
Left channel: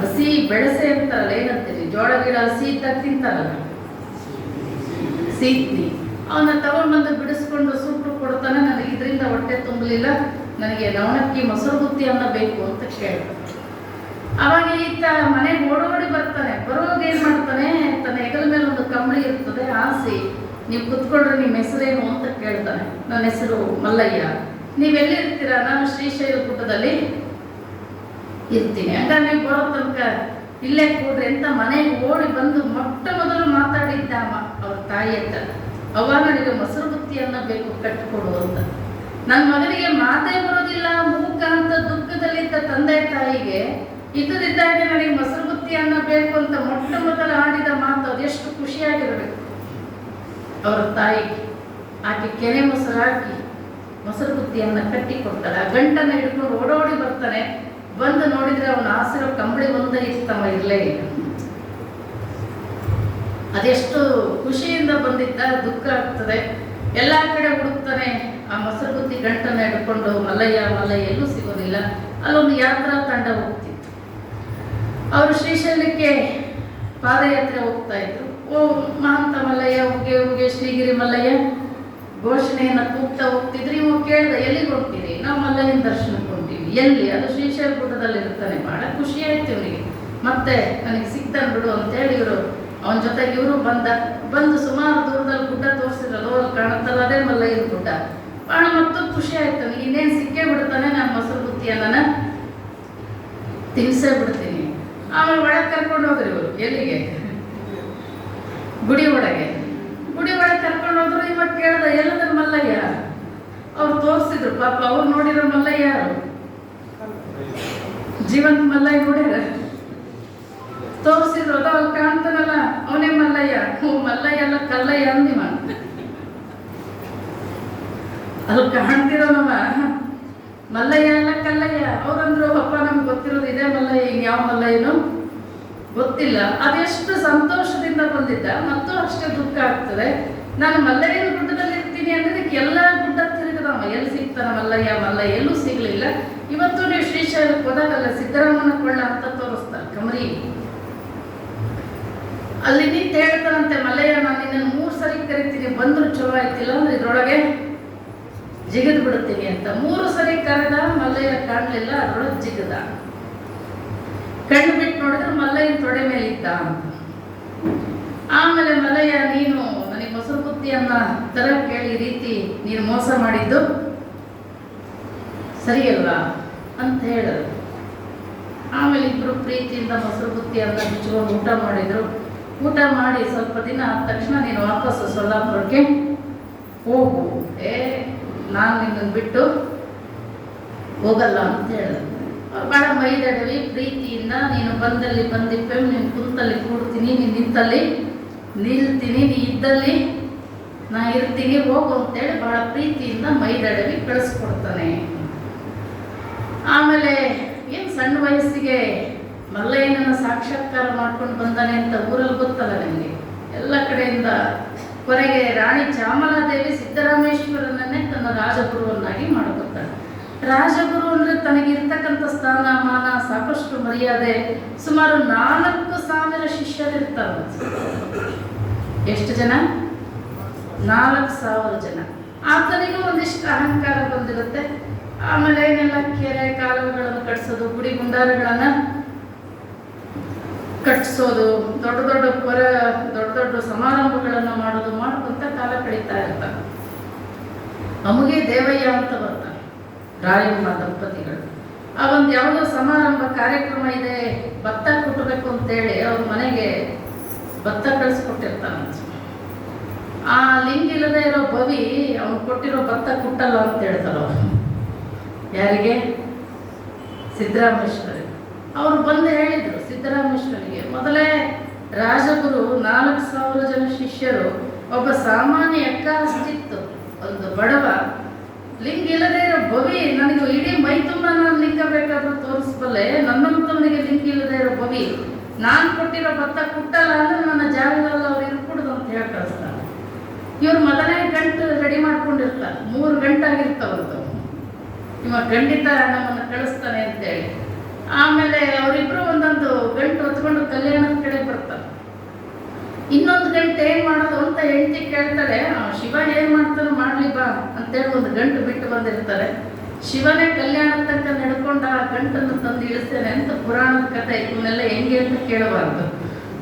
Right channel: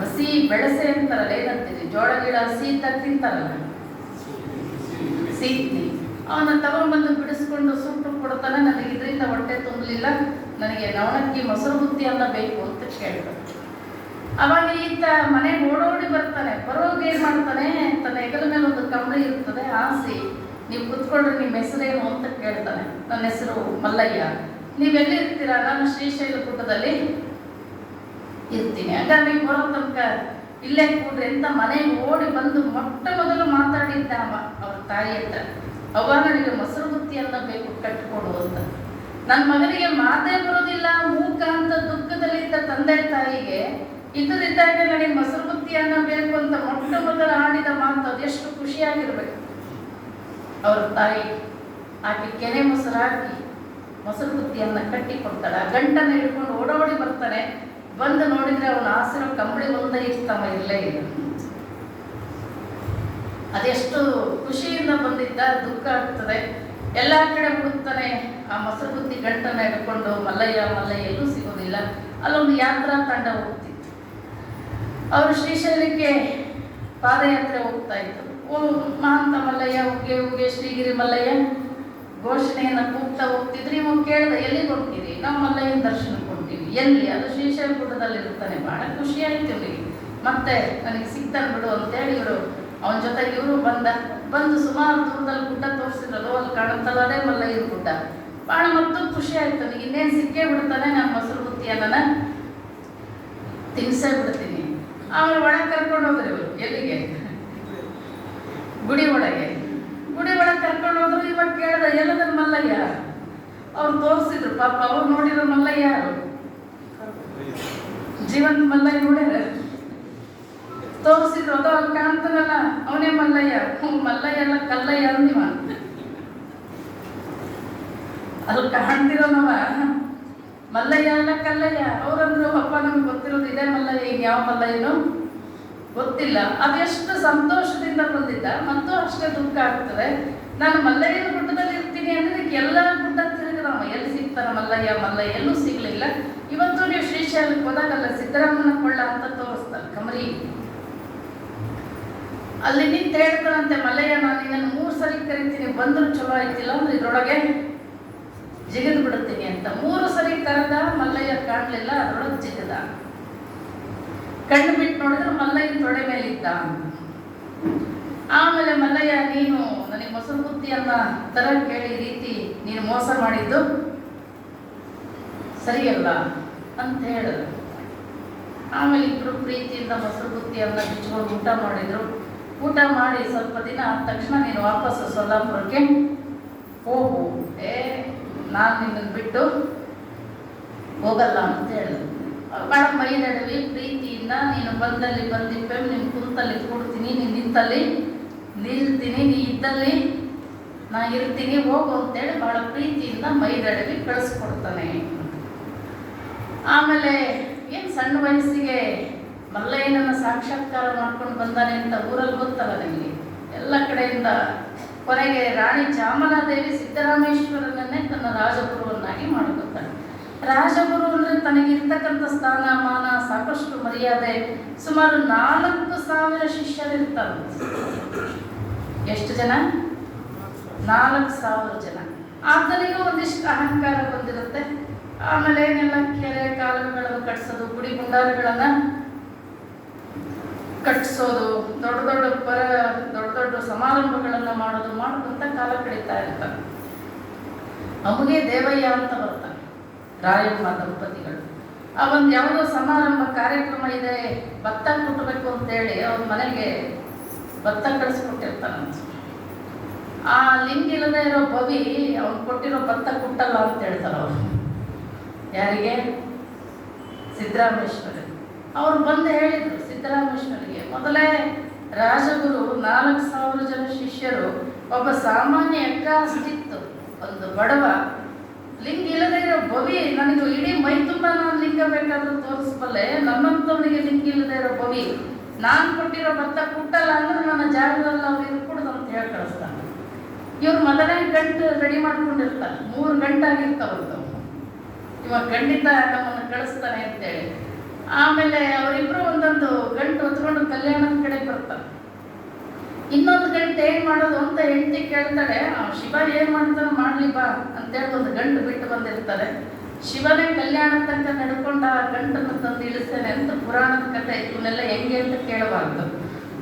ಹಸಿ ಬೆಳಸೆ ಅಂತಾರಲ್ಲ, ಏನಂತೀರಿ, ಜೋಳ ಗಿಡ ಹಸಿ ಇದ್ದಾಗ ತಿಂತಾರಲ್ಲ, ಸೀತ್ನಿ, ಅವನ್ನ ತಗೊಂಡ್ಬಂದು ಬಿಡಿಸ್ಕೊಂಡು ಸುಟ್ಟು ಕೊಡ್ತಾನೆ. ನನಗೆ ಇದರಿಂದ ಹೊಟ್ಟೆ ತುಂಬಲಿಲ್ಲ, ನನಗೆ ನವಣಕ್ಕಿ ಮೊಸರು ಬುತ್ತಿ ಅನ್ನ ಬೇಕು ಅಂತ ಕೇಳ್ತಾನೆ. ಅವಾಗ ಈತ ಮನೆಗೆ ಓಡೋಡಿ ಬರ್ತಾನೆ. ಬರೋದು ಏನ್ ಮಾಡ್ತಾನೆ, ತನ್ನ ಹೆಗಲ ಮೇಲೆ ಒಂದು ಕಂಬಳಿ ಇರ್ತದೆ, ಆಸಿ, ನೀವು ಕುತ್ಕೊಂಡ್ರೆ ನಿಮ್ಮ ಹೆಸರೇನು ಅಂತ ಕೇಳ್ತಾನೆ. ನನ್ನ ಹೆಸರು ಮಲ್ಲಯ್ಯ, ನೀವೆಲ್ಲಿರ್ತೀರಾ? ನಾನು ಶ್ರೀಶೈಲ ಗುಡ್ಡದಲ್ಲಿ ಇರ್ತೀನಿ. ಹಂಗಾರೆ ನೀವು ಬರೋ ತನಕ ಇಲ್ಲೇ ಕೂಡ್ರಿ ಅಂತ ಮನೆಗೆ ಓಡಿ ಬಂದು ಮೊಟ್ಟ ಮೊದಲು ಮಾತಾಡಿದ್ದ ಅವ್ರ ತಾಯಿ ಹತ್ರ, ಅವಾಗ ನನಗೆ ಮೊಸರು ಬುತ್ತಿಯನ್ನ ಬೇಕು, ಕಟ್ಟಿಕೊಡು ಅಂತ. ನನ್ನ ಮಗನಿಗೆ ಮಾತೇ ಬರೋದಿಲ್ಲ, ಮೂಕ ಅಂತ ದುಃಖದಲ್ಲಿದ್ದ ತಂದೆ ತಾಯಿಗೆ ಇದ್ದದಿದ್ದಾಗ ನನಗೆ ಮೊಸರು ಬುತ್ತಿಯನ್ನ ಬೇಕು ಅಂತ ಮೊಟ್ಟ ಮೊದಲು ಆಡಿದ ಮಾತು ಅದೆಷ್ಟು ಖುಷಿಯಾಗಿರ್ಬೇಕು ಅವ್ರ ತಾಯಿ. ಆಕೆ ಕೆನೆ ಮೊಸರು ಹಾಕಿ ಮೊಸರು ಬುತ್ತಿಯನ್ನ ಕಟ್ಟಿ ಕೊಡ್ತಾಳೆ. ಆ ಗಂಟನ್ನ ಹಿಡ್ಕೊಂಡು ಓಡೋಡಿ ಬರ್ತಾನೆ. ಬಂದು ನೋಡಿದ್ರೆ ಅವನ ಆಸಿರೋ ಕಂಬಳಿ ಒಂದೇ ಇರ್ತಾವ, ಇರಲೇ ಇಲ್ಲ. ಅದೆಷ್ಟು ಖುಷಿಯಿಂದ ಬಂದಿದ್ದ, ದುಃಖ ಆಗ್ತದೆ. ಎಲ್ಲ ಕಡೆ ಹುಡುಕ್ತಾನೆ, ಆ ಮೊಸರು ಬುತ್ತಿ ಗಂಟನ್ನ ಹಿಡ್ಕೊಂಡು ಮಲ್ಲಯ್ಯ ಮಲ್ಲಯ್ಯ ಎಲ್ಲೂ ಸಿಗೋದಿಲ್ಲ. ಅಲ್ಲೊಂದು ಯಾತ್ರಾ ತಂಡ ಹೋಗ್ತಿತ್ತು. ಅವರು ಶ್ರೀಶೈಲಕ್ಕೆ ಪಾದಯಾತ್ರೆ ಹೋಗ್ತಾ ಇದ್ರು. ಮಹಾಂತ ಮಲ್ಲಯ್ಯ ಉಗ್ಗೆ ಉಗ್ಗೆ ಶ್ರೀಗಿರಿ ಮಲ್ಲಯ್ಯ ಘೋಷಣೆಯನ್ನು ಕೂಗ್ತಾ ಹೋಗ್ತಿದ್ರು. ಇವಾಗ ಕೇಳ್ದ, ಎಲ್ಲಿಗೆ ಹೋಗ್ತೀರಿ? ದರ್ಶನಕ್ಕೆ ಹೊಂಟೀವಿ. ಎಲ್ಲಿ? ಅದು ಶ್ರೀಶೈಲ ಗುಡ್ಡದಲ್ಲಿ ಇರ್ತಾನೆ. ಬಹಳ ಖುಷಿ ಆಯ್ತು ಇವರಿಗೆ. ಮತ್ತೆ ನನಗೆ ಸಿಗ್ತಾನೆ ಬಿಡು ಅಂತೇಳಿ ಇವರು ಅವನ ಜೊತೆಗೆ ಇವರು ಬಂದು ಸುಮಾರು ದೂರದಲ್ಲಿ ಗುಡ್ಡ ತೋರಿಸಿದ್ರು. ಅಲ್ಲಿ ಕಾಣುತ್ತಲ್ಲ, ಅದೇ ಮಲ್ಲಯ್ಯನ ಗುಡ್ಡ. ಭಾಳ ಮತ್ತು ಖುಷಿ ಆಯ್ತು ನನಗೆ. ಇನ್ನೇನು ಸಿಕ್ಕೇ ಬಿಡ್ತಾನೆ, ನಾನು ಮೊಸರು ಬುತ್ತಿಯನ್ನ ತಿನ್ಸೇ ಬಿಡ್ತೀನಿ. ಆಮೇಲೆ ಒಳಗೆ ಕರ್ಕೊಂಡು ಹೋದ್ರು ಇವರು. ಎಲ್ಲಿಗೆ? ಗುಡಿ ಒಳಗೆ ಕರ್ಕೊಂಡು ಹೋದ್ರು. ಇವಾಗ ಕೇಳ್ದ, ಎಲ್ಲದ ಮಲ್ಲಯ್ಯ? ಅವ್ರು ತೋರಿಸಿದ್ರು. ಪಾಪ ಅವ್ರು ನೋಡಿರೋ ಮಲ್ಲಯ್ಯ ಯಾರು? ಜೀವನ ಮಲ್ಲಯ್ಯ ನೋಡ್ಯಾರ, ತೋರಿಸಿದ್ರು. ಅದ ಅವ್ರು ಕಾಣ್ತಾನಲ್ಲ, ಅವನೇ ಮಲ್ಲಯ್ಯ. ಮಲ್ಲಯ್ಯ ಅಲ್ಲ, ಕಲ್ಲಯ್ಯ ಅಂದಿವ. ಅದು ಕಾಣ್ತಿರೋ ನಮ್ಮ ಮಲ್ಲಯ್ಯ ಅಲ್ಲ, ಕಲ್ಲಯ್ಯ. ಅವ್ರಂದ್ರು, ಅಪ್ಪ ನಮ್ಗೆ ಗೊತ್ತಿರೋದು ಇದೇ ಮಲ್ಲಯ್ಯ, ಈಗ ಯಾವ ಮಲ್ಲಯ್ಯನು ಗೊತ್ತಿಲ್ಲ. ಅದೆಷ್ಟು ಸಂತೋಷದಿಂದ ಬಂದಿದ್ದ, ಮತ್ತು ಅಷ್ಟೇ ದುಃಖ ಆಗ್ತದೆ. ನಾನು ಮಲ್ಲಯ್ಯನ ಗುಡ್ಡದಲ್ಲಿ ಇರ್ತೀನಿ ಅನ್ನೋದಕ್ಕೆ ಎಲ್ಲ ಗುಡ್ಡ ತಿರುಗದವ. ಎಲ್ಲಿ ಸಿಗ್ತಾನ ಮಲ್ಲಯ್ಯ ಎಲ್ಲೂ ಸಿಗ್ಲಿಲ್ಲ. ಇವತ್ತು ನೀವು ಶ್ರೀಶೈಲಕ್ಕೆ ಹೋದಾಗಲ್ಲ, ಸಿದ್ದರಾಮನ ಕೊಳ್ಳ ಅಂತ ತೋರಿಸ್ತಾರೆ, ಕಮರಿ. ಅಲ್ಲಿ ನಿಂತು ಹೇಳ್ತಾನಂತೆ, ಮಲ್ಲಯ್ಯ ನಾನು ನಿನ್ನನ್ನು 3 ಸರಿ ಕರಿತೀನಿ, ಬಂದ್ರು ಚಲೋ ಆಯ್ತಿಲ್ಲ ಅಂದ್ರೆ ಇದ್ರೊಳಗೆ ಜಿಗಿದ್ ಬಿಡುತ್ತೀನಿ ಅಂತ. 3 ಸರಿ ಕರೆದ, ಮಲ್ಲಯ್ಯ ಕಾಣಲಿಲ್ಲ, ಅದ್ರೊಳಗೆ ಜಿಗದ. ಕಣ್ಣು ಬಿಟ್ಟು ನೋಡಿದ್ರೆ ಮಲ್ಲಯ್ಯನ ತೊಡೆ ಮೇಲೆ ಇದ್ದ. ಆಮೇಲೆ ಮಲ್ಲಯ್ಯ, ನೀನು ನನಗೆ ಮೊಸರು ಬುತ್ತಿಯನ್ನ ತರ ಕೇಳಿ ರೀತಿ ನೀನು ಮೋಸ ಮಾಡಿದ್ದು ಸರಿಯಲ್ಲ ಅಂತ ಹೇಳಿದ್ರು. ಆಮೇಲೆ ಇಬ್ರು ಪ್ರೀತಿಯಿಂದ ಮೊಸರು ಬುತ್ತಿಯನ್ನ ಬಿಚ್ಕೊಂಡು ಊಟ ಮಾಡಿದ್ರು. ಊಟ ಮಾಡಿ ಸ್ವಲ್ಪ ದಿನ ಆದ ತಕ್ಷಣ ನೀನು ವಾಪಸ್ ಸೋಲಾಪುರಕ್ಕೆ ಹೋಗು, ನಾನು ನಿನ್ನನ್ನು ಬಿಟ್ಟು ಹೋಗಲ್ಲ ಅಂತ ಹೇಳಿದ್ರು. ಭಾಳ ಮೈದಡವಿ ಪ್ರೀತಿಯಿಂದ, ನೀನು ಬಂದಲ್ಲಿ ಬಂದಿಪ್ಪೆ, ನೀನು ಕುಂತಲ್ಲಿ ಕೂಡ್ತೀನಿ, ನೀನು ನಿಂತಲ್ಲಿ ನಿಲ್ತೀನಿ, ನೀ ಇದ್ದಲ್ಲಿ ನಾ ಇರ್ತೀನಿ, ಹೋಗು ಅಂತೇಳಿ ಭಾಳ ಪ್ರೀತಿಯಿಂದ ಮೈದಡವಿ ಕಳಿಸ್ಕೊಡ್ತಾನೆ. ಆಮೇಲೆ ಏನು ಸಣ್ಣ ವಯಸ್ಸಿಗೆ ಮಲ್ಲಯ್ಯನನ್ನು ಸಾಕ್ಷಾತ್ಕಾರ ಮಾಡ್ಕೊಂಡು ಬಂದಾನೆ ಅಂತ ಊರಲ್ಲಿ ಗೊತ್ತಲ್ಲ ನಿಮಗೆ. ಎಲ್ಲ ಕಡೆಯಿಂದ ಕೊನೆಗೆ ರಾಣಿ ಚಾಮಲಾದೇವಿ ಸಿದ್ದರಾಮೇಶ್ವರನನ್ನೇ ತನ್ನ ರಾಜಗುರುವನ್ನಾಗಿ ಮಾಡಿಕೊಡ್ತಾಳೆ. ರಾಜಗುರು ಅಂದರೆ ತನಗಿರ್ತಕ್ಕಂಥ ಸ್ಥಾನ ಮಾನ, ಸಾಕಷ್ಟು ಮರ್ಯಾದೆ. ಸುಮಾರು 4,000 ಶಿಷ್ಯರಿರ್ತಾರೆ. ಎಷ್ಟು ಜನ? 4,000 ಜನ. ಆತನಿಗೂ ಒಂದಿಷ್ಟು ಅಹಂಕಾರ ಬಂದಿರುತ್ತೆ. ಆಮೇಲೆ ಏನೆಲ್ಲ ಕೆರೆ ಕಾಲುವೆಗಳನ್ನು ಕಟ್ಟಿಸೋದು, ಗುಡಿ ಗುಂಡಾರಗಳನ್ನು ಕಟ್ಟಿಸೋದು, ದೊಡ್ಡ ಸಮಾರಂಭಗಳನ್ನು ಮಾಡೋದು ಮಾಡ್ಕೊಂತ ಕಾಲ ಕಳೀತಾ ಇರ್ತಾರೆ. ಅಮುಗೆ ದೇವಯ್ಯ ಅಂತ ಬರ್ತಾರೆ ರಾಯಮ್ಮ ದಂಪತಿಗಳು. ಆ ಒಂದು ಯಾವುದೋ ಸಮಾರಂಭ ಕಾರ್ಯಕ್ರಮ ಇದೆ, ಭತ್ತ ಕೊಟ್ಟಬೇಕು ಅಂತೇಳಿ ಅವ್ರ ಮನೆಗೆ ಭತ್ತ ಕಳಿಸ್ಕೊಟ್ಟಿರ್ತಾನೆ. ಆ ಲಿಂಗ ಇಲ್ಲದೆ ಇರೋ ಬವಿ ಅವ್ನು ಕೊಟ್ಟಿರೋ ಭತ್ತ ಕೊಟ್ಟಲ್ಲ ಅಂತ ಹೇಳ್ತಾರೆ ಅವರು. ಯಾರಿಗೆ? ಸಿದ್ದರಾಮೇಶ್ವರ. ಅವರು ಬಂದು ಹೇಳಿದ್ರು ಸಿದ್ದರಾಮೇಶ್ವರಿಗೆ, ಮೊದಲೇ ರಾಜಗುರು 4,000 ಜನ ಶಿಷ್ಯರು, ಒಬ್ಬ ಸಾಮಾನ್ಯ ಅಷ್ಟಿತ್ತು, ಒಂದು ಬಡವ ಲಿಂಗ ಇಲ್ಲದೆ ಇರೋ ಬವಿ, ನನಗೆ ಇಡೀ ಮೈ ತುಂಬ ನಾನು ಲಿಂಗ ಬೇಕಾದ್ರೂ ತೋರಿಸ್ಬಲ್ಲೆ, ನನ್ನಂತವನಿಗೆ ಲಿಂಗ ಇಲ್ಲದೆ ಇರೋ ಬವಿ ನಾನು ಕೊಟ್ಟಿರೋ ಭತ್ತ ಕುಟ್ಟಲ್ಲ ಅಂದ್ರೆ ನನ್ನ ಜಾಗದಲ್ಲಿ ಅವ್ರು ಇರ್ಕೂಡ್ದು ಅಂತ ಹೇಳಿ ಕಳಿಸ್ತಾರೆ. ಇವ್ರು ಮೊದಲೇ ಗಂಟು ರೆಡಿ ಮಾಡ್ಕೊಂಡಿರ್ತಾರೆ. 3 ಗಂಟೆ ಆಗಿರ್ತಾವಂತ. ಇವಾಗ ಖಂಡಿತ ನಮ್ಮನ್ನು ಕಳಿಸ್ತಾನೆ ಅಂತೇಳಿ. ಆಮೇಲೆ ಅವರಿಬ್ರು ಒಂದೊಂದು ಗಂಟು ಹೊತ್ಕೊಂಡು ಕಲ್ಯಾಣದ ಕಡೆ ಬರ್ತಾರೆ. ಇನ್ನೊಂದು ಗಂಟೆ ಏನ್ ಮಾಡೋದು ಅಂತ ಹೆಂಡತಿ ಕೇಳ್ತಾರೆ. ಶಿವ ಏನ್ ಮಾಡ್ತಾನೆ ಮಾಡ್ಲಿ ಬಾ ಅಂತೇಳಿ ಒಂದು ಗಂಟು ಬಿಟ್ಟು ಬಂದಿರ್ತಾರೆ. ಶಿವನೇ ಕಲ್ಯಾಣದ ತನಕ ನಡ್ಕೊಂಡು ಆ ಗಂಟನ್ನು ತಂದು ಇಳಿಸ್ತೇನೆ ಅಂತ ಪುರಾಣದ ಕಥೆ. ಇವನ್ನೆಲ್ಲ ಹೆಂಗೆ ಅಂತ ಕೇಳಬಾರ್ದು,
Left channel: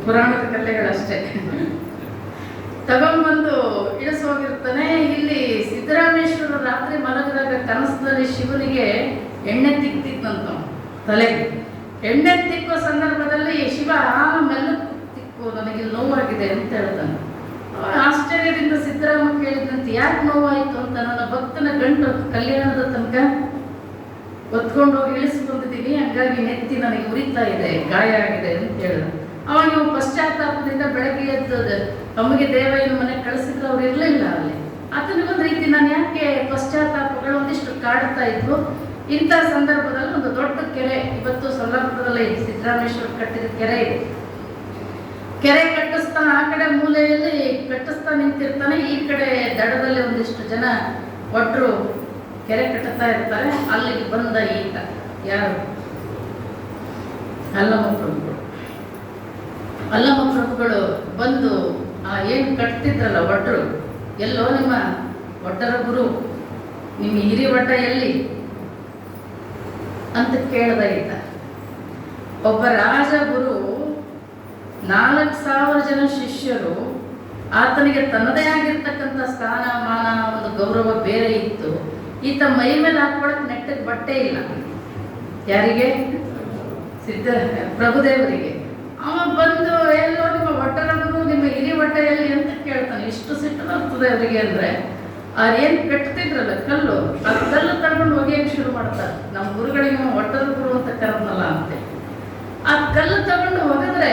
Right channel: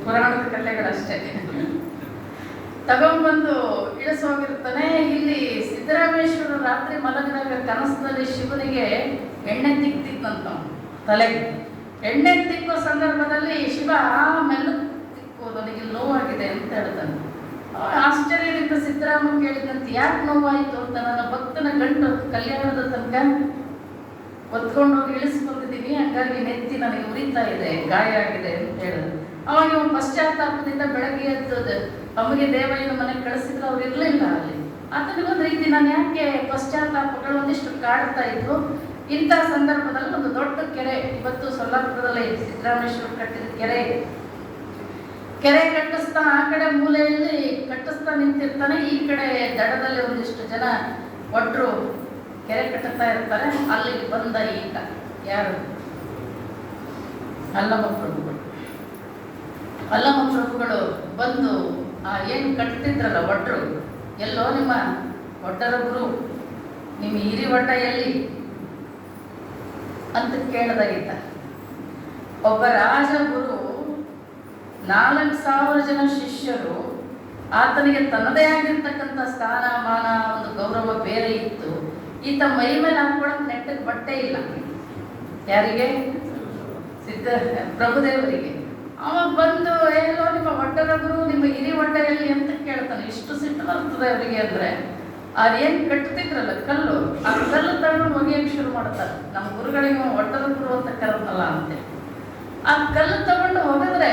ಪುರಾಣದ ಕಥೆಗಳಷ್ಟೇ. ತಗೊಂಡ್ಬಂದು ಇಳಿಸೋಗಿರ್ತಾನೆ. ಇಲ್ಲಿ ಸಿದ್ದರಾಮೇಶ್ವರ ರಾತ್ರಿ ಮಲಗಿದಾಗ ಕನಸದಲ್ಲಿ ಶಿವನಿಗೆ ಎಣ್ಣೆ ತಿಕ್ತಿತ್ತಂತ ತಲೆಗೆ. ಎಣ್ಣೆ ತಿಕ್ಕೋ ಸಂದರ್ಭದಲ್ಲಿ ಶಿವ ಆಮೇಲೆ ತಿಕ್ಕು, ನನಗೆ ನೋವಾಗಿದೆ ಅಂತ ಹೇಳ್ತಾನೆ. ಆಶ್ಚರ್ಯದಿಂದ ಸಿದ್ದರಾಮ ಕೇಳಿದಂತೆ, ಯಾಕೆ ನೋವಾಯಿತು ಅಂತ. ನನ್ನ ಭಕ್ತನ ಗಂಟು ಕಲ್ಯಾಣದ ತನಕ ಹೊತ್ಕೊಂಡು ಹೋಗಿ ಇಳಿಸ್ಕೊಂಡಿದ್ದೀನಿ, ಹಂಗಾಗಿ ನೆತ್ತಿ ನನಗೆ ಉರಿತಾ ಇದೆ, ಗಾಯ ಆಗಿದೆ ಅಂತ ಹೇಳಿದ್ರು. ಅವಾಗ ಇವು ಪಶ್ಚಾತ್ತಾಪದಿಂದ ಬೆಳಗ್ಗೆ ಎದ್ದು ಅಮ್ಮಗೆ ದೇವಯ್ಯನ ಮನೆಗೆ ಕಳಿಸಿದ್ರೆ ಅವ್ರು ಇರಲಿಲ್ಲ ಅಲ್ಲಿ. ಆತನಿಗೊಂದು ರೀತಿ ನಾನು ಯಾಕೆ ಪಶ್ಚಾತ್ತಾಪಗಳು ಒಂದಿಷ್ಟು ಕಾಡ್ತಾ ಇದ್ವು. ಇಂಥ ಸಂದರ್ಭದಲ್ಲಿ ಒಂದು ದೊಡ್ಡ ಕೆರೆ, ಇವತ್ತು ಸೊಲ್ಲಾಪುರದಲ್ಲಿ ಸಿದ್ದರಾಮೇಶ್ವರ ಕಟ್ಟಿದ ಕೆರೆ ಕಟ್ಟಿಸ್ತಾನೆ. ಆ ಕಡೆ ಮೂಲೆಯಲ್ಲಿ ಕಟ್ಟಿಸ್ತಾ ನಿಂತಿರ್ತಾನೆ, ಈ ಕಡೆ ದಡದಲ್ಲಿ ಒಂದಿಷ್ಟು ಜನ ಒಟ್ಟರು ಕೆರೆ ಕಟ್ಟುತ್ತಾ ಇರ್ತಾರೆ. ಅಲ್ಲಿಗೆ ಬಂದ ಈತ ಯಾರು? ಅಲ್ಲಮ್ಮ ಪ್ರಭುಗಳು ಬಂದು ಏನು ಕಟ್ತಿದ್ರಲ್ಲ ಒಟ್ಟರು, ಎಲ್ಲೋ ನಿಮ್ಮ ಒಟ್ಟರ ಗುರು, ನಿಮ್ಮ ಹಿರಿ ಒಟ್ಟ ಎಲ್ಲಿ ಅಂತ ಕೇಳ್ದ ಇದ್ದ. ಒಬ್ಬ ರಾಜಗುರು 4,000 ಜನ ಶಿಷ್ಯರು, ಆತನಿಗೆ ತನ್ನದೇ ಆಗಿರ್ತಕ್ಕಂಥ ಸ್ಥಾನ ಮಾನ ಒಂದು ಗೌರವ ಬೇರೆ ಇತ್ತು. ಈತ ಮೈ ಮೇಲೆ ಹಾಕೊಳಕ್ ನೆಟ್ಟಗೆ ಬಟ್ಟೆ ಇಲ್ಲ. ಯಾರಿಗೆ? ಪ್ರಭುದೇವರಿಗೆ. ಅವ ಬಂದು ಎಲ್ಲೋ ನಿಮ್ಮ ಒಟ್ಟರಗುರು ನಿಮ್ಮ ಹಿರಿ ಹೊಟ್ಟೆಯಲ್ಲಿ ಅಂತ ಕೇಳ್ತಾನೆ. ಇಷ್ಟು ಸಿಟ್ಟು ಬರ್ತದೆ ಅವರಿಗೆ ಅಂದ್ರೆ, ಅವ್ರೇನು ಕಟ್ತಿದ್ರಲ್ಲ ಕಲ್ಲು, ಆ ಕಲ್ಲು ತಗೊಂಡು ಒಗೆಯಕ್ಕೆ ಶುರು ಮಾಡ್ತಾರೆ. ನಮ್ಮ ಗುರುಗಳಿಗೆ ಒಟ್ಟರಗುರು ಅಂತ ಕರಮಲ್ಲ ಅಂತೆ. ಆ ಕಲ್ಲು ತಗೊಂಡು ಹೋಗಿದ್ರೆ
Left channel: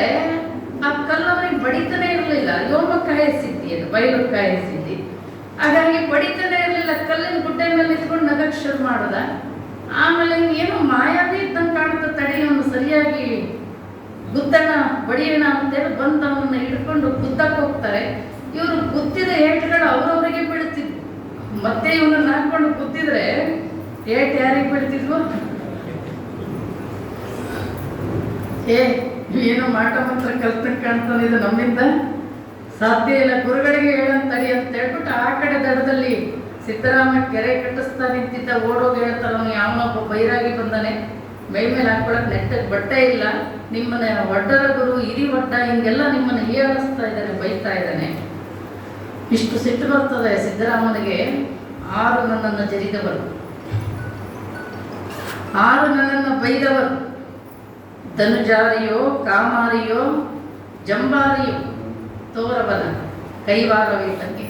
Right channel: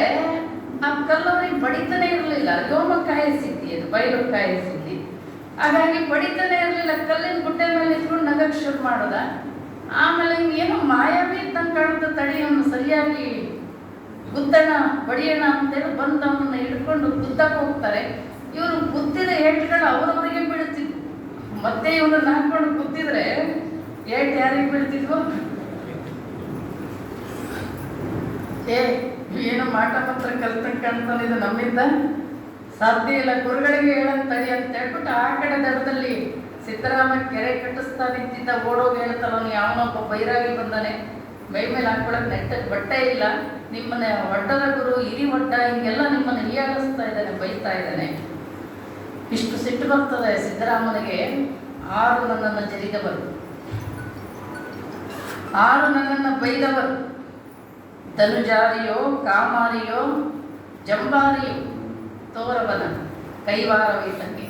ಆ ಕಲ್ಲು ಅವನಿಗೆ ಬಡಿತಾನೆ ಇರಲಿಲ್ಲ. ಯೋಮಕಾಯ ಸಿದ್ಧಿ, ಅದು ಬಯಲುಕಾಯ ಸಿದ್ಧಿ. ಹಾಗಾಗಿ ಬಡಿತಾನೆ ಇರಲಿಲ್ಲ. ಕಲ್ಲಿನ ಗುಡ್ಡೆ ಮೇಲೆ ಇಟ್ಕೊಂಡು ನಗಕ್ಕೆ ಶುರು ಮಾಡದ. ಆಮೇಲೆ ಏನೋ ಮಾಯಾವಿ ಇದ್ದಂಗೆ ಕಾಣುತ್ತೆ, ತಡೆಯನ್ನು ಸರಿಯಾಗಿ ಗುದ್ದಣ ಬಡಿಯೋಣ ಅಂತೇಳಿ ಬಂದು ಅವನ್ನ ಹಿಡ್ಕೊಂಡು ಗುದ್ದಕ್ಕೆ ಹೋಗ್ತಾರೆ. ಇವರು ಗುದ್ದಿದ ಏಟುಗಳು ಅವರವರಿಗೆ ಬೀಳ್ತಿದ್ವು. ಮತ್ತೆ ಇವನನ್ನ ಹಾಕೊಂಡು ಗುದ್ದಿದ್ರೆ ಏಟ್ ಯಾರಿಗೆ ಬೀಳ್ತಿದ್ವು? ಏನು ಮಾಟ ಮಾತ್ರ ಕಲ್ತಕ್ಕೆ ಕಾಣ್ತಾನೆ, ಇದು ನಮ್ಮಿಂದ ಸಾಧ್ಯ ಇಲ್ಲ. ಗುರುಗಳಿಗೆ ಹೇಳಂತಡಿ ಅಂತ ಹೇಳ್ಬಿಟ್ಟು ಆ ಕಡೆ ದಡದಲ್ಲಿ ಸಿದ್ದರಾಮ ಕೆರೆ ಕಟ್ಟಿಸ್ತಾ ನಿಂತಿದ್ದ. ಓಡೋಗಿ ಹೇಳ್ತಾರೆ, ಅವನು ಯಾವನೊಬ್ಬ ಬೈರಾಗಿ ಬಂದಾನೆ, ಮೈ ಮೇಲೆ ಹಾಕೊಳಕ್ ನೆಟ್ಟಗೆ ಬಟ್ಟೆ ಇಲ್ಲ, ನಿಮ್ಮನ್ನ ಒಡ್ಡರ ಗುರು ಹಿರಿ ಒಡ್ಡ ಹಿಂಗೆಲ್ಲ ನಿಮ್ಮನ್ನು ಹೀಯಾಳಿಸ್ತಾ ಇದ್ದಾನೆ, ಬೈತಾ ಇದ್ದಾನೆ. ಇಷ್ಟು ಸಿಟ್ಟು ಬರ್ತದೆ ಸಿದ್ದರಾಮನಿಗೆ. 6 ನನ್ನನ್ನು ಜರಿದವರು, 6 ನನ್ನನ್ನು ಬೈದವರು, ಧನುಜಾರಿಯೋ ಕಾಮಾರಿಯೋ ಜಂಬಾರಿಯೋ ತೋರವನ ಕೈವಾರವಿಟ್ಟಕ್ಕೆ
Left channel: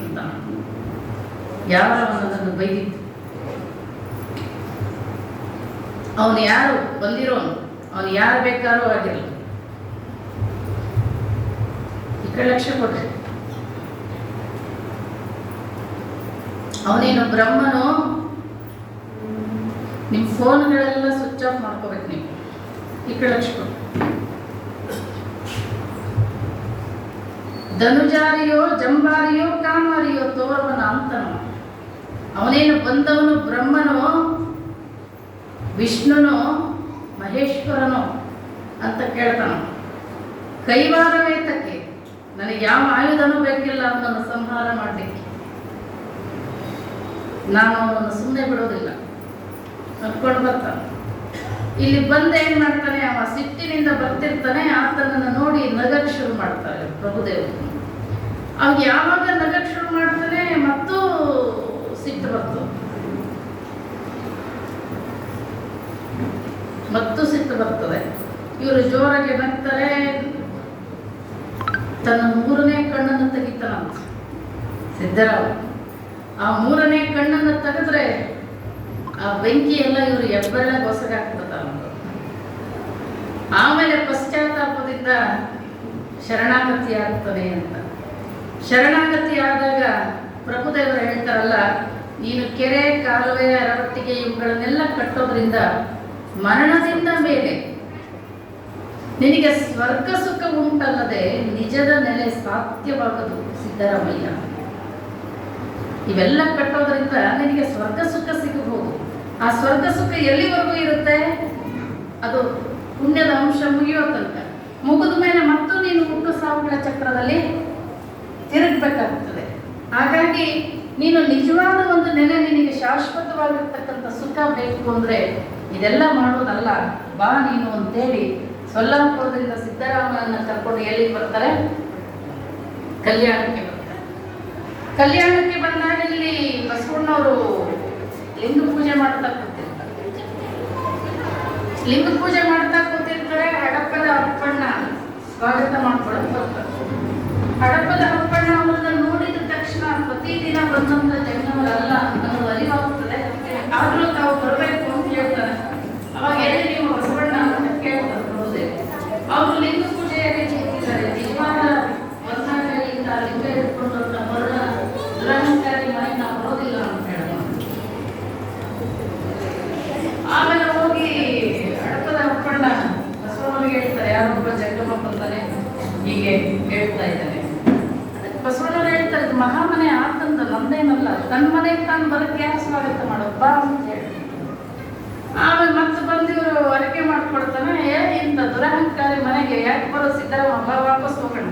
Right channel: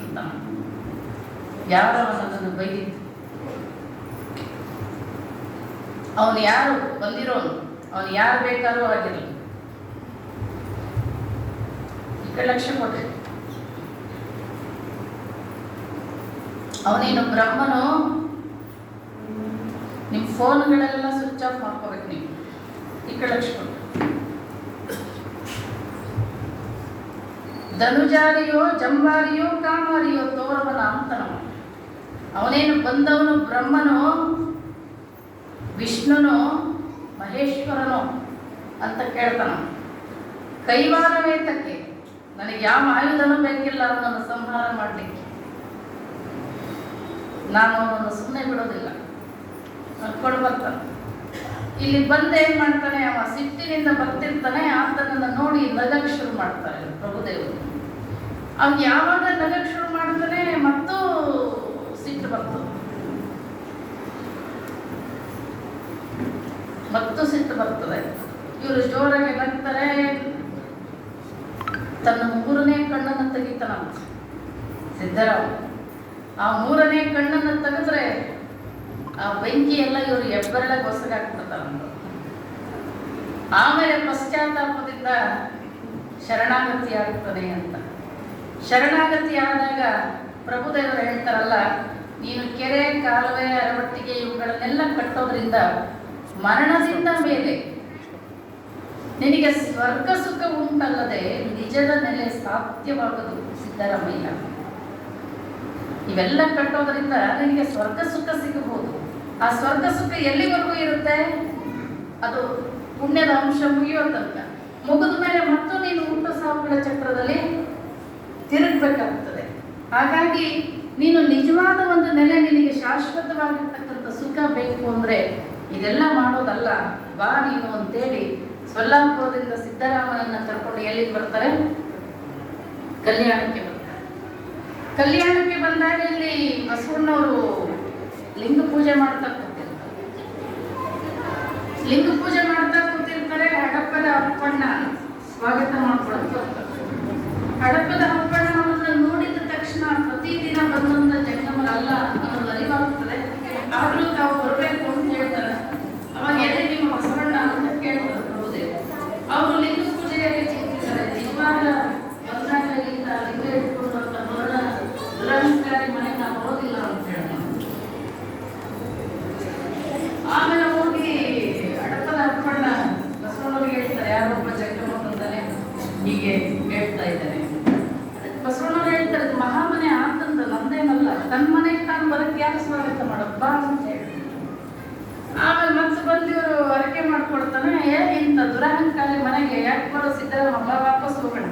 ಯಾರವನನ್ನು ಬೈದಿತ್ತು. ಅವನು ಯಾರು ಬಂದಿರೋನು, ಅವನು ಯಾರು ಬೇಕಾದ್ರೂ ಆಗಿರಲಿ. ಈ ಕಡೆ ಲಕ್ಷ್ಯ ಕೊಡ್ರಿ. ಅವನೇನು ಬ್ರಹ್ಮನು? ನಿಮ್ಮ ಫೋನ್ಗಳೆಲ್ಲ ಸ್ವಿಚ್ ಆಫ್ ಮಾಡ್ಕೋಬೇಕು ನೀವು. ಈ ಕಡೆ ಲಕ್ಷ್ಯ ಕೊಡ್ರಿ. ಧನುಜಾರಿಯೋ ಜಂಬಾರಿಯೋ ಕಾಮಾರಿಯೋ ತೋರವನ ಅಂತನು. ಅವನೇನು ಬಂದವನು ಬ್ರಹ್ಮನೋ ವಿಷ್ಣುನೋ ಮಹೇಶ್ವರನೋ ಅಂತ ಕೇಳ್ತಾನ. ಕೈವಾರವೇತಕ್ಕೆ, ನನಗೆ ಯಾವ ಆಯುಧನೂ ಬೇಕಿಲ್ಲ ಅವನನ್ನು ಸಂಹಾರ ಮಾಡಲಿಕ್ಕೆ. ನಾನು ಅವನನ್ನು ಸುಮ್ಮನೆ ಬಿಡೋದಿಲ್ಲ, ಕರ್ಕೊಂಡು ಬರ್ತಾನೆ. ಇಲ್ಲಿ ಬಂದು ಏನ್ ಮಾಡ್ತಾನೆ, ಅವ ಸಿಟ್ಟಿನಿಂದ ಬರ್ತಿರ್ತಾನೆ. ಆತನನ್ನು ನೋಡಿ ನಗಕ್ಕೆ ಶುರು ಮಾಡ್ತಾರೆ ಪ್ರಭುದೇವರು. ಅವ್ನು ಯಾವಾಗ ನಗಕ್ಕೆ ಶುರು ಮಾಡ್ತಾನೆ ಮತ್ತೂ ಸಿಟ್ಟು ಬರ್ತದೆ, ಮತ್ತು ಸಿಟ್ಟು ಬರ್ತದೆ. ಇವರು ಜೋರಾಗಿ ನಗ್ತಾರೆ. ತನ್ನ 3ನೇ ಕಣ್ಣನ್ನು ತೆಗಿತಾನಂತ ಸಿದ್ದರಾಮ. ಆ 3ನೇ ಕಣ್ಣನ್ನು ತೆಗೆದ್ರೆ ಆ ಬೆಂಕಿ ಎಲ್ಲ ಇವರು ಹೆಬ್ಬೆರಳೆ ಗೊಸಗಾಗ್ತದ. ಆಮೇಲೆ ಪಶ್ಚಾತ್ತಾಪದಿಂದ ಶರಣಾಗತಿ ಆಗ್ತದೆ ಅಂತ. ಶರಣಾಗತಿ ಆದಾಗ ಪ್ರಭುದೇವರು ಹೇಳ್ತಾರಲ್ಲ, ನೀನು ಕೆರೆ ಕಾಲುವೆ ಅರವಟ್ಟಿಗೆ ಇವುಗಳನ್ನೆಲ್ಲ ಕಟ್ಟೋದ್ರಿಂದ ಮರಣದಿಂದ ಮೇಲೆ ನಿನಗೆ ಸ್ವರ್ಗ ಸುಖ ಉಂಟಲ್ಲದೆ ನಿಜದ ನೆಲೆ ಸಾಧ್ಯವಾಗದು ಸಿದ್ದರಾಮಯ್ಯ. ಇವೆಲ್ಲ ಕಟ್ಟೋದ್ರಿಂದ ನಿನಗೆ ಸ್ವರ್ಗ ಸುಖ ಸಿಗಬಹುದು. ಆ ಸ್ವರ್ಗ ಸುಖ ಎಲ್ಲಿವರೆಗೂ ಇರುತ್ತೆ? ಅದು ಪುಣ್ಯದ ಅಂಶ ಮುಗಿಯೋ ತನಕ. ಮುಗಿದ ಮೇಲೆ ಮತ್ತು ನೀನು ಹುಟ್ಟು ಸಾವುಗಳ ಚಕ್ರದಲ್ಲಿ ತಿರುಗಬೇಕಾಗ್ತದೆ. ಹಾಗಾಗಿ ನೀನು ನಿಜವಾದ ಒಂದು ನೆಲೆ, ನಿನಗೆ ಶಾಶ್ವತವಾಗಿರ್ತಕ್ಕಂಥ ಸುಖ ಬೇಕು ಅಂದ್ರೆ ಇದೆಲ್ಲ ಮಾಡೋದಲ್ಲ, ಬಾ ನೀನು ಅಂತೇಳಿ ಸೊಲ್ಲಾಪುರದಿಂದ ಸಿದ್ದರಾಮನನ್ನ ಕರ್ಕೊಂಡು ಎಲ್ಲಿಗೆ ಬರ್ತಾರೆ? ಕಲ್ಯಾಣಕ್ಕೆ ಬರ್ತಾರೆ. ಕಲ್ಯಾಣಕ್ಕೆ ಬಂದಾಗ ಇಲ್ಲಿ ಬಸವಣ್ಣವರು ಲಿಂಗ ಪೂಜೆ ಮಾಡ್ತಾ ಕೂತಿರ್ತಾರೆ. ಲಿಂಗ ಪೂಜೆ ಮಾಡ್ತಾ ಕೂತಿರ್ತಾರೆ. ಹಡಪದ ಅಪ್ಪಣ್ಣ ಸ್ವಾಗತ ಮಾಡ್ಕೊಳಕ್ ಬರ್ತಾರೆ. ಹಡಪದ ಅಪ್ಪಣ್ಣ ಅವರನ್ನ ನೋಡಿದ ತಕ್ಷಣ ಪ್ರತಿದಿನ ಬಂದಂತ ಜನರಲ್ಲ ಅನ್ನೋದು ಅರಿವಾಗ್ತದೆ. ಆದ್ರೂ ತಾವು ಬರಬೇಕು ಅಂತ ಹೇಳ್ತಾರೆ. ಅವಾಗ ಎಲ್ಲಿ ನಿಮ್ಮ ಬಸವಣ್ಣ ಅಂತ ಕೇಳ್ತಾರೆ ಪ್ರಭುದೇವ. ಅವರು ಲಿಂಗ ಪೂಜೆಯಲ್ಲಿ ಹೋಗಿದ್ದಾರೆ. ನಿಜವಾದ ಬಂದಾಗಲಿಂದ ಲಿಂಗ ಇಟ್ಕೊಂಡಂತ ಮರಣ ದುರಹಂಕಾರಿ ಮನೆಗೆ ನಾವು ಬರೋದಿಲ್ಲ ಅಂತ ಹೇಳೋಣ. ಆಮೇಲೆ ಹೋಗಿ ಹಡಪದ ಅಪ್ಪಣ್ಣ ಬಸವಣ್ಣವ್ರಿಗೆ ಹೇಳ್ತಾರೆ, ಯಾರೊಬ್ಬ ಜಂಗಮ ಬಂದಾನೆ ಹೀಗೆ ಹೇಳ್ತಾ ಇದ್ದಾನೆ. ಬಸವಣ್ಣವ್ರು ಹೇಳ್ತಾರೆ, ಮಹಾಮನೆ ಆತಂದ ನಂದೇನಲ್ಲ, ತನ್ನ ಮನೆಗೆ ತಾನು ಬರಕ್ಕೆ ಯಾಕೆ ಸ್ವಾಗತ ಮಾಡಪ್ಪ ಅಂತ ಹೇಳಿ. ಆಮೇಲೆ ಮತ್ತೆ ಬಂದಿವರು ಅರಕೆ ಮಾಡ್ಕೊಳ್ತಾನೆ. ಇಂಥ ದುರಹಂಕಾರಿ ಮನೆಗೆ ಯಾಕೆ ಬರೋ ಸಿದ್ದರಾಮ, ವಾಪಸ್ ಹೋಗೋಣ.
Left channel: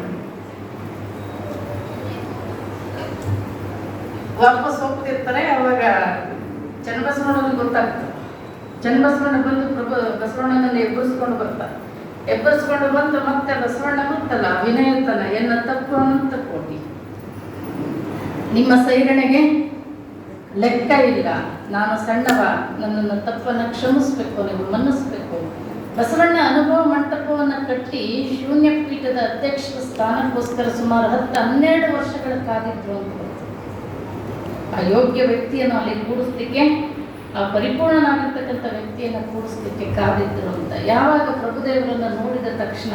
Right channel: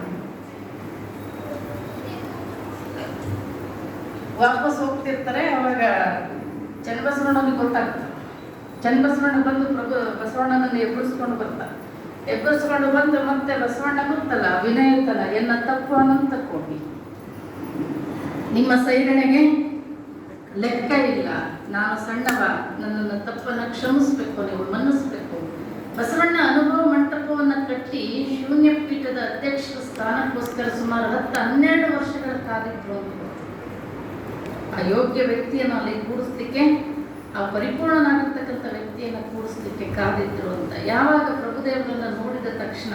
ವಾಪಸ್ ಹೋಗ್ತಿರ್ತಾರೆ. ಅವಾಗ ಚನ್ನಬಸವಣ್ಣವ್ರಿಗೆ ಗೊತ್ತಾಗ್ತದೆ, ಚನ್ನಬಸವಣ್ಣ ಬಂದು ಬಸವಣ್ಣನಲ್ಲಿ ಎಬ್ಬರಿಸ್ಕೊಂಡು ಬಂದು ಮತ್ತೆ ಬಸವಣ್ಣ ಗೊತ್ತಲ್ಲ ವಿನಯತನ ಎನ್ನ ತಪ್ಪು ಅಂತ ಕೊಡಿ, ನಿಮ್ಮ ಸೈರಣೆಗೆ ಲೆಕ್ಕ ಇಲ್ಲ, ನಾನು ಸಣ್ಣವ, ನನ್ನನ್ನು ತಪ್ಪನ್ನು ಕ್ಷಮಿಸ್ಬೇಕು, ನೀವು ಮನ್ನಿಸ್ಬೇಕು. ಬಸವಣ್ಣ ಅನುಭವ ಮಂಟಪವನ್ನು ಕಟ್ಟಿ ಶೂನ್ಯ ಪೀಠದ ಅಧ್ಯಕ್ಷರ ಸ್ಥಾನಕ್ಕೋಸ್ಕರ ಸುಮಾರು 10-12 ವರ್ಷಗಳ ಕಾದಿದ್ರು ಅಂತ. ಆ ಯೋಗ್ಯ ವ್ಯಕ್ತಿಯನ್ನು ಅಲ್ಲಿ ಕೂಡಿಸ್ಲಿಕ್ಕೆ, ಆ ಪರಿಪೂರ್ಣನಾಗಿರ್ತಕ್ಕಂಥ ವ್ಯಕ್ತಿಯನ್ನು ಕೂಡಿಸ್ಲಿಕ್ಕೆ ಕಾದಿದ್ರು ಅಂತ. ಯಾವಾಗ ಪ್ರಭುದೇವರನ್ನು ನೋಡಿದ ತಕ್ಷಣ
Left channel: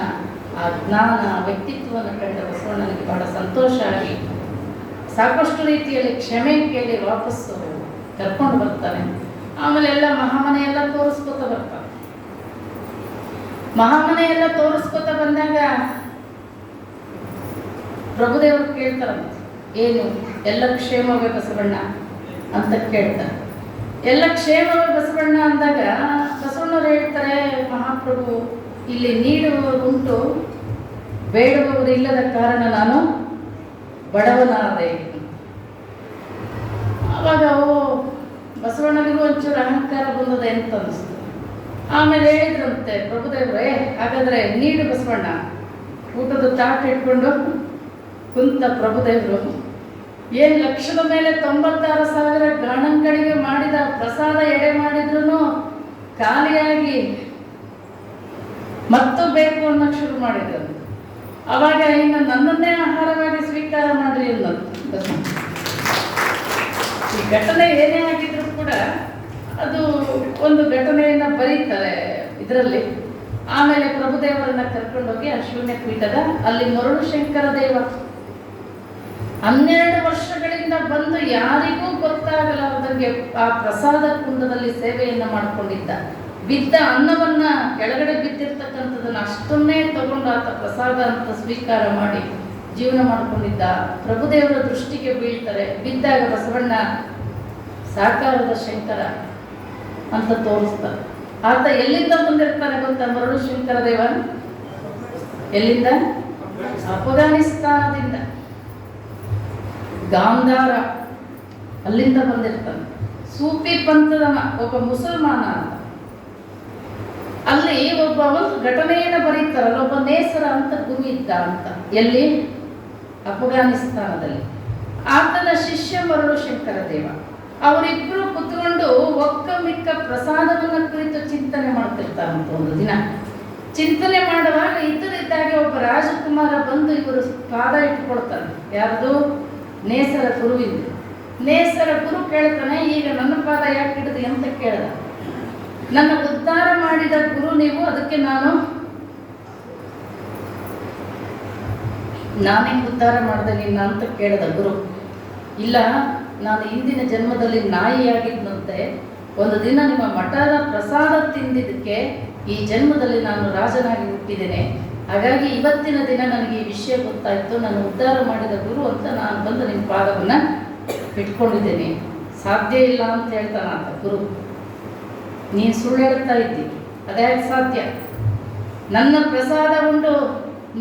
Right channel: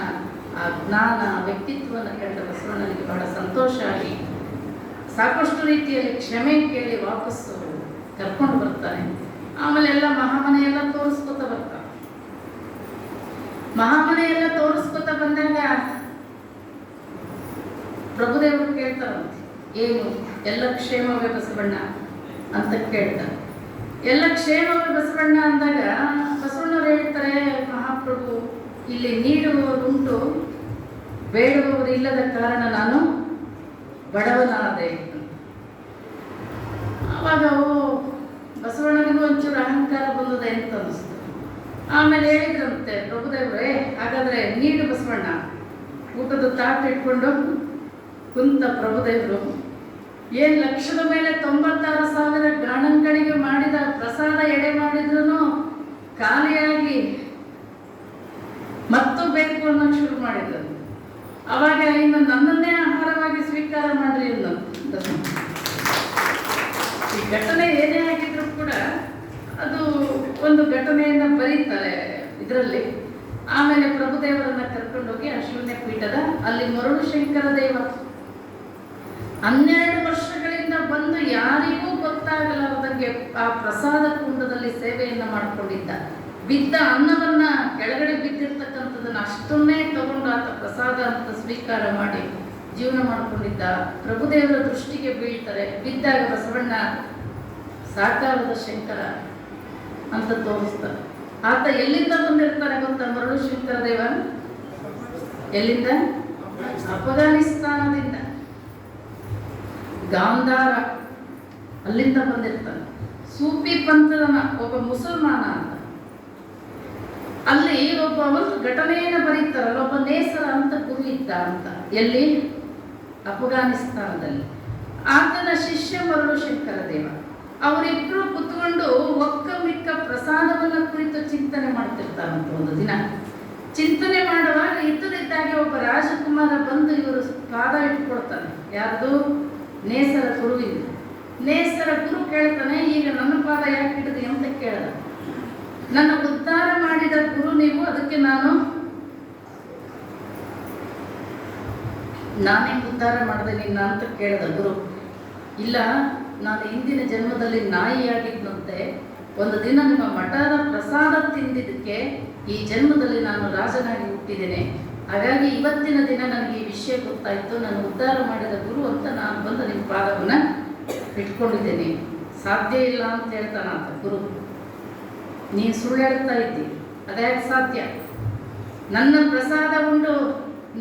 ಆ ಜ್ಞಾನ ವ್ಯಕ್ತಿತ್ವವನ್ನು ಕಂಡ ಬಸವಣ್ಣನಿಗೆ ಬಹಳ ಸಂತೋಷ ಆಗಿ ಸಾಕಷ್ಟು ರೀತಿಯಲ್ಲಿ ಕ್ಷಮೆ ಕೇಳಿ ವಾಪಸ್ಸು ಕರ್ಕೊಂಡು ಬರ್ತಾನೆ. ಆಮೇಲೆ ಎಲ್ಲ ಮಹಾಮನೆಯೆಲ್ಲ ತೋರಿಸ್ಕೊತ ಬರ್ತಾನೆ. ಮಹಾಮನೆಯೆಲ್ಲ ತೋರಿಸ್ಕೊತ ಬಂದಾಗ ಪ್ರಭುದೇವರು ಕೇಳ್ತಾರಂತೆ, ಏನು ಎಲ್ಲ ಕ್ಷೇಮವೇ ಬಸವಣ್ಣ ಅಂತ ಕೇಳ್ತಾರೆ. ಎಲ್ಲ ಕ್ಷೇಮವೇ ಬಸವಣ್ಣ ಅಂದಾಗ ಬಸವಣ್ಣವ್ರು ಹೇಳ್ತಾರೆ, ಮಹಾಪ್ರಭು ಇಲ್ಲಿ ನೀಡುವವರುಂಟು, ಬೇಡುವವರು ಇಲ್ಲದ ಕಾರಣ ನಾನು ಬಡವನಾದೆ. ಅವಾಗ ಬಸವಣ್ಣನಿಗೂ ಒಂಚೂರು ಅಹಂಕಾರ ಬಂದದೆ ಅಂತ ಅನಿಸ್ತು. ಆಮೇಲೆ ಹೇಳಿದ್ರಂತೆ ಪ್ರಭುದೇವ್ರೆ, ಹಾಗಾದ್ರೆ ನೀಡು ಬಸವಣ್ಣ. ಊಟದ ತಾಟ್ ಇಟ್ಕೊಂಡು ಕುಂತ ಪ್ರಭುದೇವರು ಏನು ಲಕ್ಷದ ಮೇಲೆ 96,000 ಗಣಗಳಿಗೆ ಮಾಡಿದ ಪ್ರಸಾದ ಎಡೆ ಮಾಡಿದ್ರು ಖಾಲಿಯಾಗಿ ಮತ್ತು ಬೇಕು ಅನ್ನೋಕೆ ಶುರು ಮಾಡಿದ್ರು. ಅವಾಗ ಇನ್ನು ನನ್ನನ್ನೇ ಆಹಾರವಾಗಿ ಸ್ವೀಕಾರ ಮಾಡ್ರಿ ಅನ್ನೋದು. ಈ ಘಟನೆ ಏನೇ ಆಗಿದ್ರು ಕೂಡ ಅದು ಒಂದು ಘಟನೆಯನ್ನ ಬರೀತಾರೆ ಇದರಲ್ಲಿ. ಆಮೇಲೆ ಪ್ರಭುದೇವರನ್ನ ಕರ್ಕೊಂಡೋಗಿ ಆ ಶೂನ್ಯ ಪೀಠದ ಅಲ್ಲಿ ಮರುಳು ಶಂಕರ ದೇವ 12 ವರ್ಷಗಳಿಂದ ಬಂದು ಯಾರಿಗೂ ಗೊತ್ತಾಗಲಾರದಂಗೆ ಆ ಪ್ರಸಾದ ಕುಂಡದಲ್ಲಿ ಸೇವೆಯನ್ನ ಮಾಡಿಕೊಂಡಿದ್ದ. ಬಿದ್ದ ಅನ್ನವನ್ನ ಕೆಳಗಡೆ ಬಿದ್ದಿರ್ತಕ್ಕಂಥದನ್ನ ಅಷ್ಟನ್ನೇ ತಗೊಂಡು ಆತ ಪ್ರಸಾದ ಅಂತ ಸ್ವೀಕಾರ ಮಾಡಿ ಜೀವನ ಮಾಡಿಕೊಂಡಿದ್ದ. ಪ್ರಭುದೇವರ ದೃಷ್ಟಿಗೆ ಬೀಳ್ತಾರೆ. ಬಿದ್ದಾಗ ಬಸವಣ್ಣ ಸಾಕಾರದ ಶಂಕರ ಅಂತ ತೋರಿಸ್ತಾರೆ. ಆತ ಎಲ್ಲಿಂದ ಬಂದಿರ್ತಾನೆ ಗೊತ್ತಾ? ಮರುಳು ಶಂಕರ ದೇವ ಎಲ್ಲಿಂದ? ಅಫ್ಘಾನಿಸ್ತಾನದಿಂದ, ಗಾಂಧಾರ ಅಲ್ಲಿಂದ ಬಂದಿರ್ತಾನೆ. ಸೂಫಿ ಪಂಥದ ಒಬ್ಬ ಮುಸಲ್ಮಾನ ಅಂತ. ಅಲ್ಲಿ ಒಂದು ಘಟನೆಯನ್ನು ಬರೀತಾರಲ್ಲ, ಒಬ್ಬ ನೇಸರ ಅಂತ ಗುರು ಇದ್ದ ಅಂತ. ಎಲ್ಲಿ? ಅಫ್ಘಾನಿಸ್ತಾನದಲ್ಲಿ. ಆತನ ಶಿಷ್ಯ ಮರುಳು ಶಂಕರ ದೇವ. ಅವರಿಬ್ಬರು ಕುತ್ಕೊಂಡು ಒಕ್ಕ ಮಿಕ್ಕ ಪ್ರಸಾದವನ್ನ ಕುರಿತು ಚಿಂತನೆ ಮಾಡ್ತಿರ್ತಾರಂತ. ಒಂದು ದಿನ ಚಿಂತನೆ ಮಾಡುವಾಗ ಇದ್ದದಿದ್ದಾಗೆ ಒಬ್ಬ ರಾಜಕುಮಾರ ಬಂದು ಇವರು ಪಾದ ಇಟ್ಕೊಳ್ತಾನೆ. ಯಾರ್ದು? ನೇಸರ ಗುರುವಿಂದ. ನೇಸರ ಗುರು ಕೇಳ್ತಾನೆ, ಈಗ ನನ್ನ ಪಾದ ಯಾಕೆ ಹಿಡಿದಿ ಅಂತ ಕೇಳ್ದ. ನನ್ನ ಉದ್ಧಾರ ಮಾಡಿದ ಗುರು ನೀವು, ಅದಕ್ಕೆ ನಾನೇ ಉದ್ಧಾರ ಮಾಡಿದೆ ನಿನ್ನ ಅಂತ ಕೇಳಿದ ಗುರು. ಇಲ್ಲ, ನಾನು ಇಂದಿನ ಜನ್ಮದಲ್ಲಿ ನಾಯಿಯಾಗಿದ್ದಂತೆ, ಒಂದು ದಿನ ನಿಮ್ಮ ಮಠದ ಪ್ರಸಾದ ತಿಂದಿದ್ದಕ್ಕೆ ಈ ಜನ್ಮದಲ್ಲಿ ನಾನು ರಾಜನಾಗಿ ಹುಟ್ಟಿದ್ದೇನೆ. ಹಾಗಾಗಿ ಇವತ್ತಿನ ದಿನ ನನಗೆ ಈ ವಿಷಯ ಗೊತ್ತಾಯಿತು, ನಾನು ಉದ್ಧಾರ ಮಾಡಿದ ಗುರು ಅಂತ ನಾನು ಬಂದು ನಿಮ್ಮ ಪಾದವನ್ನು ಇಟ್ಕೊಂಡಿದ್ದೇನೆ. ಸಾಧ್ಯ ಇಲ್ಲ ಅಂತ ಹೇಳ್ತಾನಂತ ಗುರು. ನೀನು ಸುಳ್ಳು ಹೇಳ್ತಾ ಇದ್ದಿ, ಅದ್ಯಾಕೆ ಸಾಧ್ಯ? ನನ್ನ ಪ್ರಸಾದ ಉಂಡು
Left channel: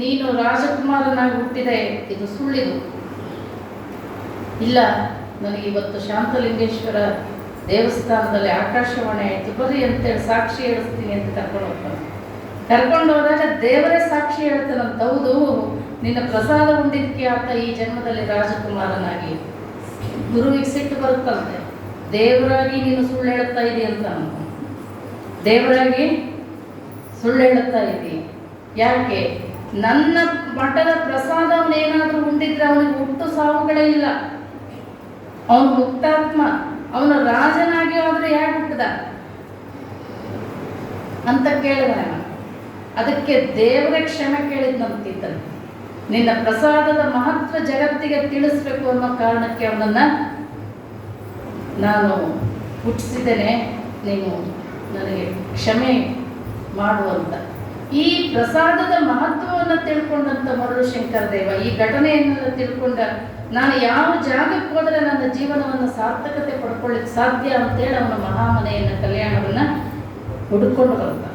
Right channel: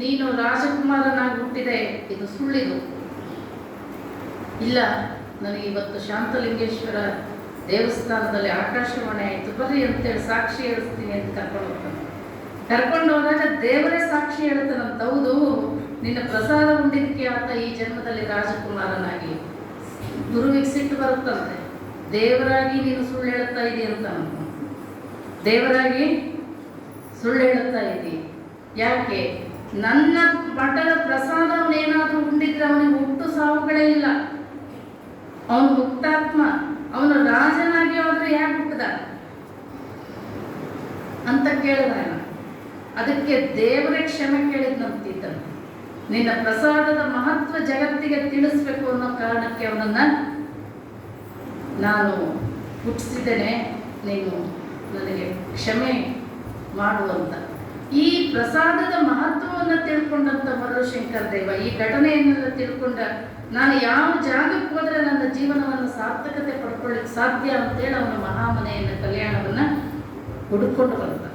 ನೀನು ರಾಜಕುಮಾರನಾಗಿ ಹುಟ್ಟಿದೆ, ಇದು ಸುಳ್ಳಿದು. ಇಲ್ಲ, ನನಗೆ ಇವತ್ತು ಶಾಂತಲಿಂಗೇಶ್ವರ ದೇವಸ್ಥಾನದಲ್ಲಿ ಆಕಾಶವಾಣಿ ಆಯಿತು, ಬರ್ರಿ ಅಂತೇಳಿ ಸಾಕ್ಷಿ ಹೇಳಿಸ್ತೀನಿ ಅಂತ ಕರ್ಕೊಂಡು ಹೋಗ್ತಾನೆ. ಕರ್ಕೊಂಡು ಹೋದಾಗ ದೇವರೇ ಸಾಕ್ಷಿ ಹೇಳ್ತಾನಂತ, ಹೌದು ನಿನ್ನ ಪ್ರಸಾದ ಉಂಡಿದ್ದಕ್ಕೆ ಆತ ಈ ಜನ್ಮದಲ್ಲಿ ರಾಜಕುಮಾರನಾಗಿ. ಗುರುವಿಗೆ ಸಿಟ್ಟು ಬರುತ್ತಂತೆ, ದೇವರಾಗಿ ನೀನು ಸುಳ್ಳು ಹೇಳುತ್ತಾ ಇದೀಯ ಅಂತ. ದೇವರಾಗಿ ಸುಳ್ಳು ಹೇಳುತ್ತಾ ಇದ್ದಿ. ಯಾಕೆ? ನನ್ನ ಮಠದ ಪ್ರಸಾದ ಅವನೇನಾದರೂ ಉಂಡಿದ್ರೆ ಅವನಿಗೆ ಹುಟ್ಟು ಸಾವುಗಳೇ ಇಲ್ಲ, ಅವನು ಮುಕ್ತಾತ್ಮ. ಅವನು ರಾಜನಾಗಿ ಆದ್ರೆ ಯಾಕೆ ಹುಟ್ಟದ ಅಂತ ಕೇಳಿದ. ಅದಕ್ಕೆ ದೇವರ ಕ್ಷಮೆ ಕೇಳಿದ್ನಂತಿದ್ದನು. ನಿನ್ನ ಪ್ರಸಾದದ ಮಹತ್ವ ಜಗತ್ತಿಗೆ ತಿಳಿಸ್ಬೇಕು ಅನ್ನೋ ಕಾರಣಕ್ಕೆ ಅವನನ್ನ ನಾನು ಹುಟ್ಟಿಸಿದ್ದೇನೆ, ನೀನು ನನಗೆ ಕ್ಷಮೆ ಮಾಡುವಂತ. ಈ ಪ್ರಸಾದದ ಮಹತ್ವವನ್ನು ತಿಳ್ಕೊಂಡಂತ ಮರುಳು ಶಂಕರ ದೇವ ಈ ಘಟನೆಯನ್ನೆಲ್ಲ ತಿಳ್ಕೊಂಡ, ನಾನು ಯಾವ ಜಾಗಕ್ಕೆ ಹೋದರೆ ನನ್ನ ಜೀವನವನ್ನು ಸಾರ್ಥಕತೆ ಪಡ್ಕೊಳ್ಳಿಕ್ಕೆ ಸಾಧ್ಯ ಅಂತೇಳಿ ಅವನ ಮಹಾಮನೆಯನ್ನು ಕಲ್ಯಾಣವನ್ನು ಹುಡುಕೊಂಡು ಬರ್ತ.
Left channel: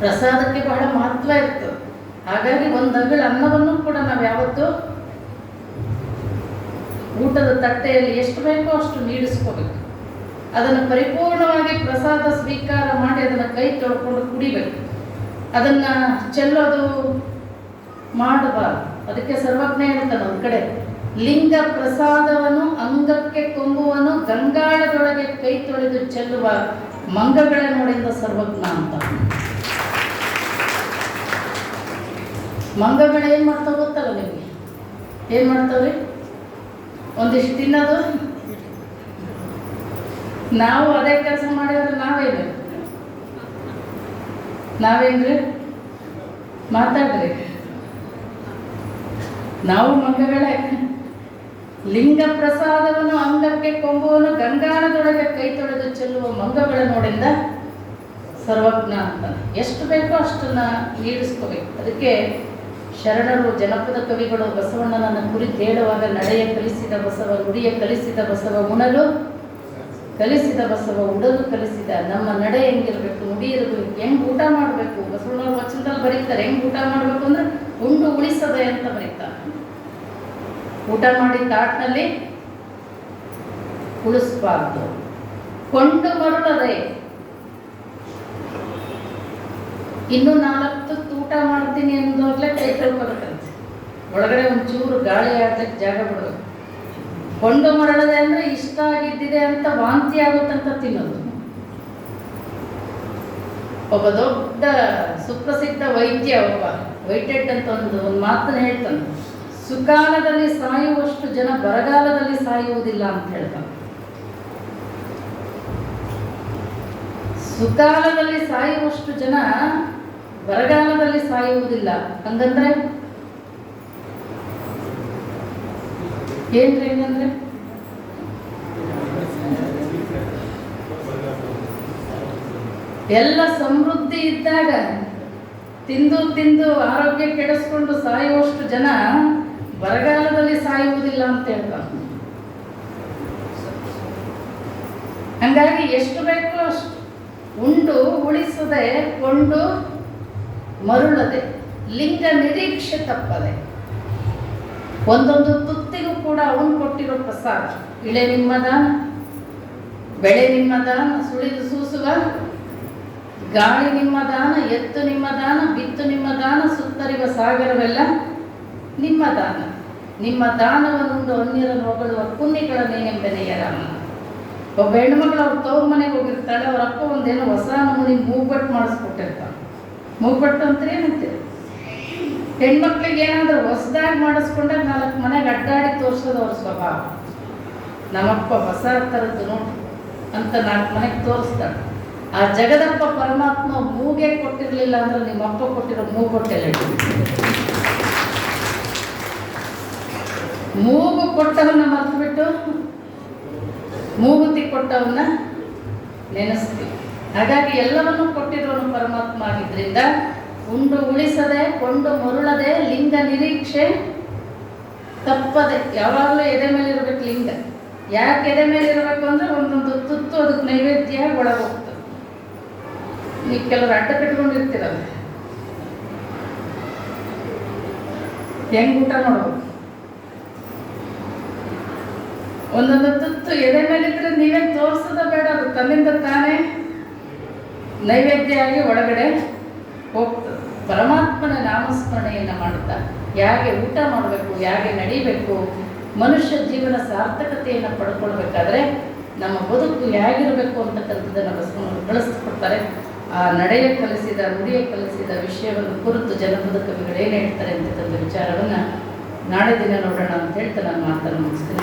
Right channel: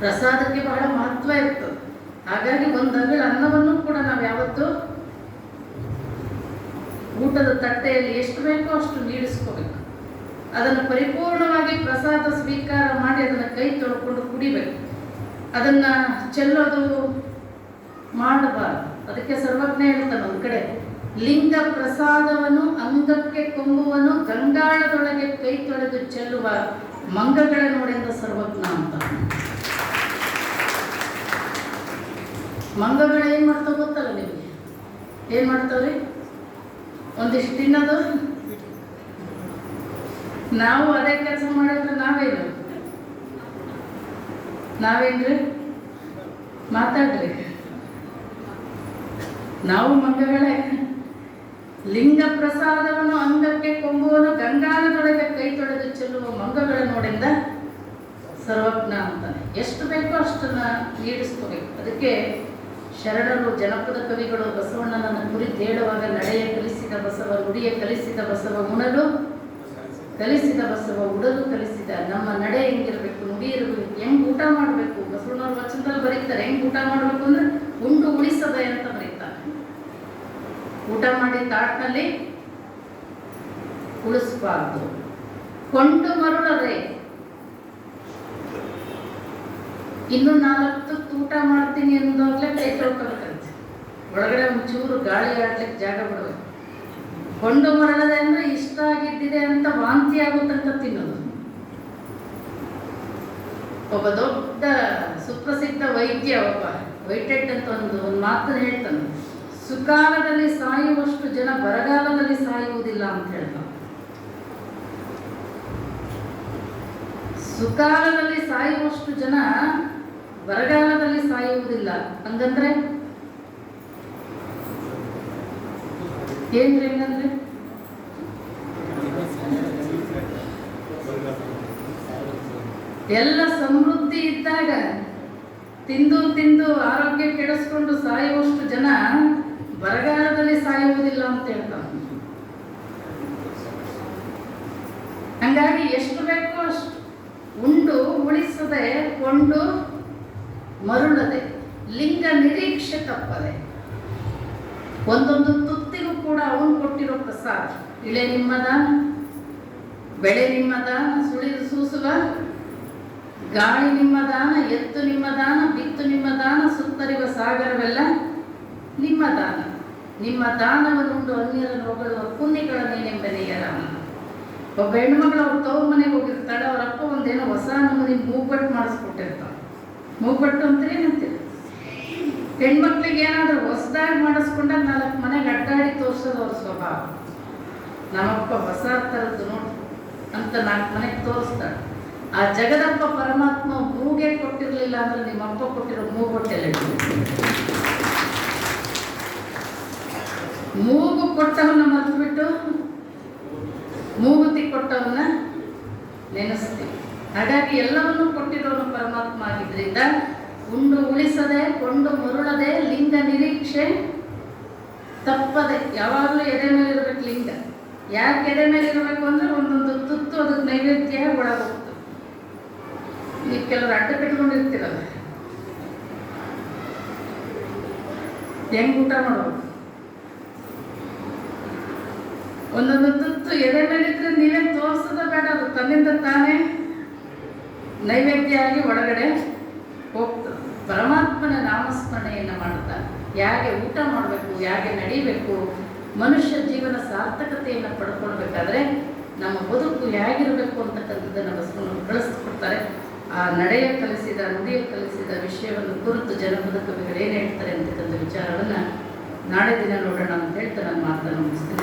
ಪ್ರಸಾದಕ್ಕೆ ಬಹಳ ಮಹತ್ವ ಇರ್ತದೆ. ಹಾಗಾಗಿ ಒಂದು ಅಂಗಳ ಅನ್ನವನ್ನು ಕೂಡ ನಾವು ಯಾವತ್ತೂ ಊಟದ ತಟ್ಟೆಯಲ್ಲಿ ಎಷ್ಟು ಬೇಕೋ ಅಷ್ಟು ನೀಡಿಸ್ಕೋಬೇಕು. ಅದನ್ನು ಪರಿಪೂರ್ಣವಾಗಿ ಪ್ರಸಾದ ಸ್ವೀಕಾರ ಮಾಡಿ ಅದನ್ನು ಕೈ ತೊಳ್ಕೊಂಡು ಕುಡಿಬೇಕು. ಅದನ್ನು ಚೆಲ್ಲೋದು ಮಾಡಬಾರ್ದು. ಅದಕ್ಕೆ ಸರ್ವಜ್ಞ ಹೇಳ್ತಾನೆ ಒಂದು ಕಡೆ, ಲಿಂಗ ಪ್ರಸಾದವನ್ನು ಅಂಗಕ್ಕೆ ಕೊಂಬುವನು ಗಂಗಾಳದೊಳಗೆ ಕೈ ತೊಳೆದು ಚೆಲ್ಲುವ ಮಂಗಗಳ ನೋಡಿದ ಸರ್ವಜ್ಞ ಅಂತ. ಮಂಗಗಳು ಏನು ಮಾಡ್ತಾವೆ ಗೊತ್ತಲ್ಲ ನಿಮಗೆ? ಏನು ಮಾಡ್ತಾವ್ರಿ? ಒಂದಿಷ್ಟು ತಿನ್ನೋದು. ನಾವು ಅದೇ ಕೆಲಸ ಮಾಡಿದ್ರೆ ನಾವೇನ್ರಿ ಮಾತಾಡ್ರಿ. ನಾವು ಮಂಗಗಳೇ. ಲಿಂಗ ಪ್ರಸಾದವನ್ನು ಅಂಗಕ್ಕೆ ಕೊಂಬುವನು ಗಂಗಾಳದೊಳಗೆ ಕೈ ತೊಳೆದು ಚೆಲ್ಲುವ ಮಂಗಗಳ ನೋಡಿಂದ ಸರ್ವಜ್ಞ ಅಂತ. ಎಷ್ಟು ಬೇಕೋ ಅಷ್ಟನ್ನು ನೀಡಿಸ್ಕೋಬೇಕು. ಅದಕ್ಕೆ ಶರಣರು, ಜನಪದ ಕವಿಗಳು ಬಸವಣ್ಣನನ್ನು ಕುರಿತು ಹೇಳುವಾಗ, ನಡೆಯ ಕಲಿಸಿದ ಬಸವ, ನುಡಿಯ ಕಲಿಸಿದ ಬಸವ, ಉಣಲು ಕಲಿಸಿದ ಬಸವ, ಉಡಲು ಕಲಿಸಿದ. ನಮ್ಮ ನಡೆ ಹೆಂಗಿರ್ಬೇಕು, ನುಡಿ ಇರಬೇಕು, ಹೆಂಗೆ ಊಟ ಮಾಡಬೇಕು. ಬಸವಣ್ಣವ್ರ ವಚನದಲ್ಲಿ ಬರೀತಾರೆ, ಹೆಂಗೆ ಊಟ ಮಾಡಬೇಕು ಅಂದರೆ ಉಂಡು ಉಳಿಸದೆ ಅಂತ ಬರೀತಾರೆ. ಊಟ ಮಾಡಿ ತಾಟ್ನಲ್ಲಿ ಉಳಿಸ್ಬಾರ್ದು. ಕೊಂಡು ಮರುಳದೆ ಇನ್ನು 4 ಊಟ ಮಾಡ್ತೀನಿ ಅಂದಾಗಲೇ ಕೈ ತೊಳ್ಕೊಬೇಕಂತೆ. ಒಳಗಡೆ ಒಂಚೂರು ಗಾಳಿ ಆಡ್ಲಿಕ್ಕೆ ಜಾಗ ಬಿಡಬೇಕು. ಕೊಂಡು ಮರಳದೆ ಅಂದರೆ ಇಷ್ಟ ಆಗಿದ್ದಿದೆ ಅಂತ ವಾಂತಿ ಆಗುತ್ತಂತ ತಿನ್ನೋದು. ಒಬ್ಬ ದೊಡ್ಡ ಸುಪ್ರಸಿದ್ಧ ವೈದ್ಯ, ಒಬ್ಬ ವೈಟೆಡ್ ಅಂತ ಒಂದು ಮಾತನ್ನು ಹೇಳ್ತಾನೆ, ಸುಕಾಲದಲ್ಲಿ ಸಾಯುವಷ್ಟು ಜನ ಬರಗಾಲದಲ್ಲಿ ಸಾಯುವುದಿಲ್ಲ ಅಂತ ಹೇಳ್ತಾನೆ. ಸುಕಾಲದಲ್ಲಿ ಸಾಯುವಷ್ಟು ಜನ ಬರಗಾಲದಲ್ಲಿ ಸಾಯುವುದಿಲ್ಲ. ಹಂಗಂದ್ರೆ ಏನ್ರಿ? ಹೆಂಗಂದ್ರೆ ಎಲ್ಲ ಸಮೃದ್ಧಿ ಇದ್ದಾಗ ತಿಂದು ತಿಂದು ಆರೋಗ್ಯ ಕೆಡಿಸ್ಕೊಂಡು ಸಾಯುವಷ್ಟು ಜನ ಬರಗಾಲದಲ್ಲಿ ಸಾಯುವುದಿಲ್ಲ ಅಂತ ಹೇಳ್ತಾರೆ. ಹಂಗಾಗಿ ಎಷ್ಟು ಬೇಕೋ ಅಷ್ಟು ಉಂಡು ಉಳಿಸದೆ, ಕೊಂಡು ಮರುಳದೆ, ಲಿಂಗ ನಿರೀಕ್ಷೆ ತಪ್ಪದೆ. ಒಂದೊಂದು ತುತ್ತಿಗೂ ಕೂಡ ಅವನು ಕೊಟ್ಟಿರೋ ಪ್ರಸಾದ. ಇಳೆ ನಿಮ್ಮ ದಾನ, ಬೆಳೆ ನಿಮ್ಮ ದಾನ, ಸುಳಿದು ಸೂಸುವ ಗಾಳಿ ನಿಮ್ಮ ದಾನ, ಎತ್ತು ನಿಮ್ಮ ದಾನ, ಬಿತ್ತು ನಿಮ್ಮ ದಾನ, ಸುತ್ತರಿವ ಸಾಗರವೆಲ್ಲ ನಿಮ್ಮ ದಾನ. ನಿಮ್ಮ ದಾನವನ್ನುಂಡು ಅನ್ಯರನ್ನು ಹೊಗಳುವ ಪುಣ್ಯಗಳನ್ನೇನೆಂಬನೆಯ ರಾಮ. ಒಬ್ಬ ಹೆಣ್ಮಗಳು ಅವ್ರ ತವ್ರ ಮನೆಗೆ ಹೋಗಿರ್ತಾಳೆ. ಅವ್ರ ಅಪ್ಪ ಒಂದೇನೋ ಹೊಸ ನಮೂನಿ ಮೂಗ್ಬಟ್ಟು ಮಾಡಿಸ್ಕೊಟ್ಟಿರ್ತಾಳೆ. ಮೂಗ್ಬಟ್ಟು ಅಂತ ಏನಂತೀರಿ? ಹೆಣ್ಮಕ್ಳಿಗೆ ಏನಾದರೂ ಹೊಸದಾಗಿ ಮಾಡಿಸ್ಕೊಂಡಾಗ 4 ಮನೆಗೆ ಅಡ್ಡಾಡಿ ತೋರಿಸೋದು ಅವ್ರ ಸ್ವಭಾವ. ನಮ್ಮಪ್ಪ ಹೊಸ ಥರದ್ದು ನೋಡು ಅಂತ 4 ಮನೆಗೆ ತೋರಿಸ್ತಾಳೆ. ಆ ಜಗದಪ್ಪ ಪರಮಾತ್ಮ ಮೂಗೆ ಕೊಟ್ಟಿರಲಿಲ್ಲ ಅಂದ್ರೆ ನಿಮ್ಮಪ್ಪ ಕೊಟ್ಟಿರೋ ಮೂಗೊಟ್ಟೆಲ್ಲ ಮೂಗು ಕೊಟ್ಟವನ್ನ ಮರೆತುಬಿಟ್ಟು ಮೂಗುತಿ ಕೊಟ್ಟವನ್ನ ನೆನೆಸ್ತೀವಿ. ಹಾಗಾಗಿ ಎಲ್ಲವನ್ನೂ ಕೊಟ್ಟಿರೋನು ಪರಮಾತ್ಮ ಆಗಿದ್ದರಿಂದ ಉಂಡು ಉಳಿಸದೆ, ಕೊಂಡು ಮರುಳದೆ, ಲಿಂಗ ನಿರೀಕ್ಷೆ ತಪ್ಪದೆ. ಯಾವಾಗಲೂ ಎದೆ ಮೇಲೆ ಇರಬೇಕು ಲಿಂಗ. ಯಾಕೆ ಎದೆ ಮೇಲೆ ಇರಬೇಕು ಅಂದರೆ ಒಂದೊಂದು ತುತ್ತು ಅದಕ್ಕೆ ನೈವೇದ್ಯ ಒಳಗೋಗ್ತದೆ. ನೀವು ಕೆಲವರು ಅಡ್ಡ ಕಟ್ಕೊಂಡಿರ್ತೀರಲ್ಲ, ಹೆಂಗೆ ಊಟ ಮಾಡ್ಬೇಕು? ಒಂದೊಂದು ತುತ್ತು ಎದೆ ಮೇಲಿದ್ರೆ ನೀವೇ ತೋರಿಸೋದ ಬೇಡ, ಅದು ತನ್ನಿಂದ ತಾನೇ ನೈವೇದ್ಯ ಆಗಿ ಒಳಗಡೆ ಹೋಗ್ತದೆ. ಪರಮಾತ್ಮನ ನಾಮಸ್ಮರಣೆಯನ್ನು ಮಾಡುತ್ತಾ ಹೇಗೆ ಊಟ ಮಾಡಬೇಕು, ಹೇಗೆ ನಡಿಬೇಕು, ಮನುಷ್ಯ ಜೀವನ ಸಾರ್ಥಕತೆಯನ್ನು ಪಡ್ಕೊಳ್ಬೇಕಾದ್ರೆ ನಮ್ಮ ಬದುಕು ಹೇಗಿರಬೇಕು ಅಂತಕ್ಕಂಥದ್ದನ್ನು ಬಸವಣ್ಣವರು ಕಳಿಸ್ಕೊಡ್ತಾರೆ. ಆ ನಡೆಯ ಕಲಿಸಿದ, ನುಡಿಯ ಕಲಿಸಿದ ವಿಷಯವನ್ನು ಕುರಿತು ಜನಪದ ಕವಿಗಳು ಏನು ಹೇಳ್ತಾರೆ ಅಂತಕ್ಕಂಥ ವಿಚಾರವನ್ನು ನಾಳೆ ದಿನ ನೋಡೋಣ ಅಂತ ಹೇಳ್ತಾ ನಾನು ಮಾತನ್ನು ಮುಗಿಸ್ತೀನಿ.